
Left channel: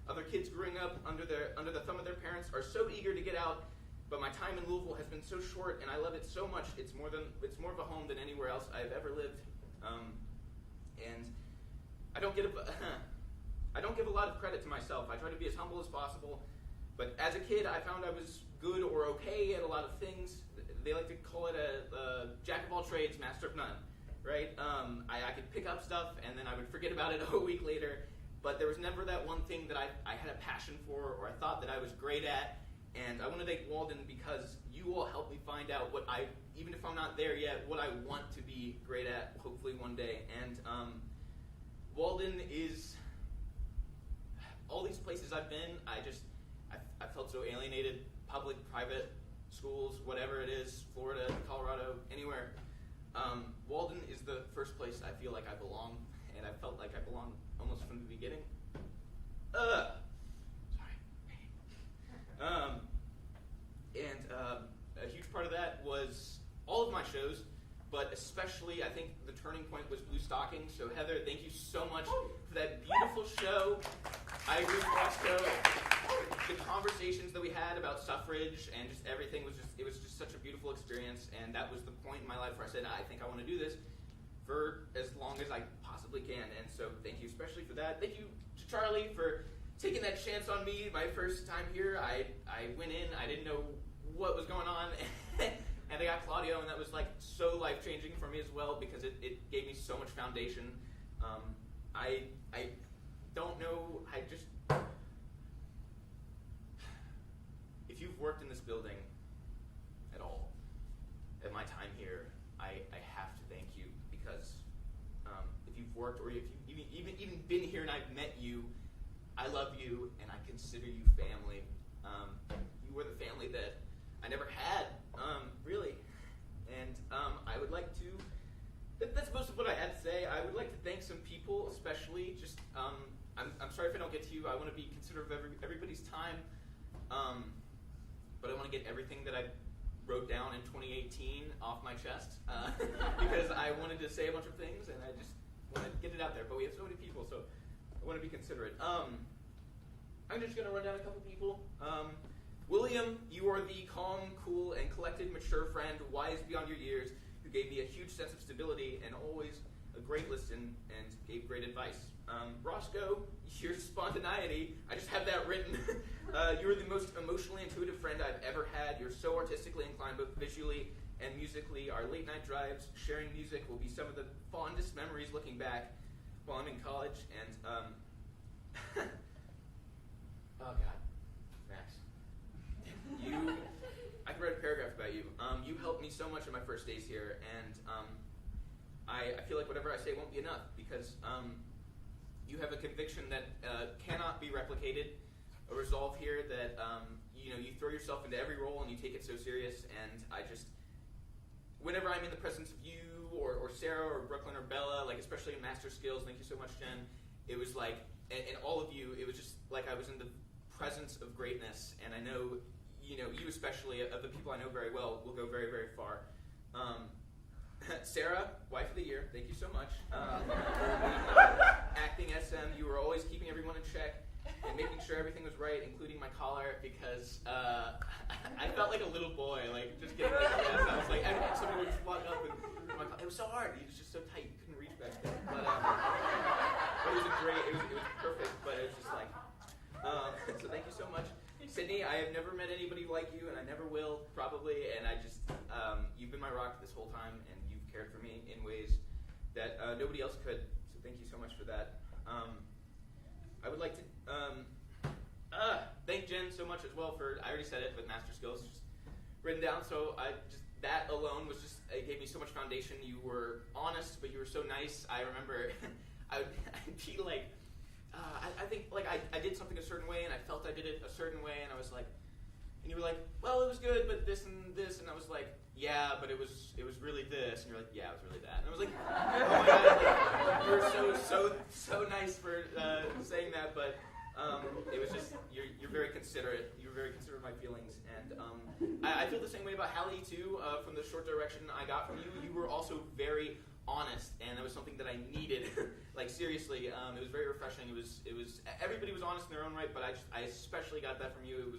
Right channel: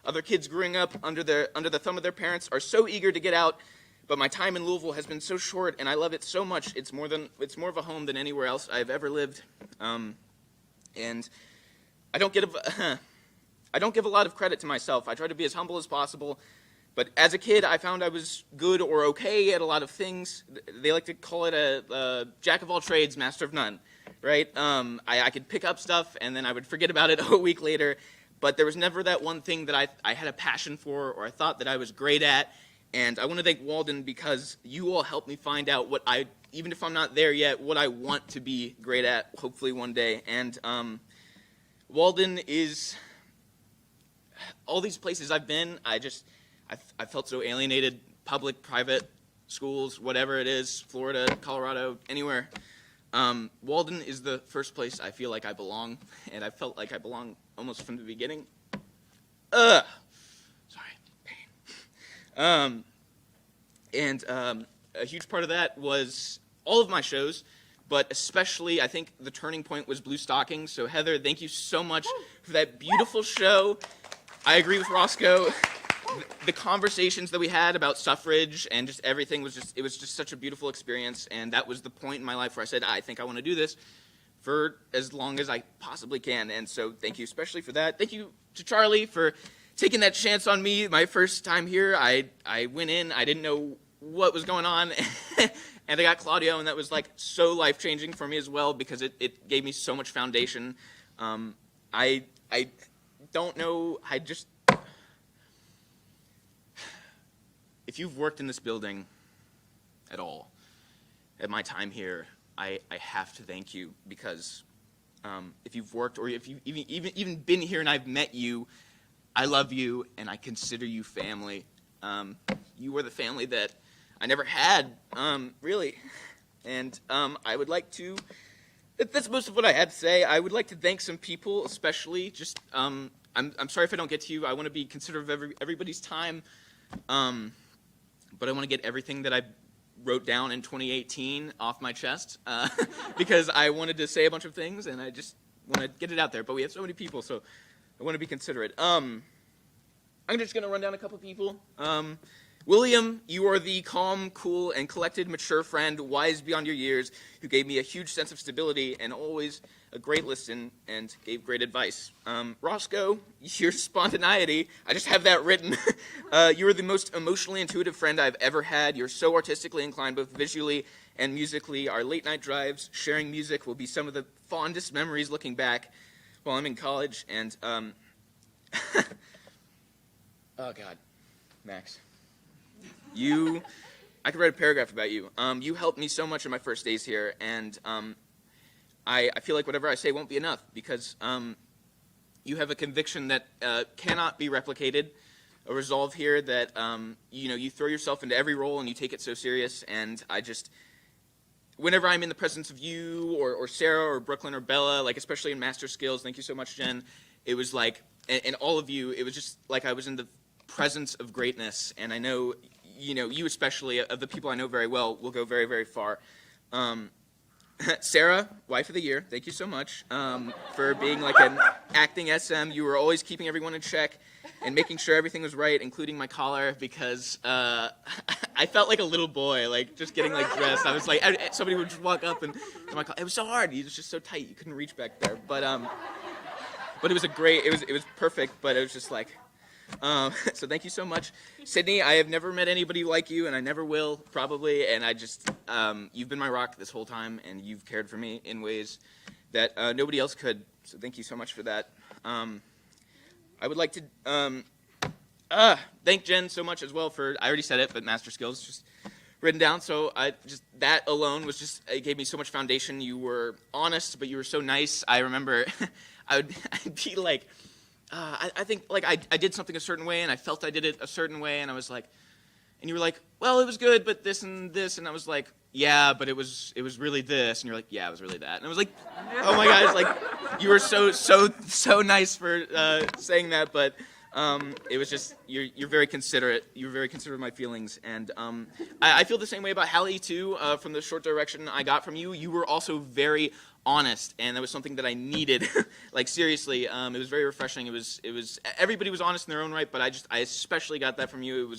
Other kids growing up under the thumb of their parents are so eager to get out, but my time in Louisville has been so short, and I love it so much. It's more of a home than anywhere else I've ever lived, and I don't give a lot of credit to myself. I try to be as humble as possible. But as a kid, I found I was good or okay at a lot of things. They like to call it a jack of all trades, master of none, right? I could pick up stuff, and then I would forget about it a week later. But there was never that one thing that I had a passion for or I thought that I was great at. And I want to thank Walden because you all helped me find out what even if I'm not there yet, what I want to be great at, hopefully one day. And Walden is, all these places I've been, I felt so alienated, public, private, schools, whatever it is, Florida, Colorado, anywhere. Walden is the first place I feel like I belong, and I felt like I belong almost from the beginning. Sorry, pain. And a huge part of that was all of my shows, but especially I think the turning point was Blue Stockings. So Heather, thank you so much for that beautiful show. I agree with Roscoe. The conversations that we had about suffrage and just everything was just such a beautiful experience, and that was the point in my life where I said, I think I want to do this for as long as I possibly can. And so thank you especially for that. Thank you to Charlie for taking that chance on me. My first time here, I went in, I didn't know what was going on, and I got Claudio, and that was like so life-changing for me as well because it gave me so much foundation. I don't know, if you've worked in this building at all, at my time here, I have to thank you because if you've worked or if you've even been here and I've met you, I love you and I consider you family. You were the family that I never had, really. And I would like to, that's most of what I had to say. I would like to thank some people, especially just, I'm sorry if I don't get to you. I want to be considerate of everybody's time. But I want to get everything that I wrote down in 2018 off my chest because I wanted to say a bunch of things and I just want to get it out there. But we have so many people, so I want to be considerate. I'm just going to run down a couple people. William, you are the calm, cool, and collected, mature friend, wise beyond your years, who gave me a huge sense of stability and always a great listen and gave great advice. Roscoe, your spontaneity, I just have that written. You are the most emotionally intuitive friend I've ever had. You're so artistically inclined, both visually and musically. Our late night drives, sharing music, will be some of the fondest memories looking back while I'm in college. And, oh God, Max. I could write a paragraph about you. You helped me so much in my first days here, and I feel like whatever I say won't be enough because you have a conviction that cannot be replicated, a resolve here that you throw yourself into every role and you take it so serious. And whenever I'm in the presence of you or Sarah or Brooklyn or Bella, like especially in Master Skills, thank you so much, Jen. It was like, and all of you, it was just like I was in the presence of greatness. And I know, you especially, of the people I know very well, will go very, very far. Sarah, wife of the year, thank you so much for being like an acting SM. You were always keeping everyone in check and making sure everything was right, including my collar, because I felt like a little boy, like just getting like dressed. I was like, somebody would just walk up and my collar. It was so hard. It was just so tight. You couldn't reach back there. But it was it was perfect. But it was just like, so thank you so much. Sydney, I have never met anybody like you, and I never will, probably, and I just, you've been my rock this whole time, and you've cared for me in ways that nobody else could, so thank you so much for that. I would like to thank Jen so much as well for, I already said it, but Master Skills just written down, so that alone was just, it gave me so much foundation. You were honest, but you were so nice. I remember I'd be like, I think, like, I did something a certain way, and I felt I did it a certain way, and I was like, and you were like, well, it was good, but this and this, and I was like, yeah, but it was really this, and you're like, yeah, it was really that, and I was like, oh my God, it's like, you were so nice for saying that, but it was just, you're very considerate, you were very considerate of my feelings, and I feel the same way about Hallie, too, from the short direction I got from you. You were also very honest, and that was something that I needed. Like, seriously, it was very refreshing. It was everybody was honest in their own right, but I especially got that from you.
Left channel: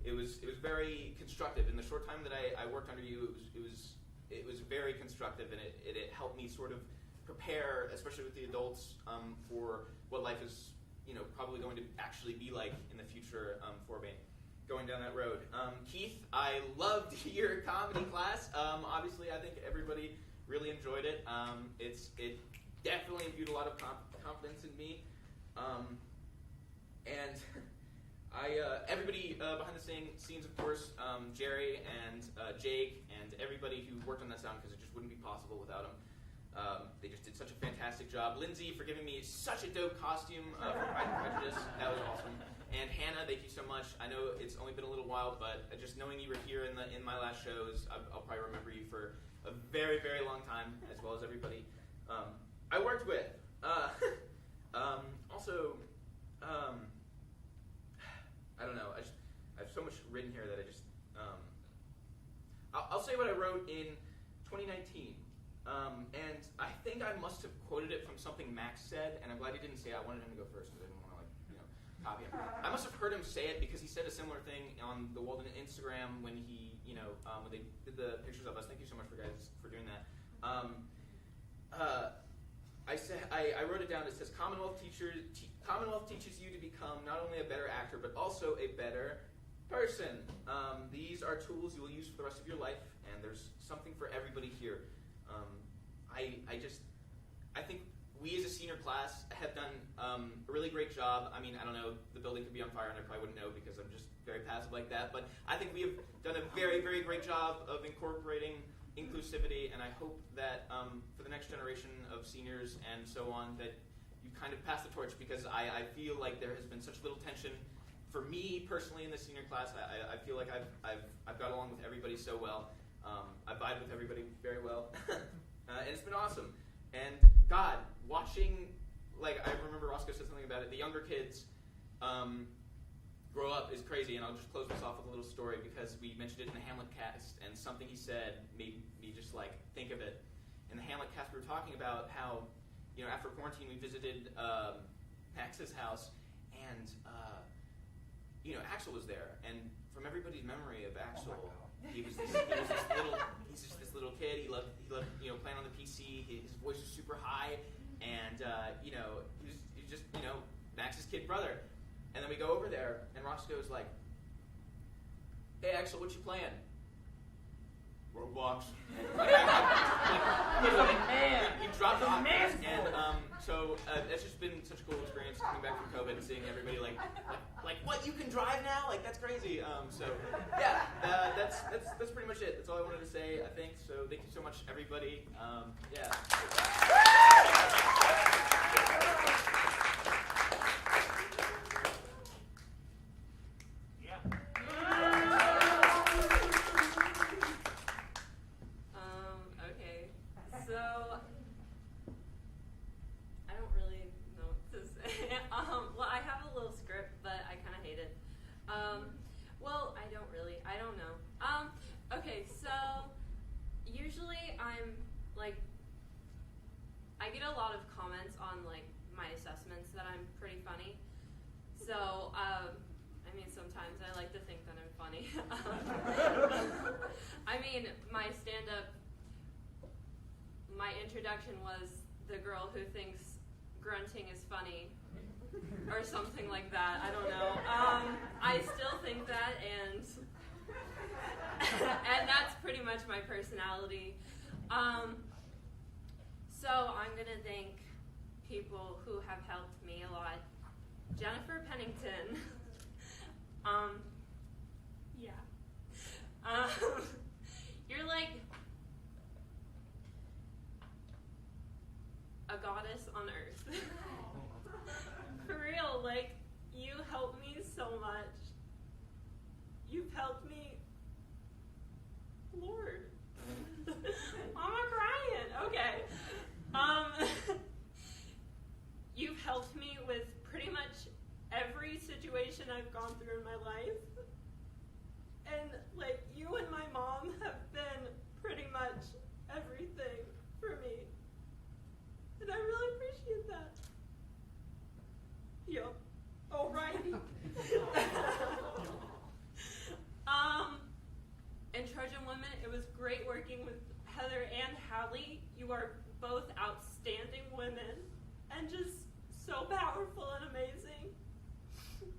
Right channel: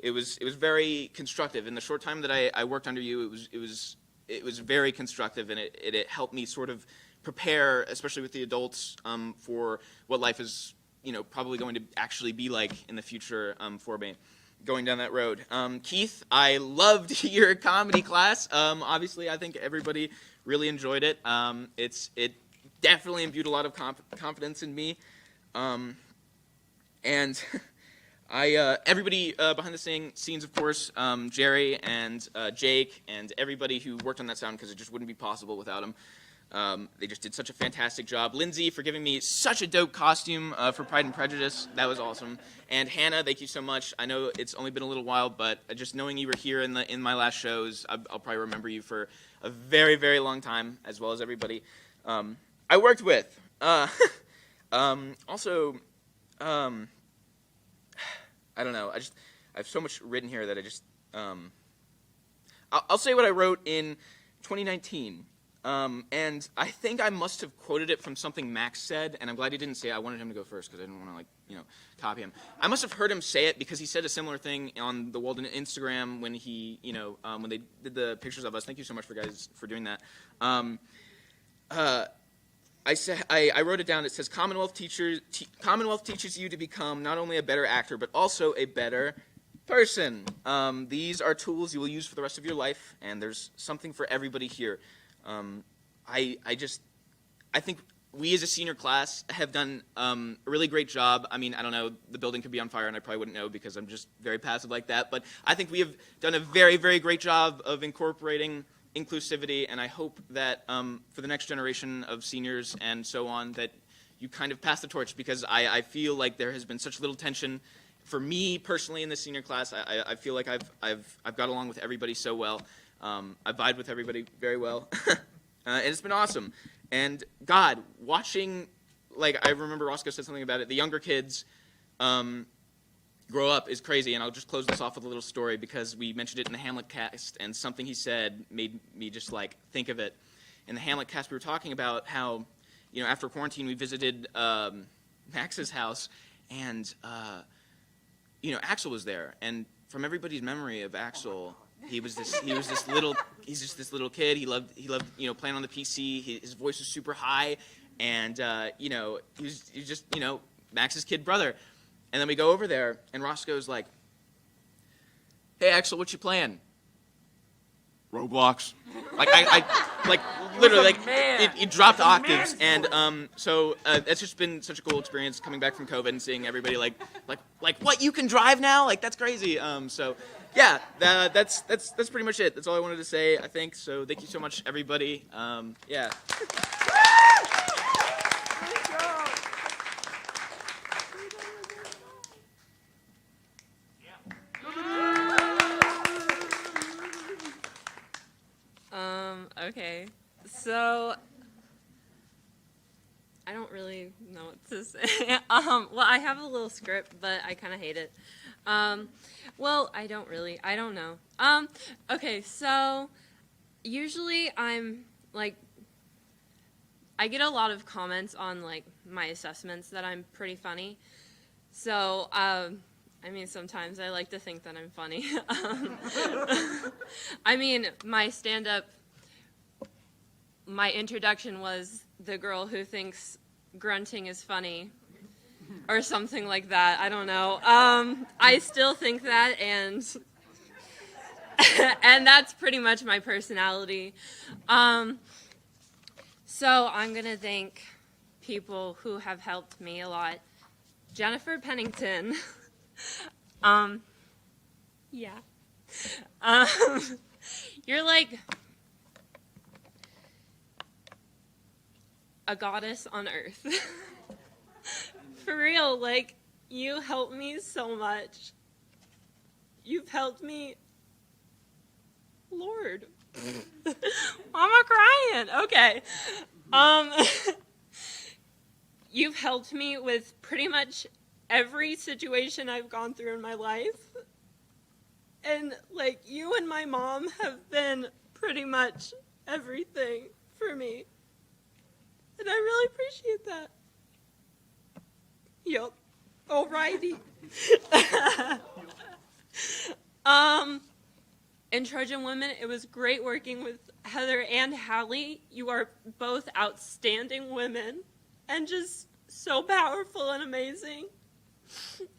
it was very constructive. In the short time that I worked under you, it was very constructive, and it helped me sort of prepare, especially with the adults, for what life is, probably going to actually be like in the future for me, going down that road. Keith, I loved your comedy class. Obviously, I think everybody really enjoyed it. It definitely imbued a lot of confidence in me, and everybody behind the scenes, of course, Jerry and Jake and everybody who worked on that sound, because it just wouldn't be possible without them. They just did such a fantastic job. Lindsay, for giving me such a dope costume for Pride and Prejudice. That was awesome. And Hannah, thank you so much. I know it's only been a little while, but just knowing you were here in my last shows, I'll probably remember you for a very, very long time, as well as everybody I worked with. Also, I don't know. I have so much written here that I'll say what I wrote in 2019. And I think I must have quoted it from something Max said, and I'm glad he didn't say it. I wanted him to go first because I didn't want to, copy him. I must have heard him say it because he said a similar thing on the Walden Instagram when he, when they did the pictures of us. Thank you so much for doing that. I wrote it down. It says Commonwealth teaches you to become not only a better actor but also a better person. These are tools you will use for the rest of your life, and there's something for everybody here. I think we as a senior class have done a really great job. I mean, I don't know, the building could be on fire and I probably wouldn't know because I'm just very passive like that, but I think we have done a very, very great job of incorporating inclusivity, and I hope that for the next generation of seniors and so on that you kind of pass the torch, because I feel like there has been such little tension for me personally in the senior class. I feel like I've got along with everybody so well. I vibe with everybody very well, and it's been awesome. And God, watching, like I remember Roscoe said something about it, the younger kids grow up is crazy. And I'll just close this off with a little story because we mentioned it in the Hamlet cast, and something he said made me just like think of it. In the Hamlet cast, we were talking about how, after quarantine, we visited Max's house, and Axel was there, and from everybody's memory of Axel, he's just this little kid. He loved playing on the PC. His voice was super high, and he was just Max's kid brother. And then we go over there, and Roscoe's like, "Hey Axel, what you playing?" Roblox. Like literally it dropped octaves, and so it's just been such a cool experience coming back from COVID and seeing everybody like what, you can drive now, like that's crazy. So yeah, that's pretty much it. That's all I wanted to say, I think. So thank you so much, everybody. Yeah. Okay, so I don't really know what to say. Well, I have a little script, but I kind of hate it. Well, I don't know. Okay, so usually I'm like, I get a lot of comments on like my assessments that I'm pretty funny. So, I mean, sometimes I like to think that I'm funny. I mean, my stand-up, my introduction was the girl who thinks grunting is funny, or something like that. I don't know. I still think that, and and that's pretty much my personality. So I'm gonna thank people who have helped me a lot. Jennifer Pennington. Yeah. You're like a goddess on earth. For real, like, you helped me so much. You've helped me. Lord. I'm crying. Okay. You've helped me with pretty much every situation I've gone through in my life. And, like, you and my mom have been pretty much everything for me. And I really appreciate that. Yup. Alrighty. In Trojan Women, it was great working with Heather and Hallie. You are both outstanding women and just so powerful and amazing.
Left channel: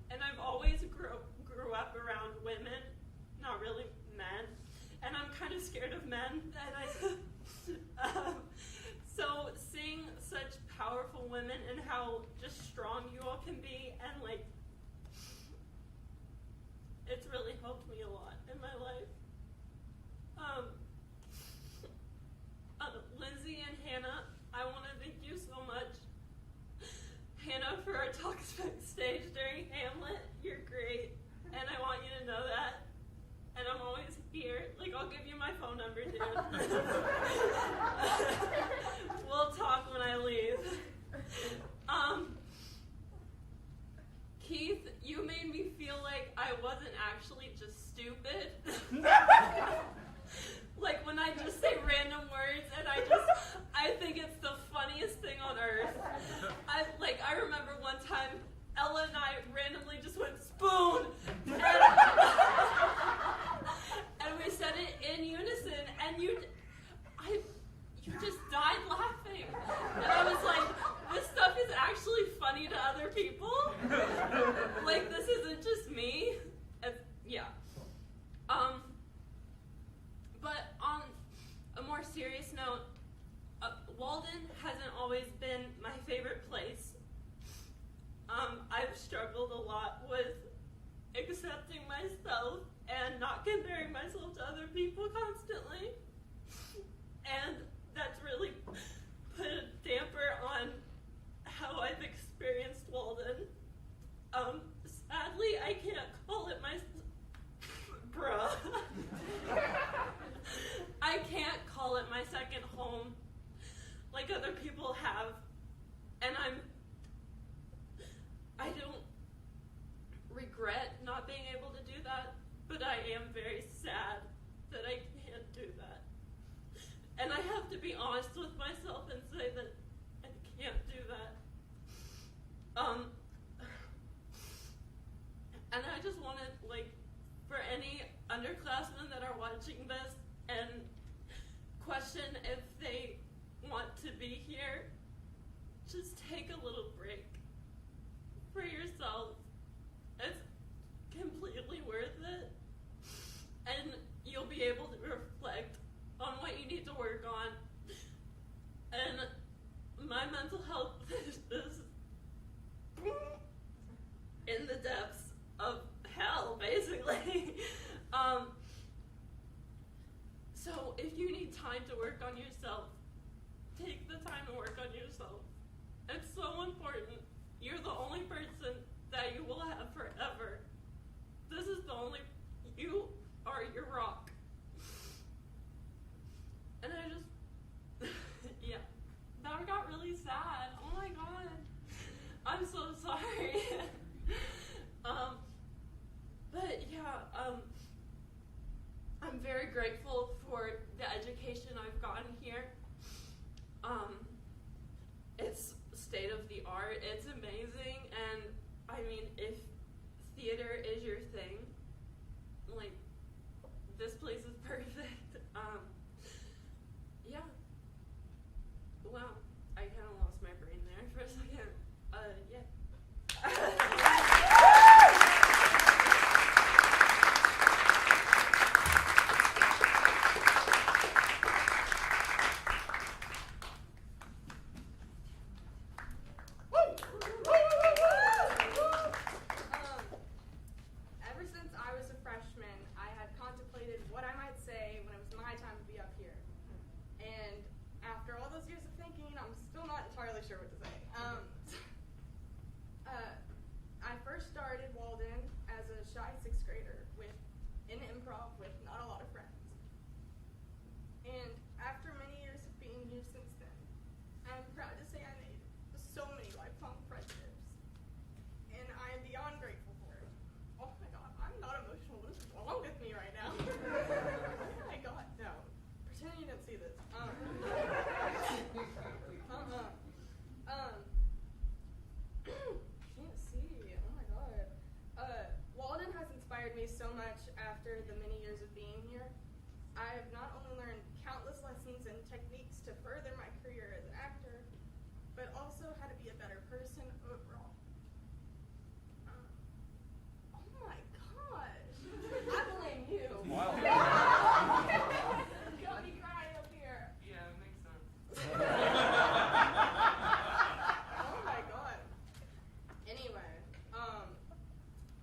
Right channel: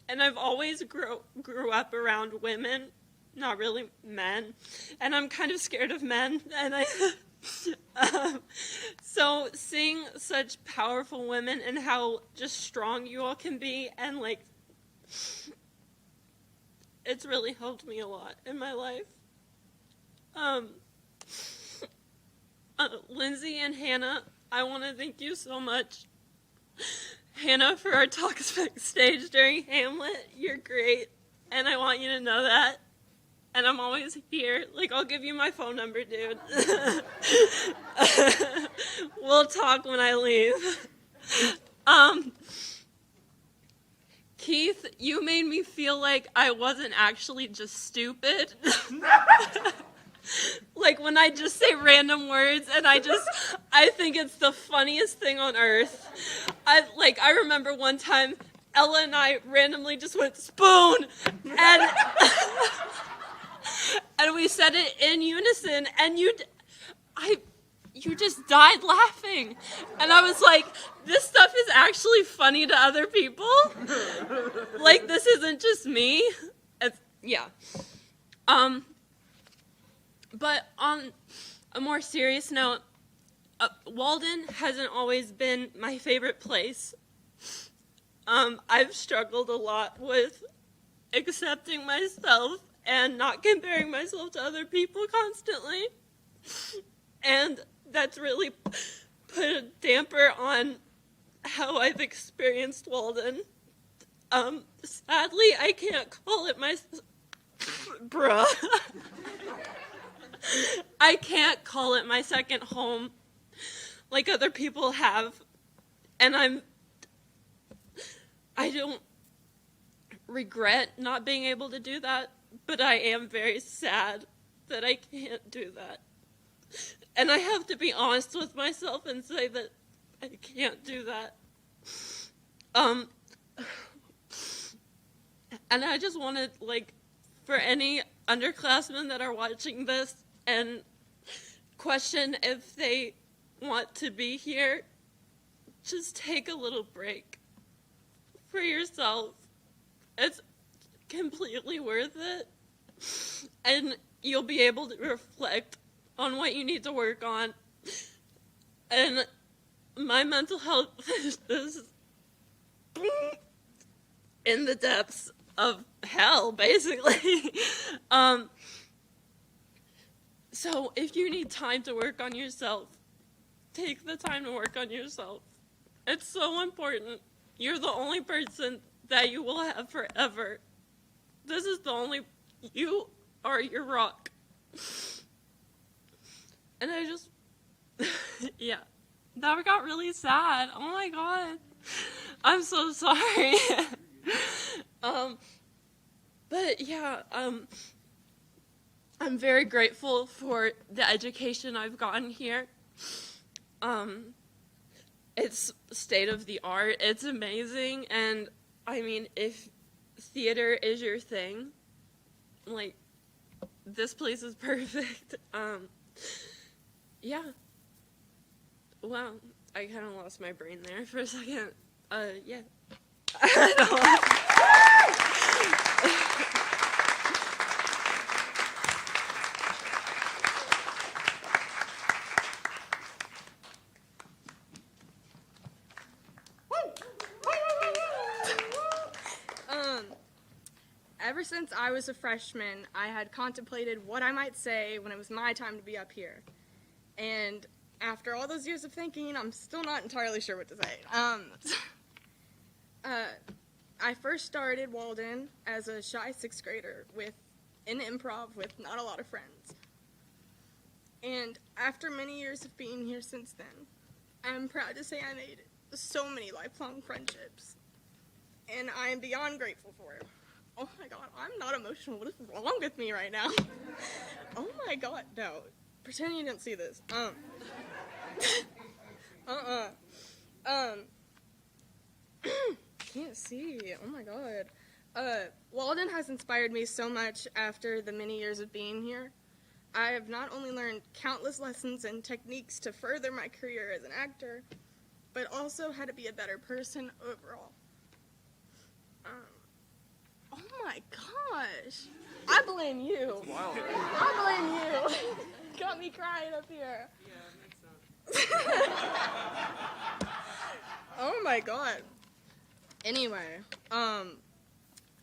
And I've always grew up around women, not really men. And I'm kind of scared of men. And so seeing such powerful women and how just strong you all can be, and like, it's really helped me a lot in my life. Lindsay and Hannah, I want to thank you so much. Hannah, for our talks backstage during Hamlet, you're great, and I want you to know that. And I'm always here. Like, I'll give you my phone number, dude. We'll talk when I leave. Keith, you made me feel like I wasn't actually just stupid. Like, when I just say random words and I think it's the funniest thing on earth. I remember one time Ella and I randomly just went spoon, and and we said it in unison, and you just died laughing. And I was like, this stuff is actually funny to other people. Like, this isn't just me. Yeah. But on a more serious note, Walden hasn't always been my favorite place. I've struggled a lot with accepting myself and not comparing myself to other people constantly. And that's really put a damper on how I've experienced Walden. Sadly, I can't call it my... Bruh. I can't call it my second home like other people have. And I don't regret not being able to do that, but I am very sad that I can't do that. And I have to be honest with myself and say that I can't do that. And I just wanted, like, for any underclassmen that are watching this and question if they want to be here, just take a little break for yourself. It's completely worth it. And you'll be able to reflect on what you need to work on. And my mental health is in the depths of hell, basically. So if you need time to work on yourself, take the time to work on yourself. It's so important. You're the only person that you will have forever. This is the only... You are your rock. And I just... yeah. That got really sad. Oh my god. I'm so sorry. But yeah, I'm very grateful for the education I've gotten here. It's state of the art. It's amazing. And I mean, if theater is your thing, like, this place is perfect. Yeah. Wow. I kind of lost my brain there for a second. Yeah. Ever since I was a freshman, I had contemplated what I might say when it was my time to be up here. And after all those years of thinking, I'm still not entirely sure what to say. I first started Walden as a shy 6th grader in improv with not a lot of friends. And after many years of being here since then, I'm proud to say I made so many lifelong friendships. And I am beyond grateful for it. Oh my god, I'm not emotional. What is wrong with me right now? Oh my god, no. Pretend you didn't see this. Can't see. Oh my god. Walden has inspired me so much after the many years of being here. I have not only learned countless lessons and techniques to further my career as an actor, but also how to be a better person overall. Oh my gosh. I blame you. Wow. I blame you. Got me crying up here. Oh my god. Anyway,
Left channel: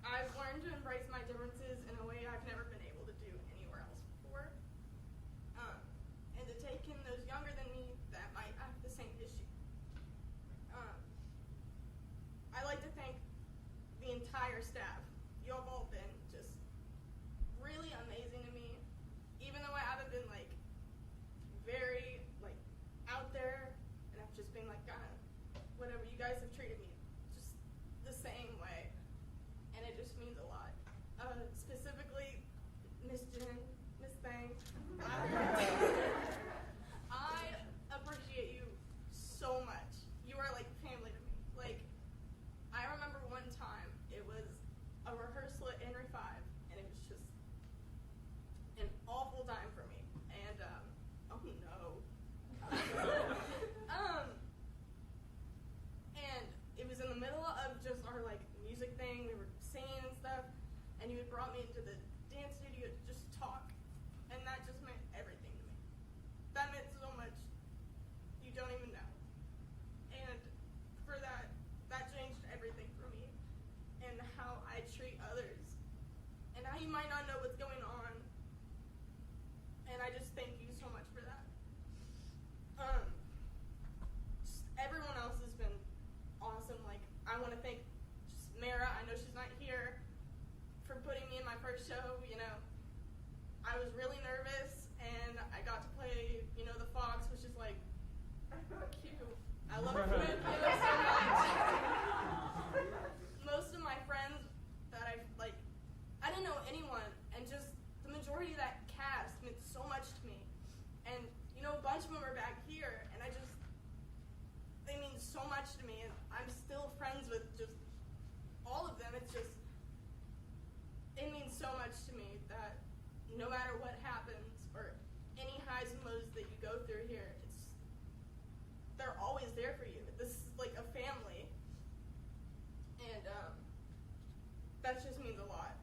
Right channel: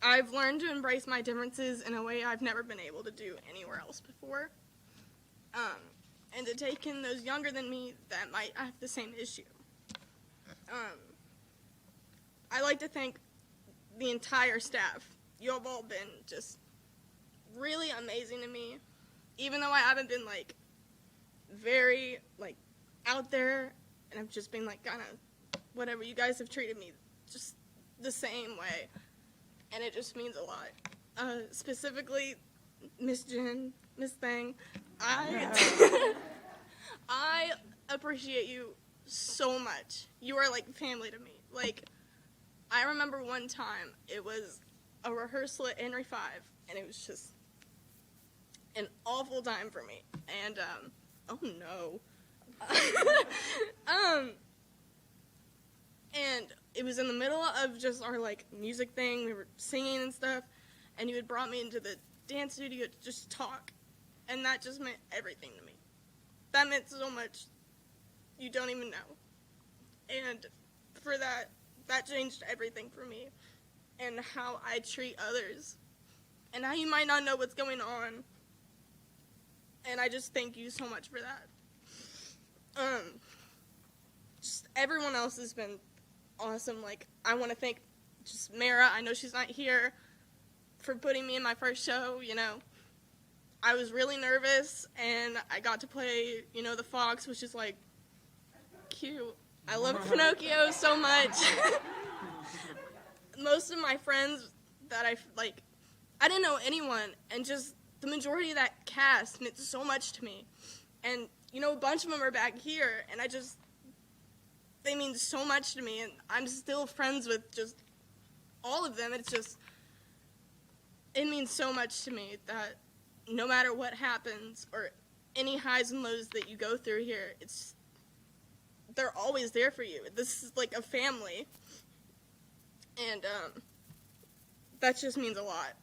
I've learned to embrace my differences in a way I've never been able to do anywhere else before. And to take in those younger than me that might have the same issue. I'd like to thank the entire staff. You have all been just really amazing to me. Even though I haven't been, like, very, like, out there, and I've just been, like, kind of whatever. You guys have treated me just the same way, and it just means a lot. Specifically, Miss Jen, Miss Thang, I appreciate you so much. You are like family to me. Like, I remember one time, it was a rehearsal at Henry 5, and it was just an awful time for me. And, oh no. And it was in the middle of just our, like, music thing. We were singing and stuff, and you had brought me into the dance studio to just talk, and that just meant everything to me. That meant so much you don't even know. And for that, that changed everything for me, and how I treat others, and how you might not know what's going on, and I just thank you so much for that. Just everyone else has been awesome. Like, I want to thank just Mara, I know she's not here, for putting me in my first show. You know, I was really nervous, and I got to play, you know, the fox, which is, like, cute. I love Pinocchio so much. Most of my friends that I didn't know anyone, and just the majority of that cast meant so much to me. And, you know, a bunch of them are back here, and they mean so much to me, and I'm still friends with just all of them. It's just, it means so much to me that no matter what happens, or any highs and lows that you go through here, they're always there for you. This is like a family, and that just means a lot.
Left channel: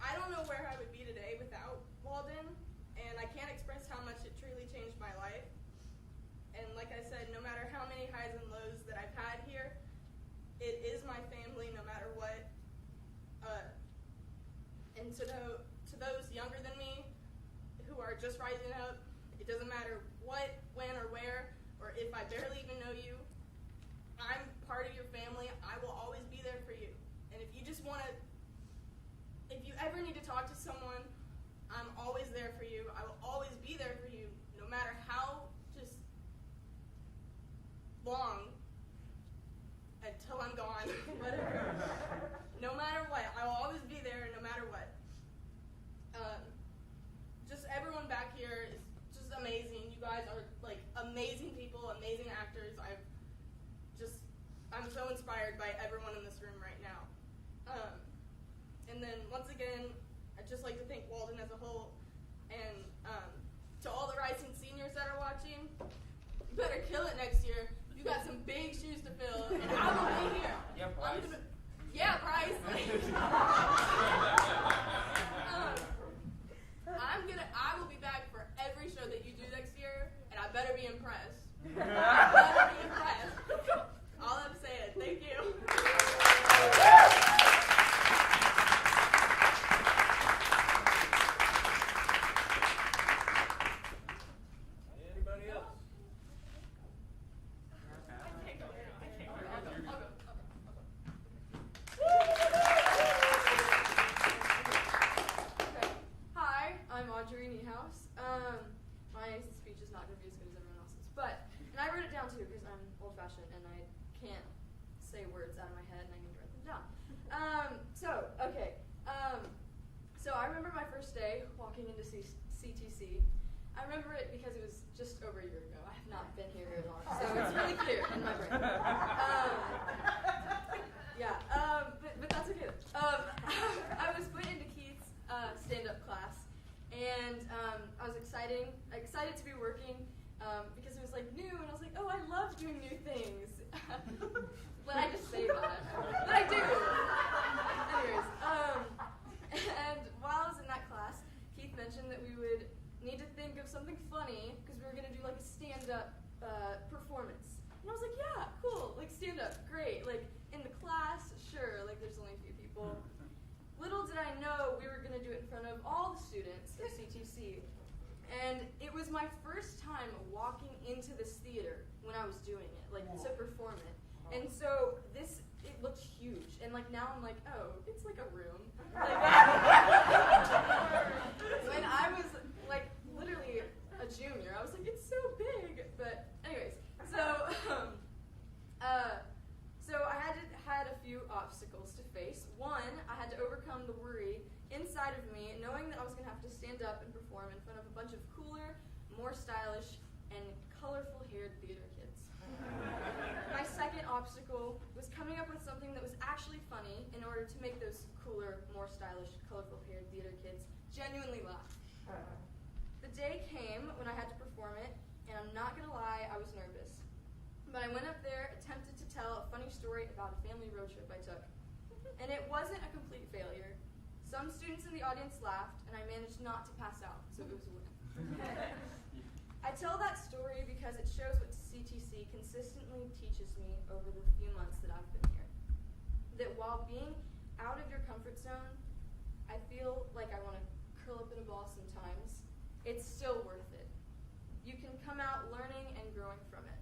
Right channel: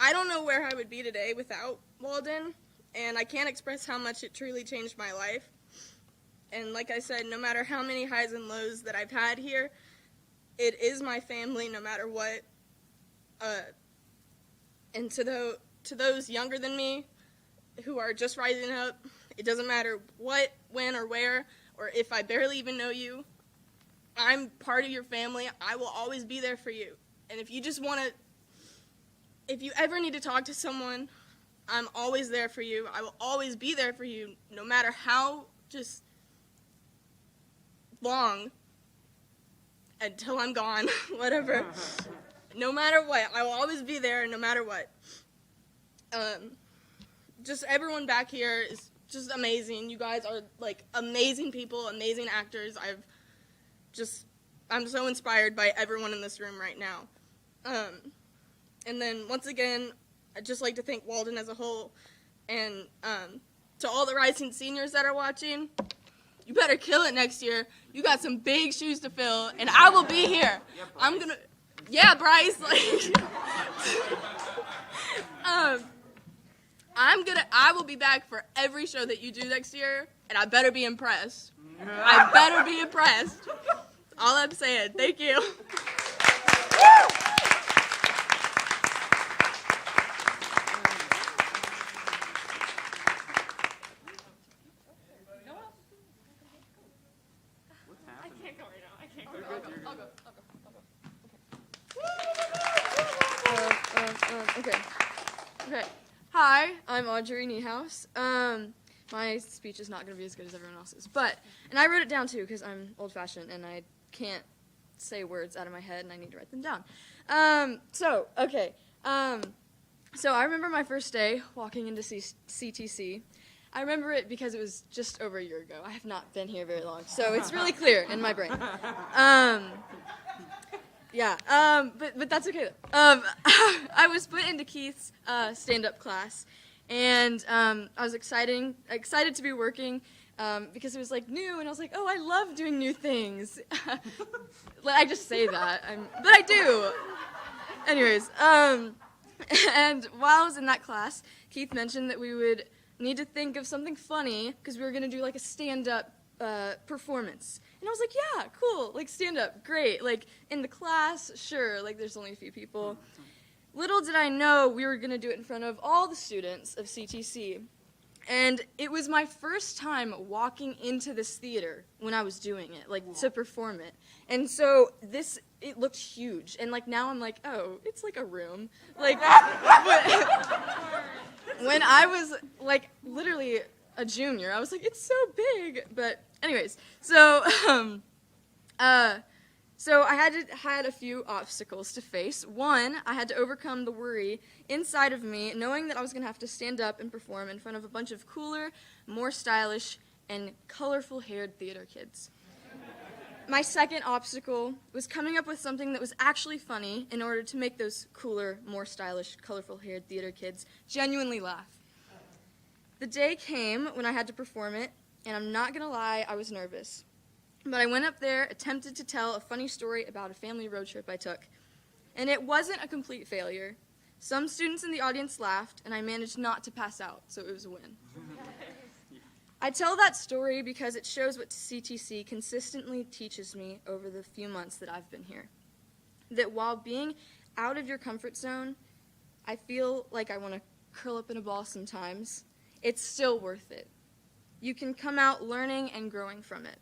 I don't know where I would be today without Walden, and I can't express how much it truly changed my life. And like I said, no matter how many highs and lows that I've had here, it is my family no matter what. And to those younger than me who are just rising up, it doesn't matter what, when, or where, or if I barely even know you, I'm part of your family. I will always be there for you. And if you just want to, if you ever need to talk to someone, I'm always there for you. I will always be there for you, no matter how just long, until I'm gone, whatever. No matter what, I will always be there, no matter what. Just everyone back here is just amazing. You guys are, like, amazing people, amazing actors. I'm so inspired by everyone in this room right now. And then, once again, I'd just like to thank Walden as a whole, and to all the rising seniors that are watching, you better kill it next year. You got some big shoes to fill, and I will be here. Yeah, Bryce. I will be back for every show that you do next year, and I better be impressed. I better be impressed. All I'm saying. Thank you. Hi, I'm Audrey Niehaus. My speech is not going to be as good as everyone else's, and I wrote it down too because I'm old-fashioned and I can't say words out of my head and I need to write them down. So I remember my first day walking into CTC. I remember it because it was just over a year ago. I have not been here very long, so it's really clear in my brain. Yeah, but that's okay. I was put into Keith's stand-up class, and I was excited to be working because it was like new, and I was like, oh, I love doing new things. I just say that, but I do. Anyways, and while I was in that class, Keith mentioned that we would need to think of something funny because we were gonna do like a stand-up performance. And I was like, yeah, cool, like stand-up, great. Like in the class, sure, like there's only a few people. Little did I know we were gonna do it in front of all the students of CTC. And it was my first time walking into this theater when I was doing it, like to perform it. And so it looked huge. And like now I'm like, oh, it's like a room. Like, but when I was like literally a junior, I was like, it's so big. But anyways, so so I had a few obstacles to face. One, I had to overcome the worry inside of me, knowing that I was going to have to stand up and perform in front of a bunch of cooler, more stylish, and colorful-haired theater kids. My second obstacle was coming up with something that was actually funny in order to make those cooler, more stylish, colorful-haired theater kids genuinely laugh. The day came when I had to perform it, and I'm not going to lie, I was nervous. But I went up there, attempted to tell a funny story about a family road trip I took. And it wasn't a complete failure. Some students in the audience laughed, and I managed not to pass out, so it was a win. I tell that story because it shows what CTC consistently teaches me over the few months that I've been here. That while being out of your comfort zone, I feel like I want to curl up in a ball sometimes, it's still worth it. You can come out learning and growing from it.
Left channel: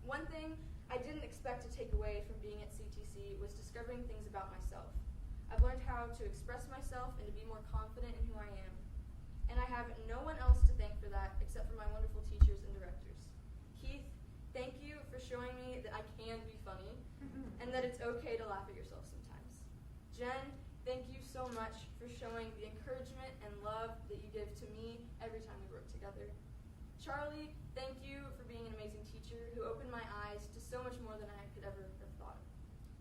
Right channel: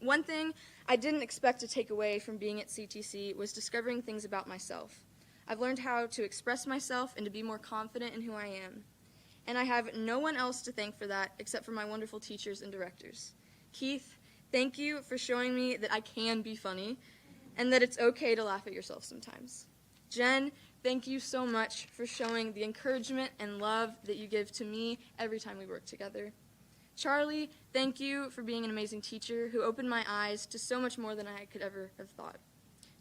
One thing I didn't expect to take away from being at CTC was discovering things about myself. I've learned how to express myself and to be more confident in who I am. And I have no one else to thank for that except for my wonderful teachers and directors. Keith, thank you for showing me that I can be funny and that it's okay to laugh at yourself sometimes. Jen, thank you so much for showing the encouragement and love that you give to me every time we work together. Charlie, thank you for being an amazing teacher who opened my eyes to so much more than I could ever have thought.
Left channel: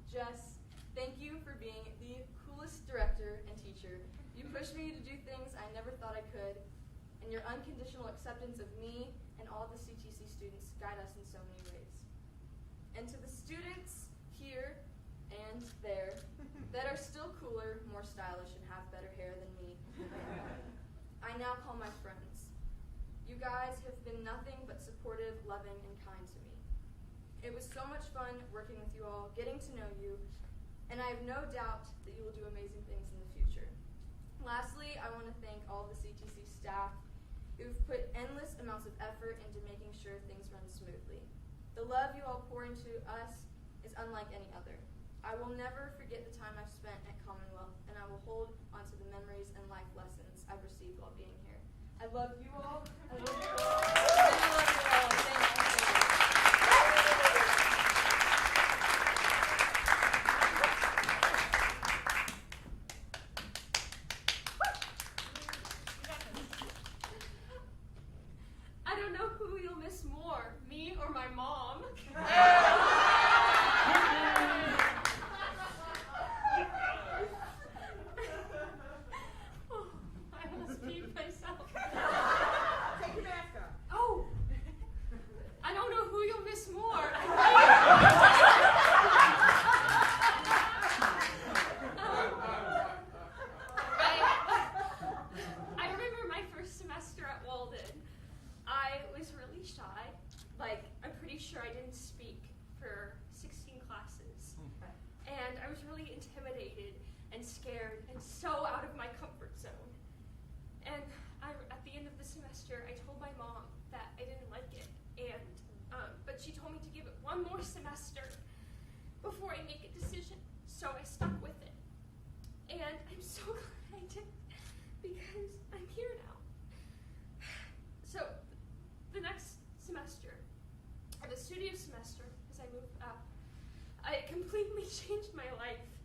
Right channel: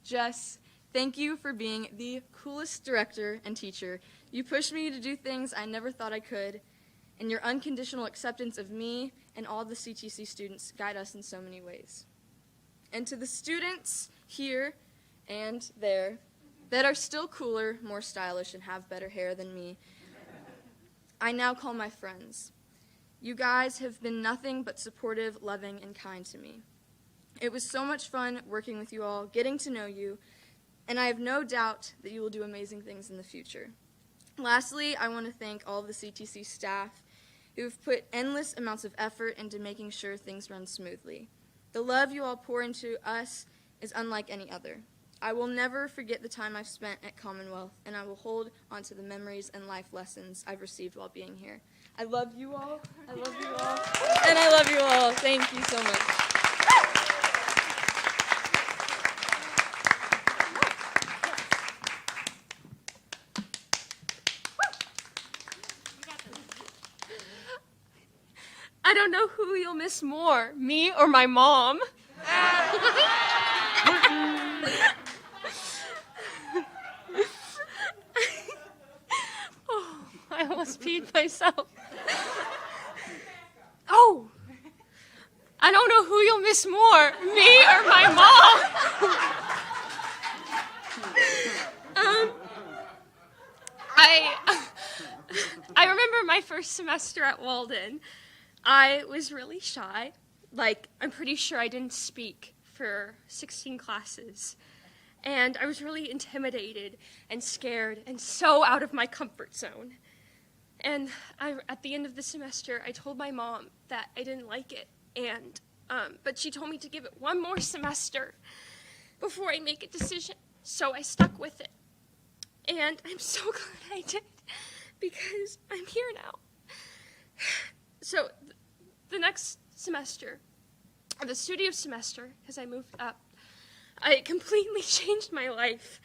Jess, thank you for being the coolest director and teacher. You pushed me to do things I never thought I could, and your unconditional acceptance of me and all the CTC students guide us in so many ways. And to the students here and there that are still cooler, more stylish, and have better hair than me, I now call my friends. You guys have been nothing but supportive, loving, and kind to me. It was so much fun working with you all, getting to know you, and I have no doubt that you will do amazing things in the future. Lastly, I want to thank all of the CTC staff who've put endless amounts of effort into making sure things run smoothly. The love you all pour into us is unlike any other. I will never forget the time I've spent at Commonwealth, and I will hold onto the memories and life lessons I've received while being here. I love you all. I love you all. And I love you all. Thank you so much. I don't know who you'll miss more, me or my mom. Oh, I almost peed myself. Oh, I don't know who you'll miss more, me or my mom. I remember my first semester at Walden. I was really shy. Like, I'm pretty sure I didn't speak for 16 classes. And I was really intimidated and scared and so out of my comfort zone. And at the end of the semester, I told my mom that I didn't like it. But she told me to give it one more semester before I make a decision. So I stuck with it. And I'm so glad I did, because I'm here now. So the next semester, or the studio semester, as I moved up, it completely changed my life.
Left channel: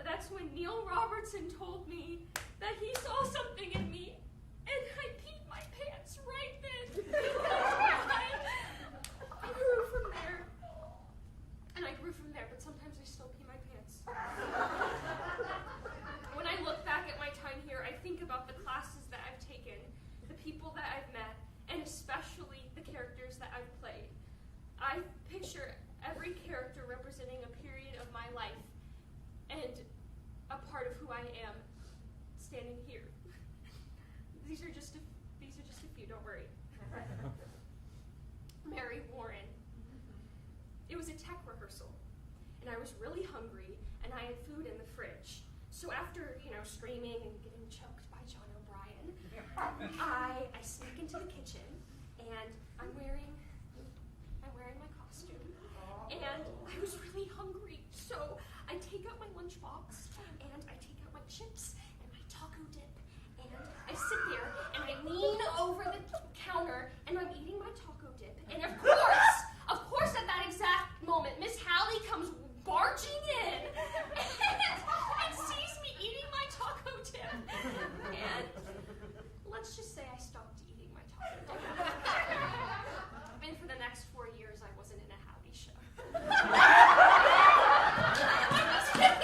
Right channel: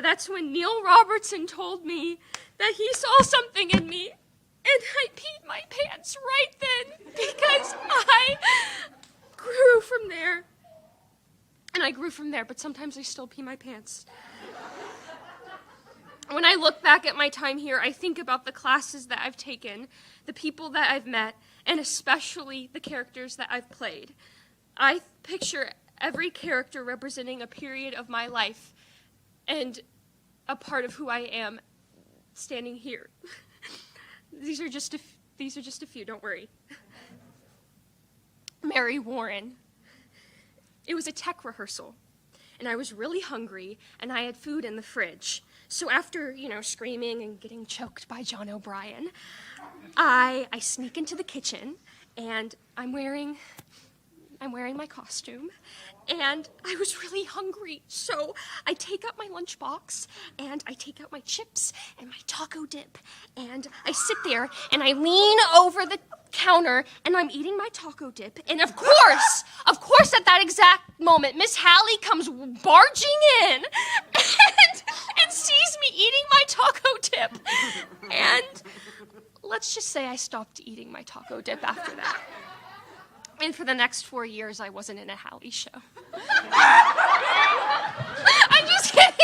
That's when Neil Robertson told me that he saw something in me, and I peed my pants right then, because I grew from there. And I grew from there, but sometimes I still pee my pants. When I look back at my time here, I think about the classes that I've taken, the people that I've met, and especially the characters that I've played. I picture every character representing a period of my life and a part of who I am standing here. These are just a few, don't worry. Mary Warren. It was a tech rehearsal, and I was really hungry, and I had food in the fridge. So after, screaming and getting choked by John O'Brien, I sneak into the kitchen, and I'm wearing my costume, and I was really hungry. So I take out my lunchbox, and I take out my chips and my taco dip, and I sit there, and I lean over the counter, and I'm eating my taco dip, and of course, at that exact moment, Miss Hallie comes barging in, and sees me eating my taco dip, and let's just say I stopped eating my taco dip after that. And for the next 4 years, I wasn't in a Hallie show. I'm just kidding.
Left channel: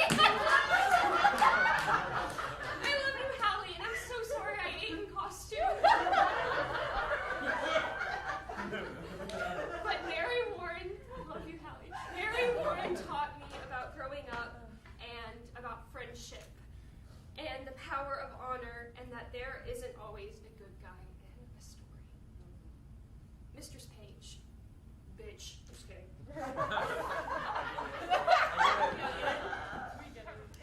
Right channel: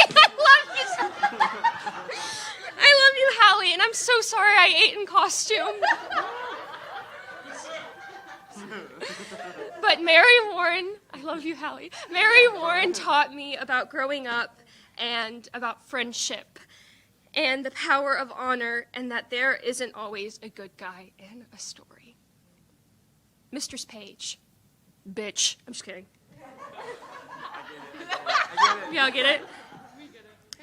I love you, Hallie, and I'm so sorry I ate in costume. But Mary Warren, I love you, Hallie. Mary Warren taught me about growing up and about friendship and the power of honor and that there isn't always a good guy in a story. Mistress Page. Bitch. I'm just kidding. Y'all get it?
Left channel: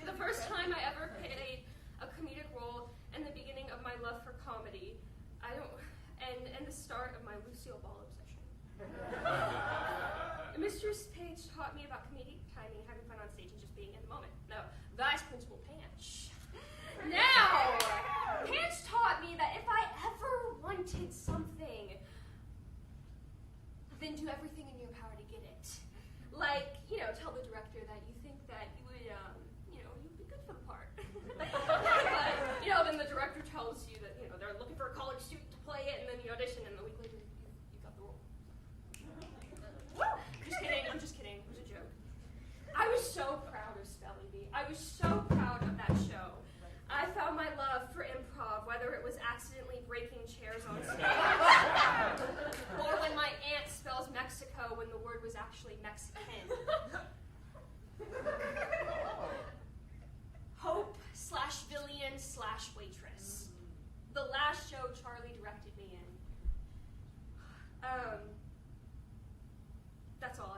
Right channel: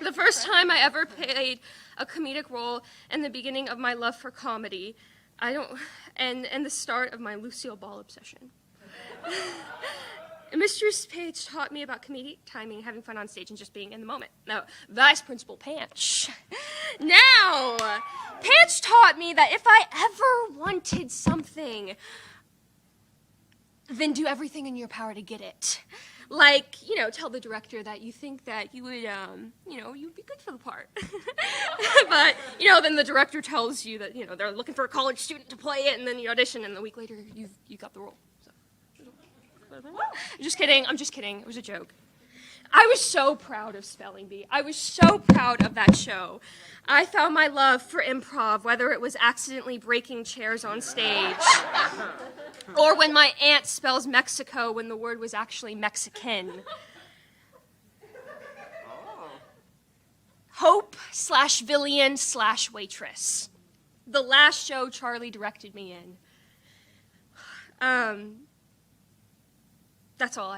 The first time I ever played a comedic role and the beginning of my love for comedy, and the start of my Lucille Ball obsession. Mistress Page taught me about comedic timing, having fun on stage, and just being in the moment. Now, Vice Principal Panch. Now, Panch taught me that if I ever wanted something, then do everything in your power to get it. Like, tell the director that you think that you would, you'd be good for the part. But, then the director tells you that, they're looking for a college student to play it, and then you audition, and a week later, you got the role. I'm just kidding. It was a joke. I was so proud of Spelling Bee. I was so proud of that show. I found my love for improv, whether it was accidentally breaking chairs on stage, or when my aunt spells Mexico when the word was actually Mexican. Hope/Villian/waitress. The last show Charlie directed me in. That's all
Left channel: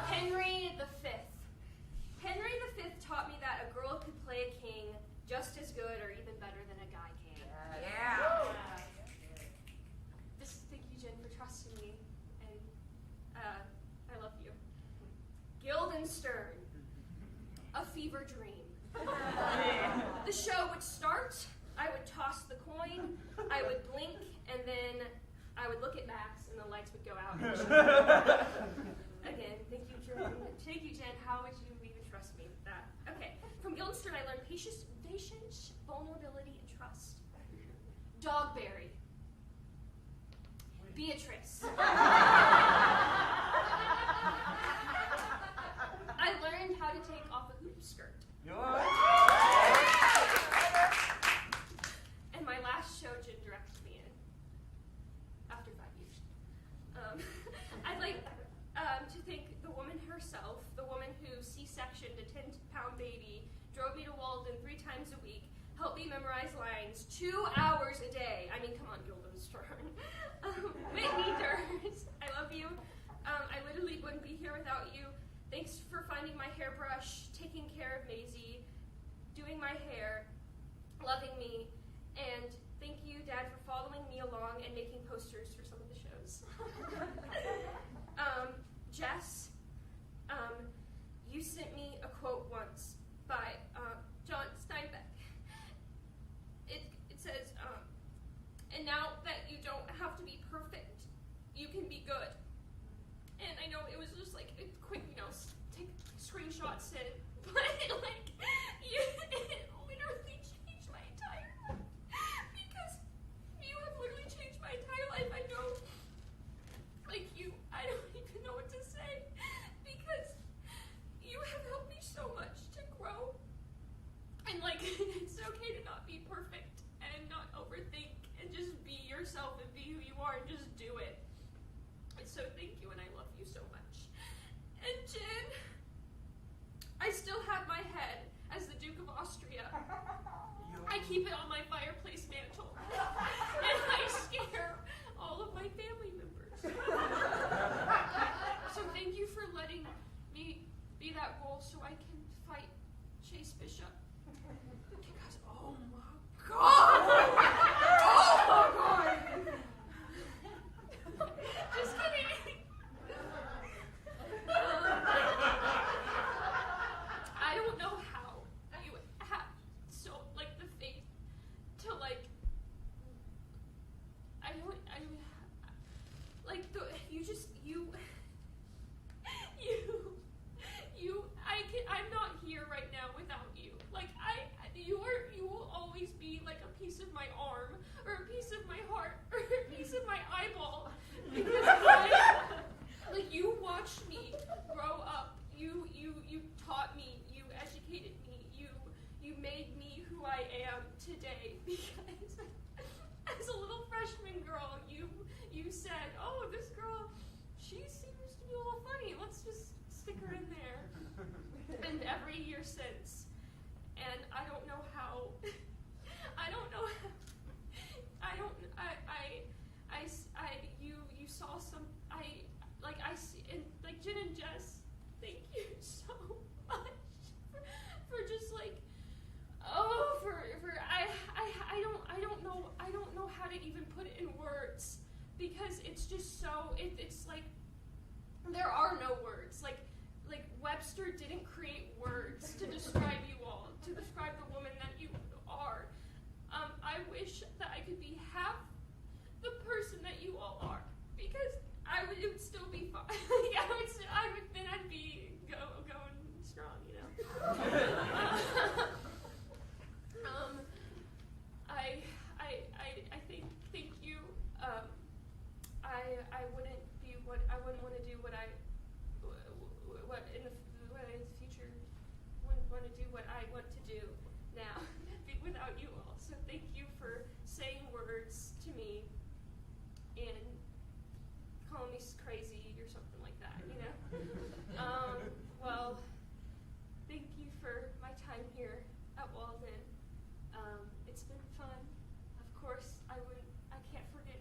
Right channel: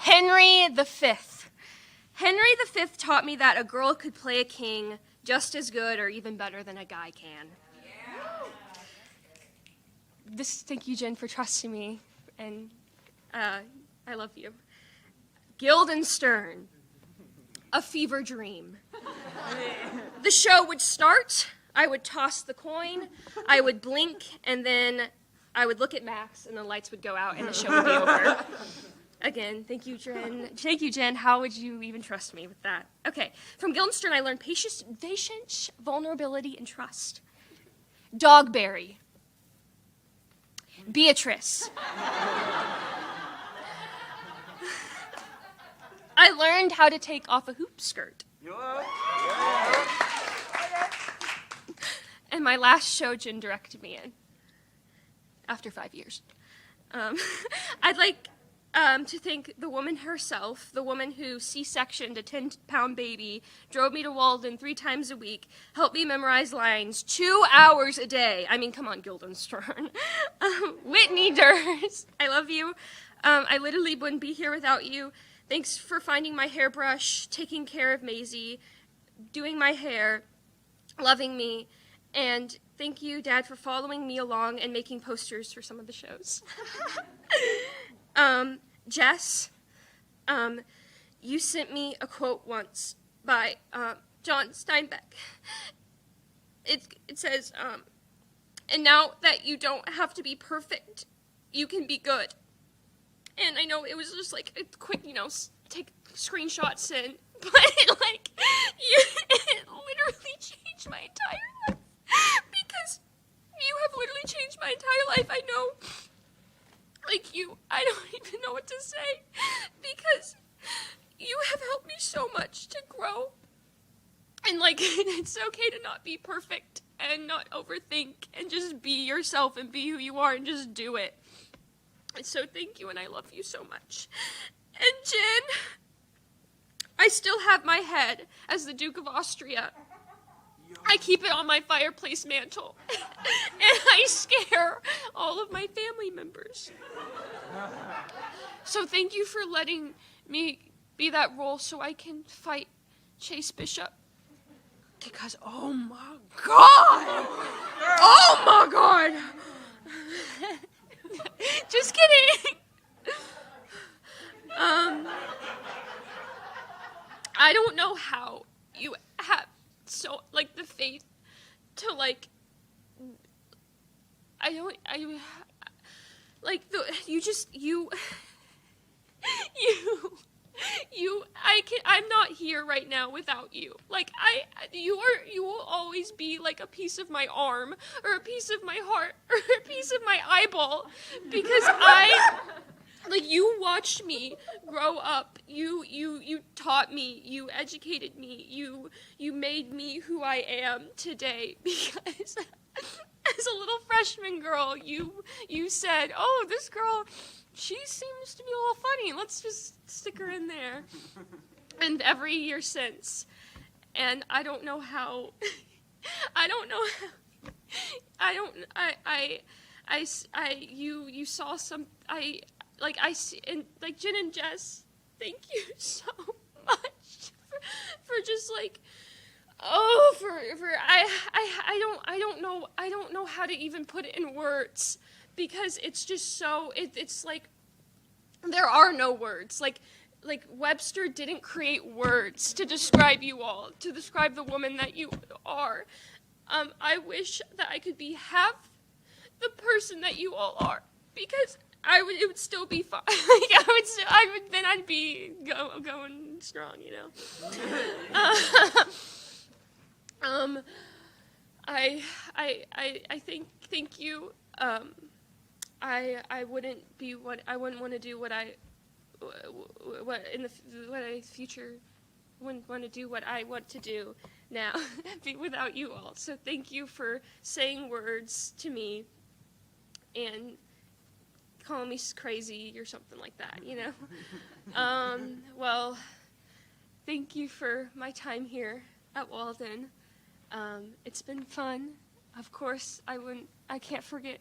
Henry V. Henry V taught me that a girl could play a king just as good or even better than a guy can. Yeah. Thank you, Jen, for trusting me, and I love you. Guildenstern, a fever dream. The show would start, I would toss the coin, I would blink, and then I would look at Max, and the lights would go out, and the show would be over. Again, thank you, Jen. Thank you, Jen. How would you even trust me with that? Okay, from Guildenstern, I learned patience, vulnerability, and trust. Dogberry. Beatrice. I learned how to take off a hoop skirt. And my last show, Jen directed me in. After 5 years. I'd like to thank the woman herself, the woman who C-sectioned a 10-pound baby, drove me to Walden 3 times a week, helped me memorize lines 2 hours a day. I mean, come on, Guildenstern. Whitney Durs, I love you. I literally wouldn't be here without you. Thanks for finding my hairbrush, taking care of Maisie, doing my hair, loving me, and thank you, Dad, for following me along and making posters for some of the shows. Jess, you sent me a quote once by John Steinbeck. It says, and now that you don't have to be perfect, you can be good. And I know it was just like a quick, take screenshots in, but it literally changed my entire life. Because you have literally changed my entire life. I know, I don't even know what to say. it's okay to not be perfect and not overthink and just be yourself and be who you are and just do it. So thank you, and I love you so much. And Jen, I still have my head as the Duke of Austria. I keep it on my fireplace mantle, and I scare all of my family members. So thank you for letting me be that role so I can fight Chase Bishop. Because, oh my God! Oh my God! Just kidding! I don't know how you have the faith to I'm not here right now without you. You will always be like a piece of my arm, or a piece of my heart, or a piece of my eyeball, because you watched me grow up. You taught me. You educated me. You made me who I am today. Because as a little freshman girl, you said, "Oh, this girl, she seems to be a little funny. Let's just stick her in there." And every year since, and I don't know how. You saw some. Jen and Jess, thank you so much for just I don't know how to even put it in words, because it's just so it's like there are no words. Like Webster didn't create words to describe you all, to describe the woman that you are. I wish that I could be half the person that you all are, because it would still be fine. Then I'd be going strong, you know. I thank you. I wouldn't want to do what I future wouldn't want to do what I want to do now without you all. So thank you for saying words to me and calling me crazy or something like that, you know. Well, thank you for my time here at Walden. It's been fun. Of course, I can't forget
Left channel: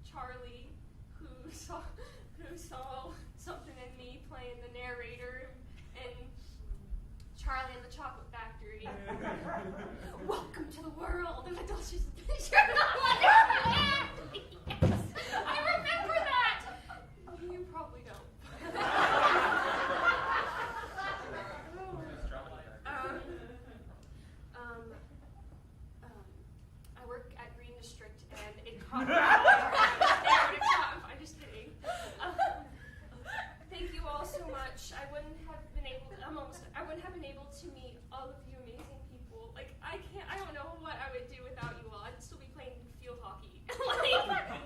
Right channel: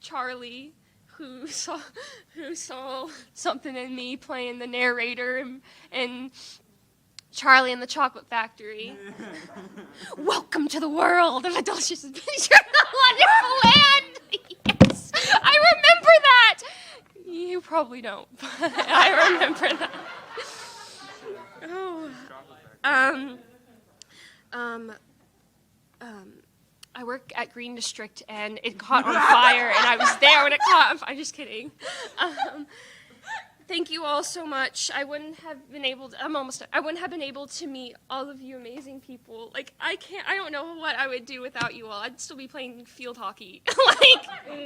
Charlie, who saw something in me playing the narrator in Charlie and the Chocolate Factory. Welcome to the world of a delicious adventure in a wonderful land. Yes, I remember that. You probably don't, but I remember that. I work at Green District, and it caught on fire, and I was there when it caught on fire. I'm just kidding. Thank you all so much. I wouldn't have been able to meet all of you amazing people. I don't know what I would do without you all. I'd still be playing field hockey.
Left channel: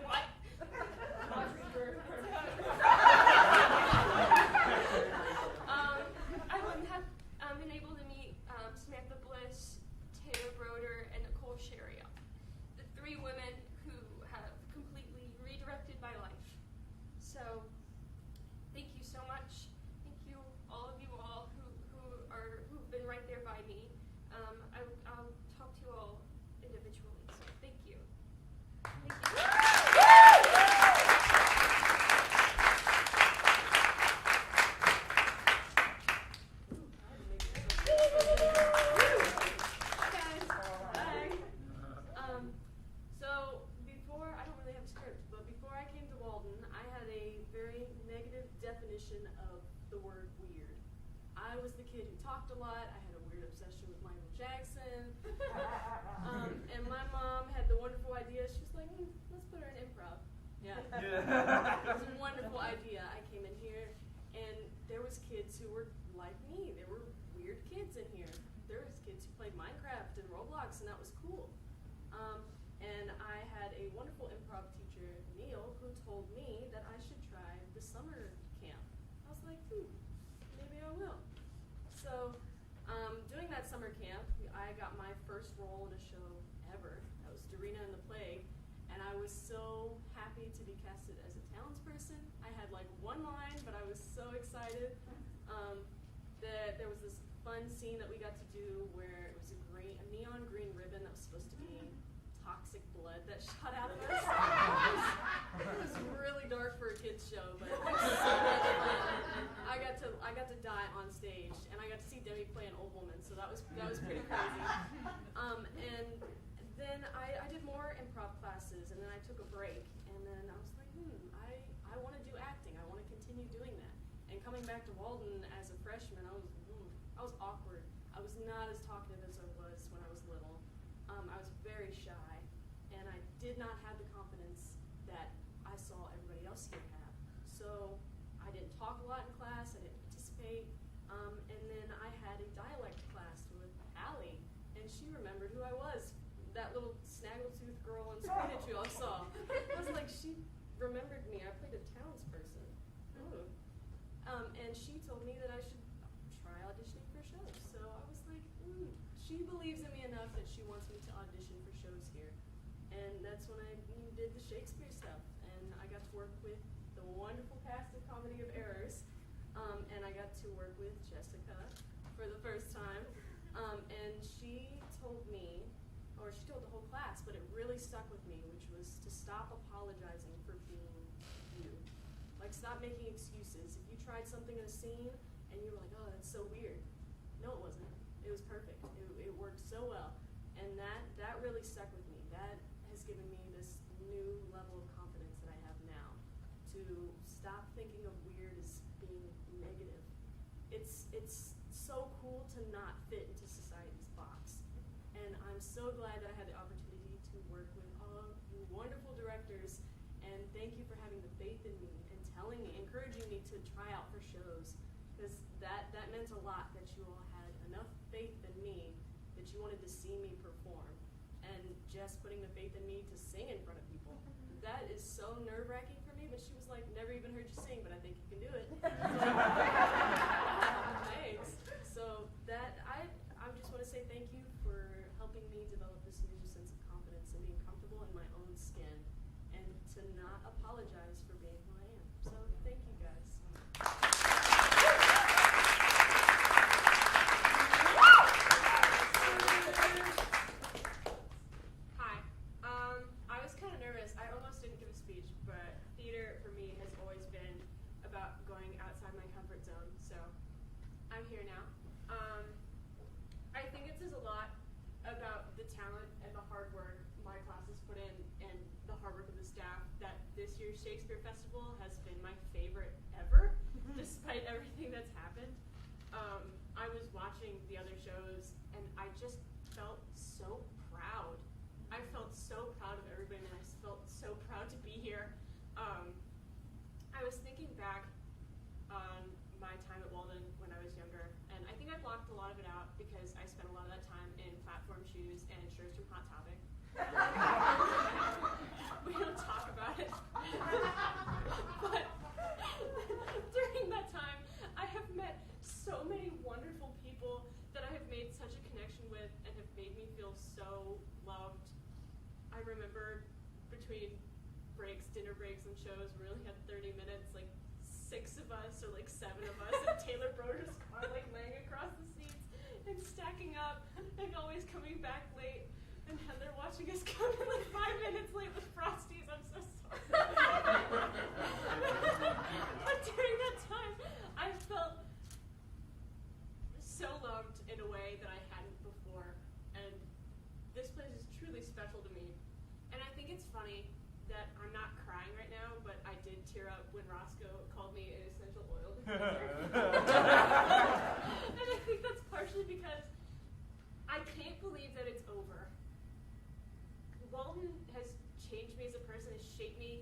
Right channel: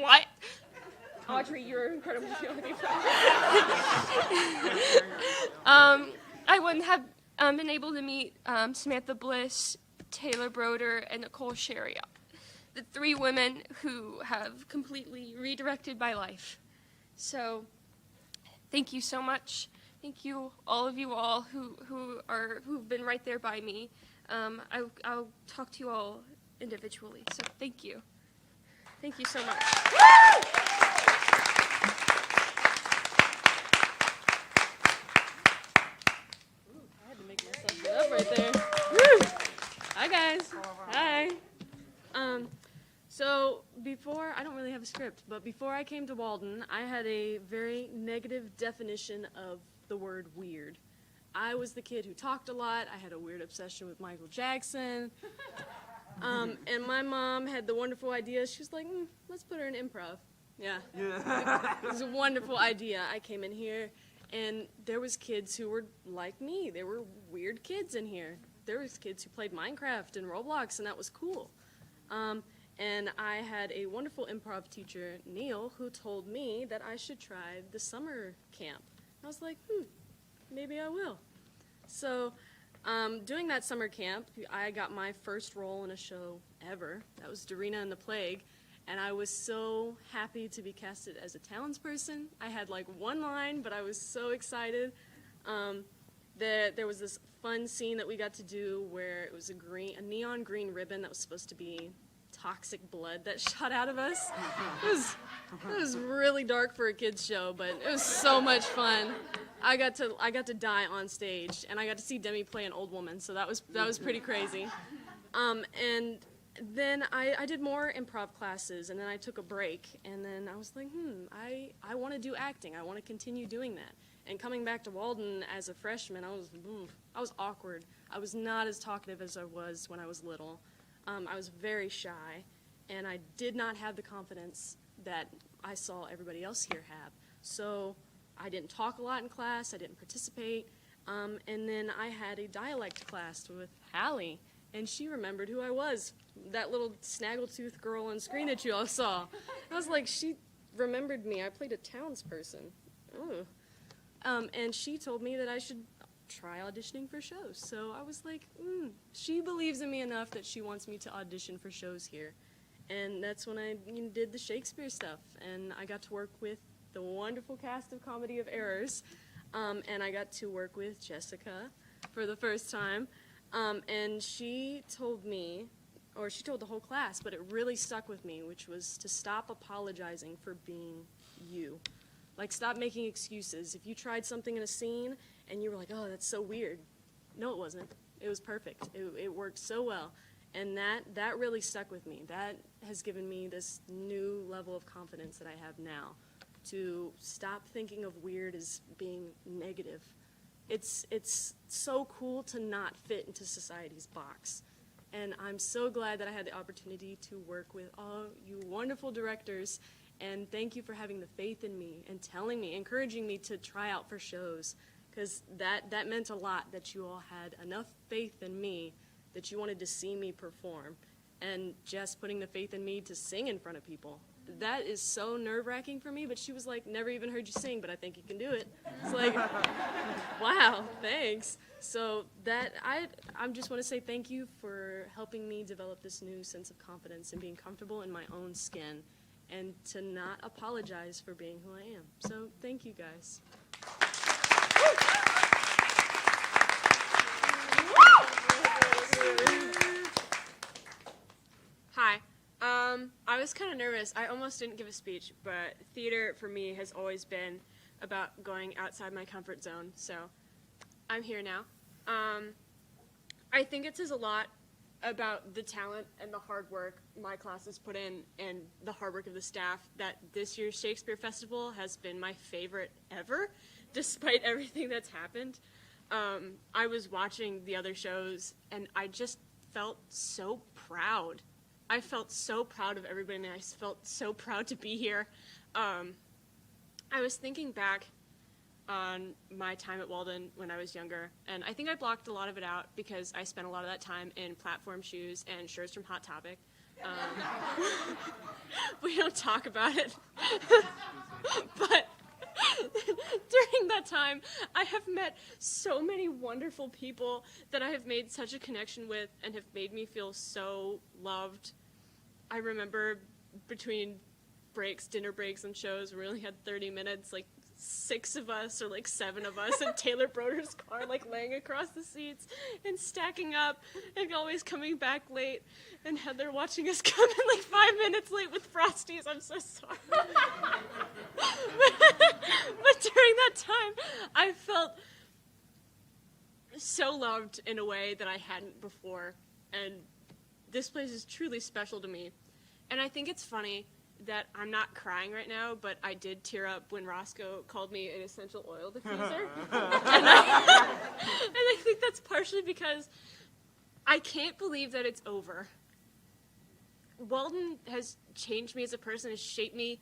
What? Audrey, you're incredible field hockey. I wouldn't have been able to meet Samantha Bliss, Taylor Broder, and Nicole Shariat, the three women who have completely redirected my life. So, thank you so much. Thank you, all of you all who've been right there by me. I'll talk to you all individually. So thank you. Thank you so much. I don't really have a script, but before I came to Walden, I had a very negative definition of the word weird. I was the kid who talked a lot. I had a weird obsession with Michael Jackson. And my mom had the wonderful idea. She was like, let's put her in improv. Yeah. It was a wonderful idea. I came in here, and there was kids who were like me. There were weird kids in here. There was kids who played Minecraft and Roblox, and that was cool. And I had a wonderful improv teacher, Neil, who told me that I should try the summer camp. I was like, maybe I will. So Doing that summer camp, I got my first role in a show ever. That was Dorina and the Plague, and I was so happy to be casted as a townsperson. I had like one line, but I was so excited. There was this fun scene that we got to do where it was a neon green ribbon that was supposed to be toxic blood that shot out of us. It was really dark for a kids show, but it was so much fun. I got to die on stage, and I got to see Demi play an old woman, so that was pretty crazy. And then I did more improv classes, and then I took a break, and then I was like, I want to do acting. I want to continue doing that. And coming back to Walden as a freshman, I was awkward. I was not as talkative as I was when I was little. I was very shy, and I did not have the confidence that I saw everybody else here have. So I didn't talk a lot in class, I didn't participate, and then I had a dialect class with Hallie, and she remembered who I was, that little snaggletooth girl on screen that you all saw. I was like, she remembered me. I played a townsperson. Ooh. And she told me that I should try auditioning for shows. So I was like, she believes in me enough that she wants me to audition for shows here. And that's when I did the Shakespeare stuff. And I got to work with the wonderful cast of Comedy of Errors. And I got to work with Jessica for the first time. And she told me, or she told the whole class, but it really stuck with me, which was to stop apologizing for being you. Like, stop making excuses. If you tried something in a scene and you were like, oh, that's so weird. No, it wasn't. It was perfect. It worked so well. And that really stuck with me. That has given me this new level of confidence that I have now, to stop thinking of weird as being negative. It's so cool to not fit into society's box. And I'm so glad that I had the opportunity to work with all you wonderful directors. And thank you for having the faith in me and telling me, encouraging me to try out for shows, because that meant a lot, that you all had enough faith in me that you wanted to see me perform. And just putting the faith in me to sing in front of people. That is so nerve-wracking for me, but she was like, never even heard you sing, but I think you can do it. It's like, wow, thanks. So I just want to say thank you for helping me develop this new sense of confidence and being comfortable in my own skin, and to not apologize for being who I am. So thank you guys. Hi. I was kind of nervous. I almost didn't give a speech, but theater for me has always been about going outside my comfort zone, so I'm here now. I think it says a lot about the talent and the hard work my classes put in, and the hard work of the staff, that this year's Shakespeare Festival has been my favorite ever, despite everything that's happened. I was watching the other shows, and I just felt so proud. I felt so proud of everybody, and I felt so proud to be here. I was thinking back on my time at Walden when I was younger, and I think I blocked a lot of it out because I spent a lot of that time in platform shoes and shirts from Hot Topic. We don't talk about it. But during that time, I have met so many wonderful people that I have made such a connection with and have made me feel so loved. I remember between breaks, dinner breaks and shows, we only had 30 minutes, like 6 of us or like 7 of us in Taylor Broder's car, like laying across the seats and stacking up and always coming back late, and Heather watching us come in like 5 minutes late with Frosties. I'm so sorry. But during that time, I felt so loved in a way that I hadn't before, and this place is truly special to me. And I think it's funny that I'm not crying right now, but I did tear up when Roscoe called me an essential oil diffuser. and I think that's partially because I can't believe that it's over. Walden has changed me as a person, has shaped me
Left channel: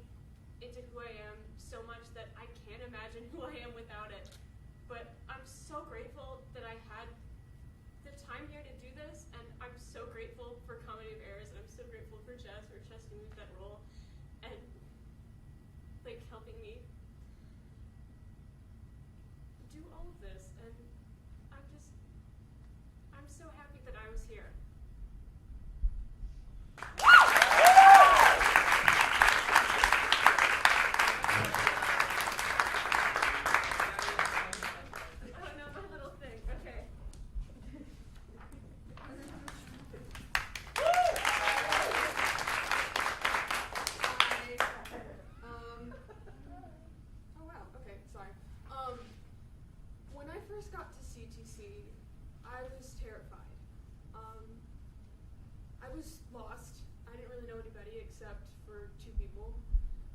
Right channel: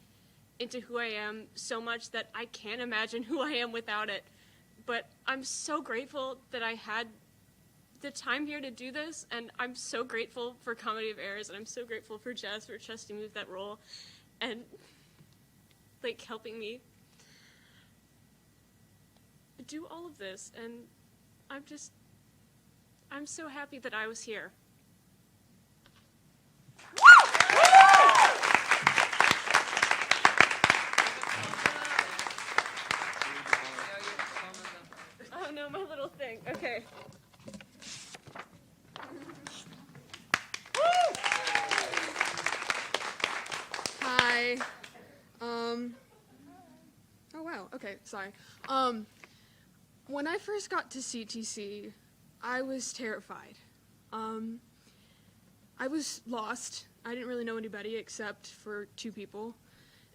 into who I am so much that I can't imagine who I am without it. But I'm so grateful that I had the time here to do this, and I'm so grateful for Comedy of Errors, and I'm so grateful for Jess for trusting me with that role and like helping me do all of this. And I'm just I'm so happy that I was here. Oh no, my little thing. Okay. Hi. Oh wow. Okay, sorry. When I first got to CTC, I was terrified. I was lost. I didn't really know anybody except for 2 people,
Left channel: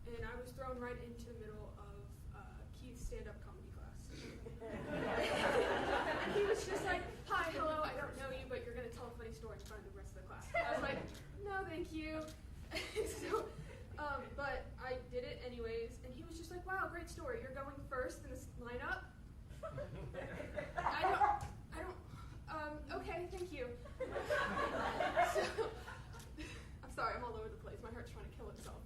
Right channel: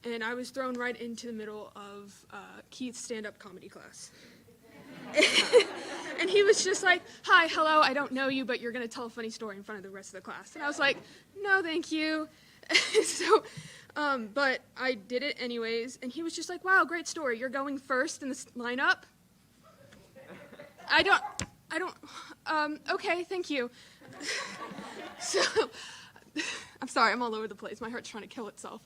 and I was thrown right into the middle of Keith's stand-up comedy class. And he was just like, "Hi, hello, I don't know you, but you're gonna tell a funny story in front of the rest of the class." And I was like, "No, thank you." So, but I did it anyways, and he was just like, "Wow, great story. You're going first in this lineup?" I don't, okay, thank you. So, I'm sorry, I'm all over the place. My heart's trying to kill itself.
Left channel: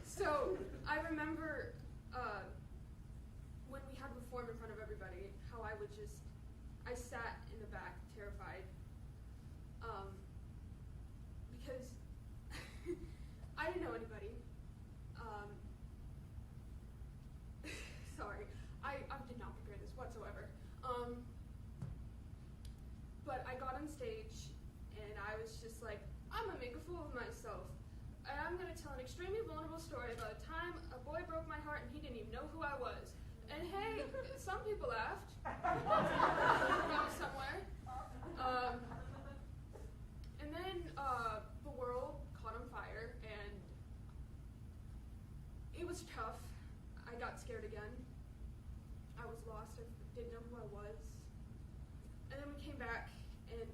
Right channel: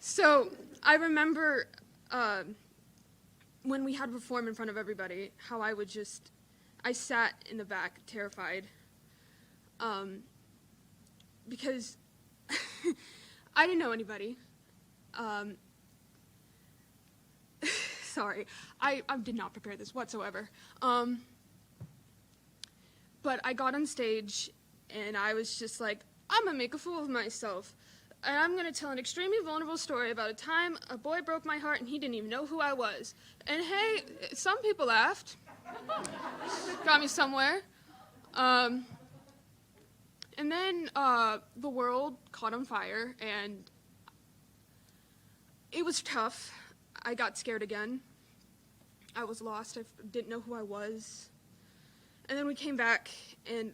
So I remember, when we had perform in front of everybody, how I sat in the back terrified, because I didn't know anybody. Sorry, I did not prepare this whatsoever. But I got on stage, and I was just like, I'm gonna make a fool of myself. And I'm gonna tell an extremely vulnerable story about a time a boy broke my heart and he didn't even know who I was. And hey, some people laughed. Got me somewhere. And then the world caught on fire, and it was tough. I got scared again. I was lost. I didn't know who I was. And then we came back, and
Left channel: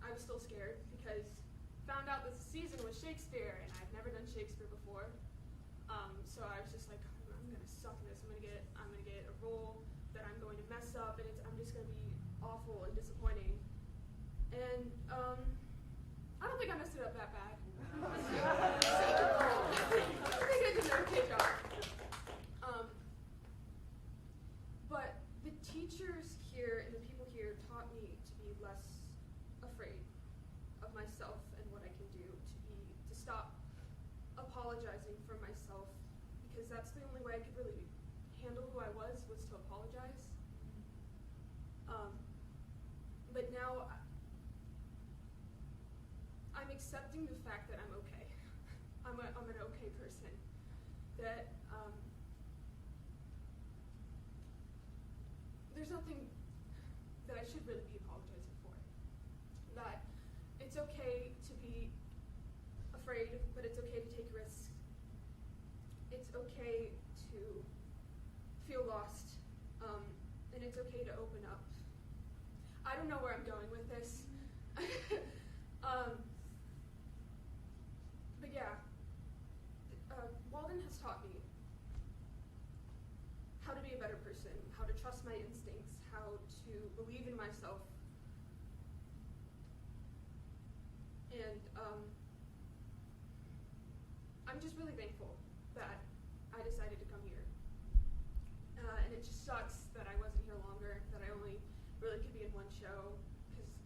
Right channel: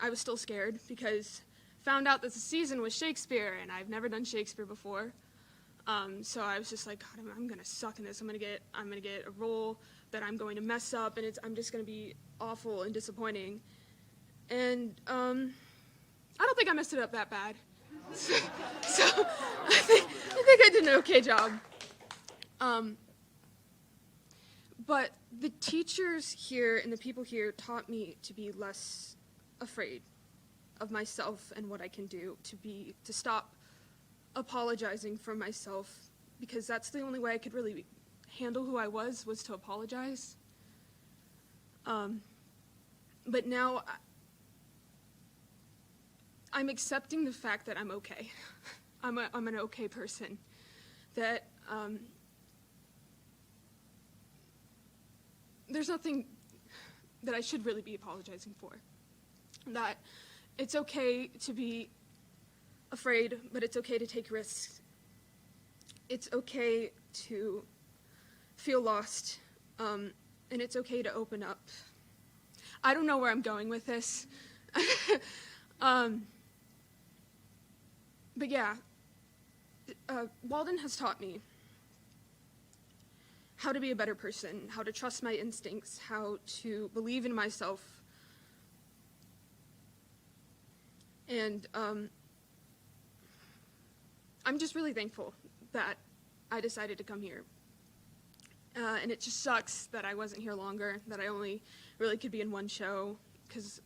I was still scared because found out that the season was Shakespeare, and I've never done Shakespeare before. So I was just like, God, I'm gonna suck in this. I'm gonna get a role that I'm going to mess up, and I'm just gonna be awful and disappointing. And I don't think I messed it up that bad. So I think I did an okay job. But the teachers here and the people here taught me to be less afraid of myself and what I can do, to stop apologizing for myself, because that's the only way I could really handle who I was to apologize. But now I'm accepting the fact that I'm okay. I'm an okay person. That there's nothing that I should really be apologizing for. That it's okay to be afraid, but it's okay to take risks. It's okay to feel lost, and it's okay to open up. I don't know where I'm going with this. But yeah, Walden has taught me how to be a better person, how to trust my instincts, how to believe in myself. And I'm just really thankful that I decided to come here. And it just sucks that I wasn't here longer, that I only really could be in one show, because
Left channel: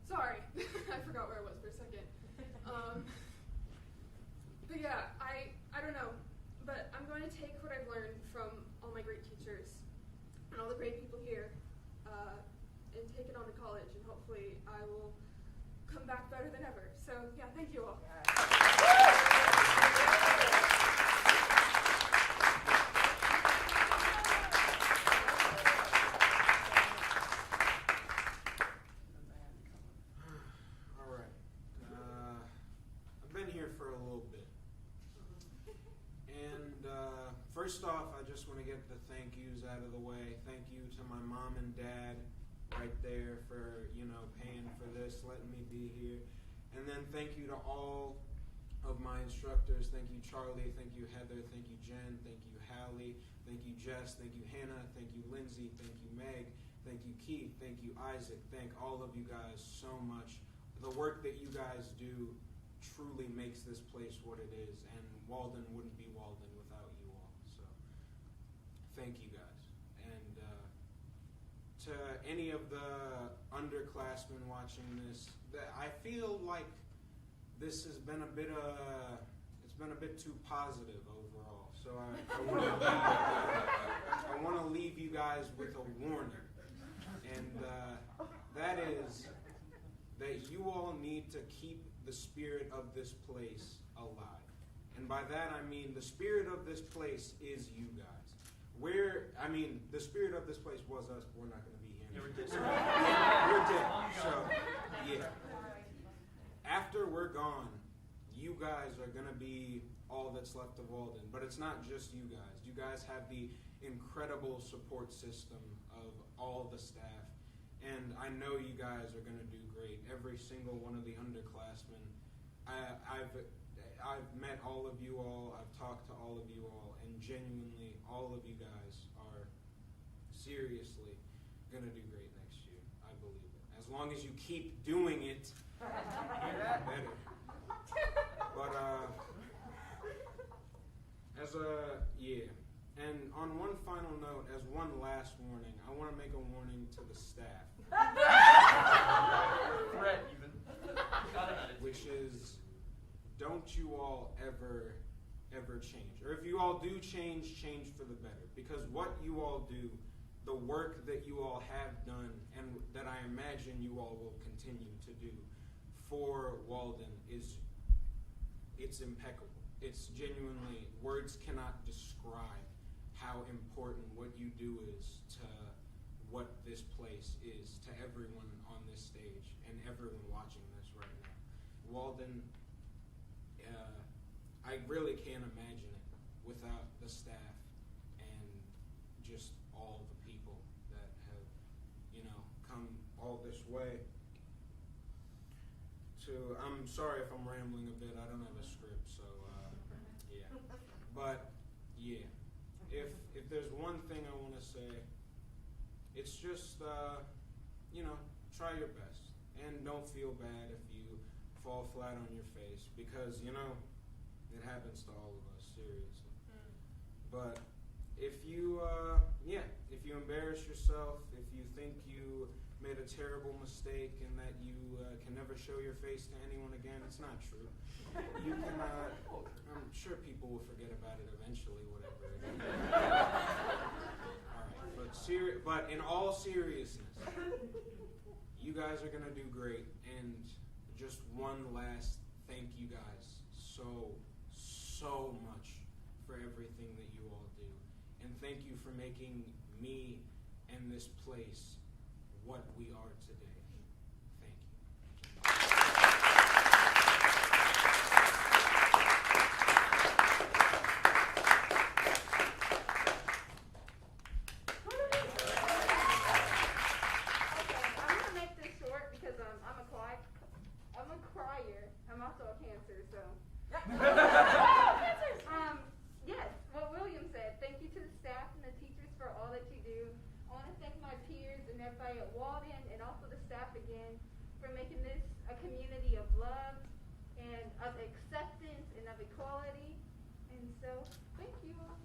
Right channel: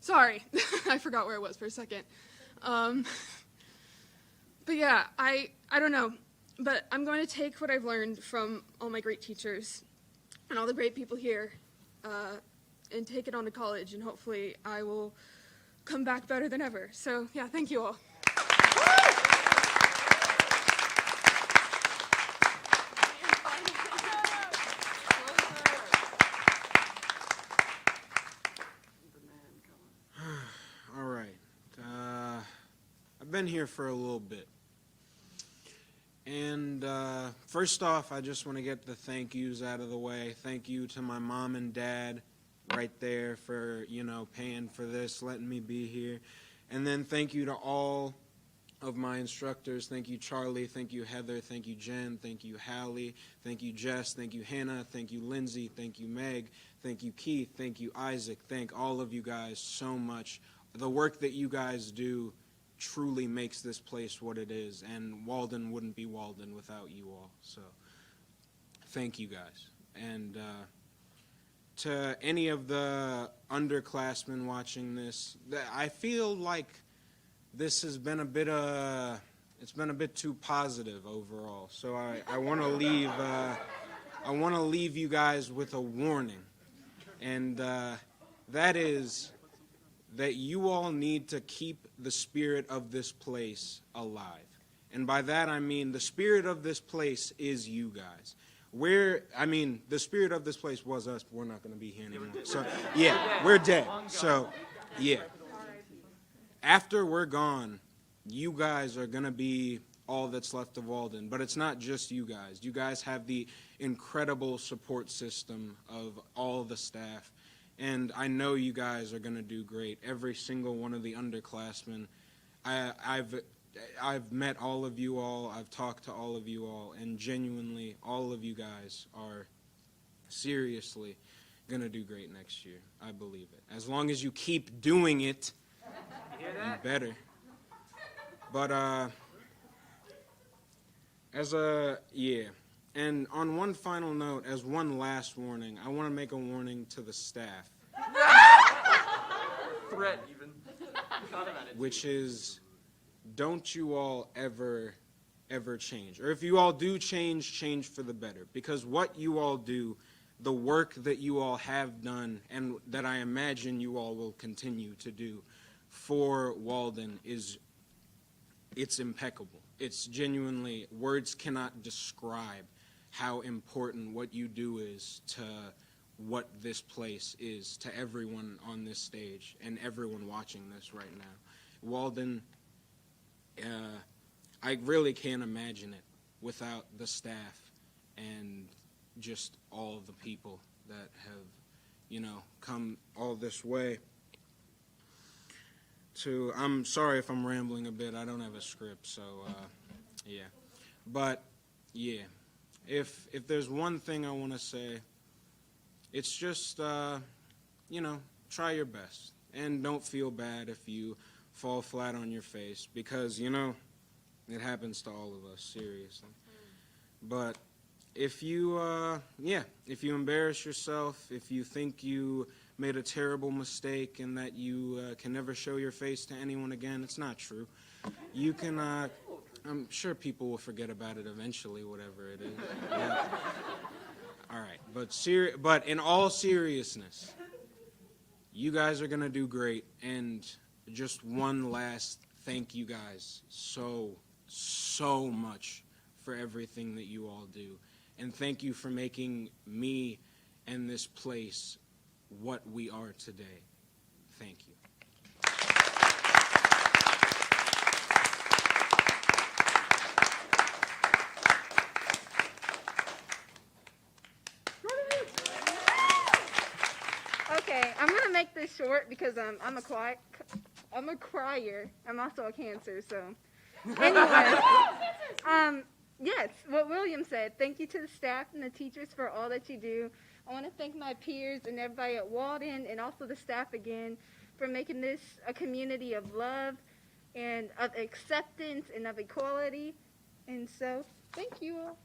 sorry, I forgot where I was for a second. But yeah, I don't know, but I'm going to take what I've learned from all my great teachers and all the great people here, and take it on to college, and hopefully I will come back better than ever. So yeah, thank you all. All right. I've been here for a little bit. And first off, I just want to get the thank yous out of the way. Thank you to my mom and dad right there for, paying for this, letting me be here. And then thank you to all of my instructors. Thank you, Charlie. Thank you, Heather. Thank you, Jen. Thank you, Hallie. Thank you, Jess. Thank you, Hannah. Thank you, Lindsay. Thank you, Meg. Thank you, Keith. Thank you, Isaac. Thank all of you guys so much. The work that you guys do truly makes this place what it is, and Walden wouldn't be Walden without you all. So thank you guys. And to any of the underclassmen watching this, I feel like this has been it's been a bit too positive overall. So I want to leave you guys with a warning, and that is that you all need to keep the spirit of this place alive. And by that I mean the spirit of this place is you guys. The spirit of this place was us, but we're not going to be here anymore. So, yeah, we're dead. So, yeah. After we're gone, you guys are going to be all that's left of Walden. But it's not just you guys. You guys have the incredible support system of all the staff. And I know you guys are going to do great. Every single one of the underclassmen. I've met all of you all. I've talked to all of you all. And genuinely, all of you guys are seriously going to do great next year. I believe it. As long as you keep doing it, better. But, And on one final note, as one last warning, I want to make a warning to the staff. Threat, even. Which is, don't you all ever change. Or if you all do change for the better. Because what you all do, the work that you all have done, and that I imagine you all will continue to do for Walden it's impeccable. It's genuinely, words cannot describe how important what you do is to what this place is to everyone on this stage and everyone watching this right now. Walden, I really can't imagine it without the staff and just all the people that have, come all this way. I'm sorry if I'm rambling a bit. I don't have a script, so yeah. But yeah, if there's one thing I want to say, it's just try your best and don't feel bad if you fall flat on your face, because it happens to all of us, seriously. But if you embarrass yourself, if you think you made a terrible mistake and that you can never show your face to anyone again, it's not true. You can, I'm sure people will forget about it eventually, whatever it is. All right, but in all seriousness, you guys are going to do great. And just one last thank you guys so much for everything that you all do. And thank you for making me and this place what we are today. Thank you. Okay, I'm gonna make this short because I'm a crier. I'm also a Cancer, so. Anyway, yes, what William said. Thank you to the staff and the teachers for all that you do. I want to thank my peers and everybody at Walden and also the staff again for making this a community of love and of acceptance and of equality. And so, thank you all.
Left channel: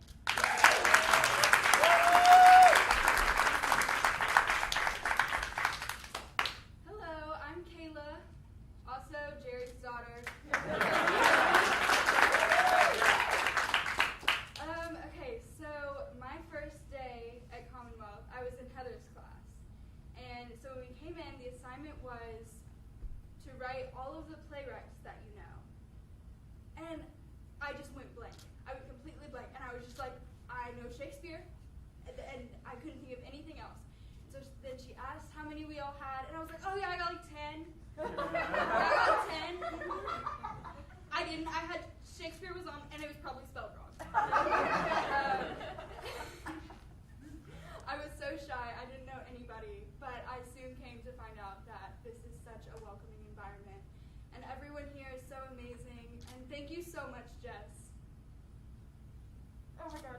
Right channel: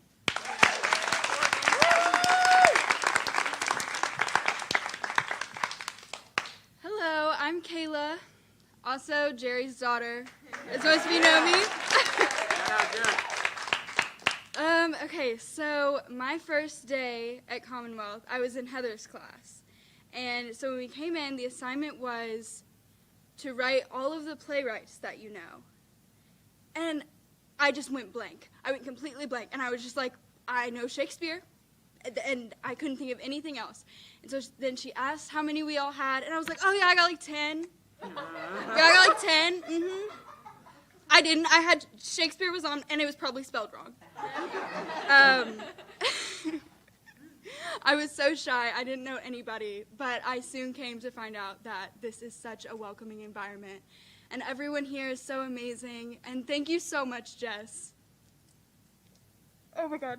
Hello, I'm Kayla, also Jerry's daughter, as most of you know me. Okay, so my first day at Commonwealth, I was in Heather's class. And so when we came in, the assignment was to write all of the playwrights that you know. And I just went blank. I went completely blank. And I was just like, I know Shakespeare, and I couldn't think of anything else. And so then she asked how many we all had, and I was like, oh yeah, I got like 10. Yeah, I got like 10, I didn't. I had Shakespeare was on, and it was probably spelled wrong. I was so shy. I didn't know anybody, but I soon came to find out that this is such a welcoming environment, and everyone here is so amazing. And thank you so much, Jess. Oh my God.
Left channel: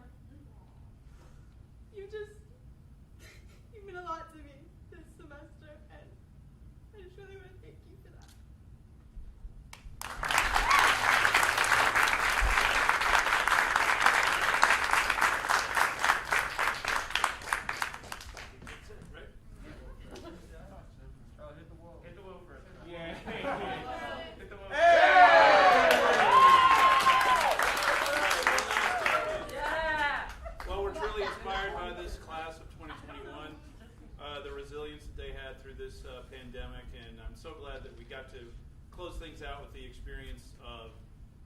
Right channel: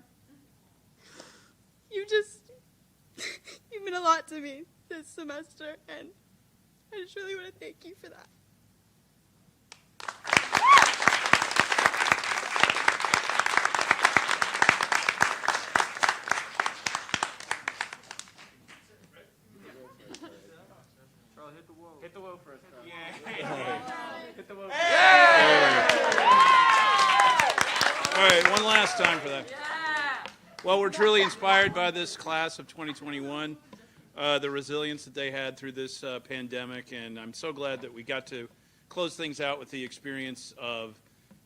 You mean a lot to me this semester, and I just really want to thank you for that. one last time for that. Well, we're truly inspired by this class of 2021, the resilience that they had through this pandemic, and I'm so glad that we got to close things out with the experience of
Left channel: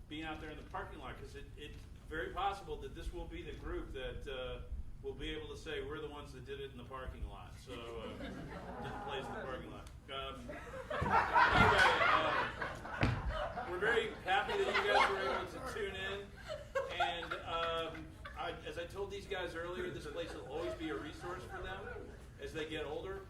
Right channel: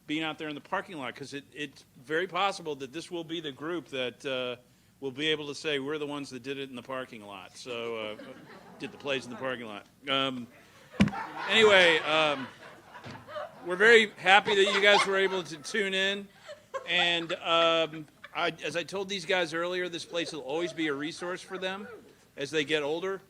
being out there in the parking lot, because it's very possible that this will be the group that will be able to say we're the ones that did it in the parking lot. So did the plays in the parking lot. Anyway, we're very happy that you guys were able to tune in. And as I told these guys earlier, this place will always be a resource for them as they get older,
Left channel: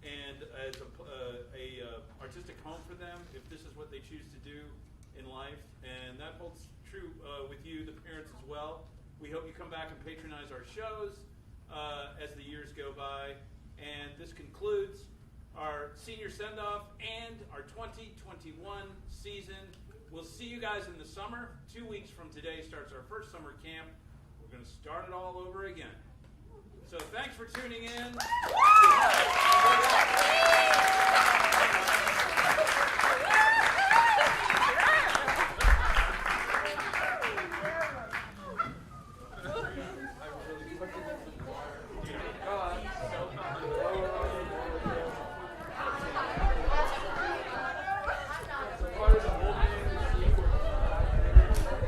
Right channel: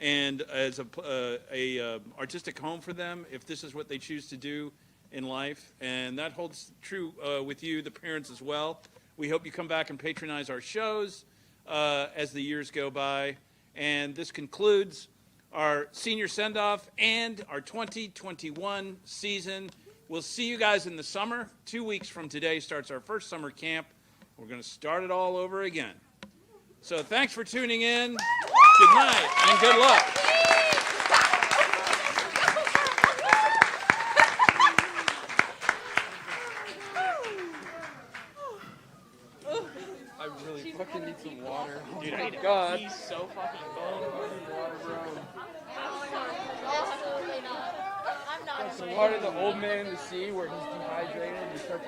and as a artistic home for them if this is what they choose to do in life. And that holds true with you, the parents, as well. We hope you come back and patronize our shows as the years go by. And this concludes our senior send-off and our 2021 season. We'll see you guys in the summer. 2 weeks from today starts our first summer camp. We're going to start it all over again. So thanks for tuning in. Good night and good luck.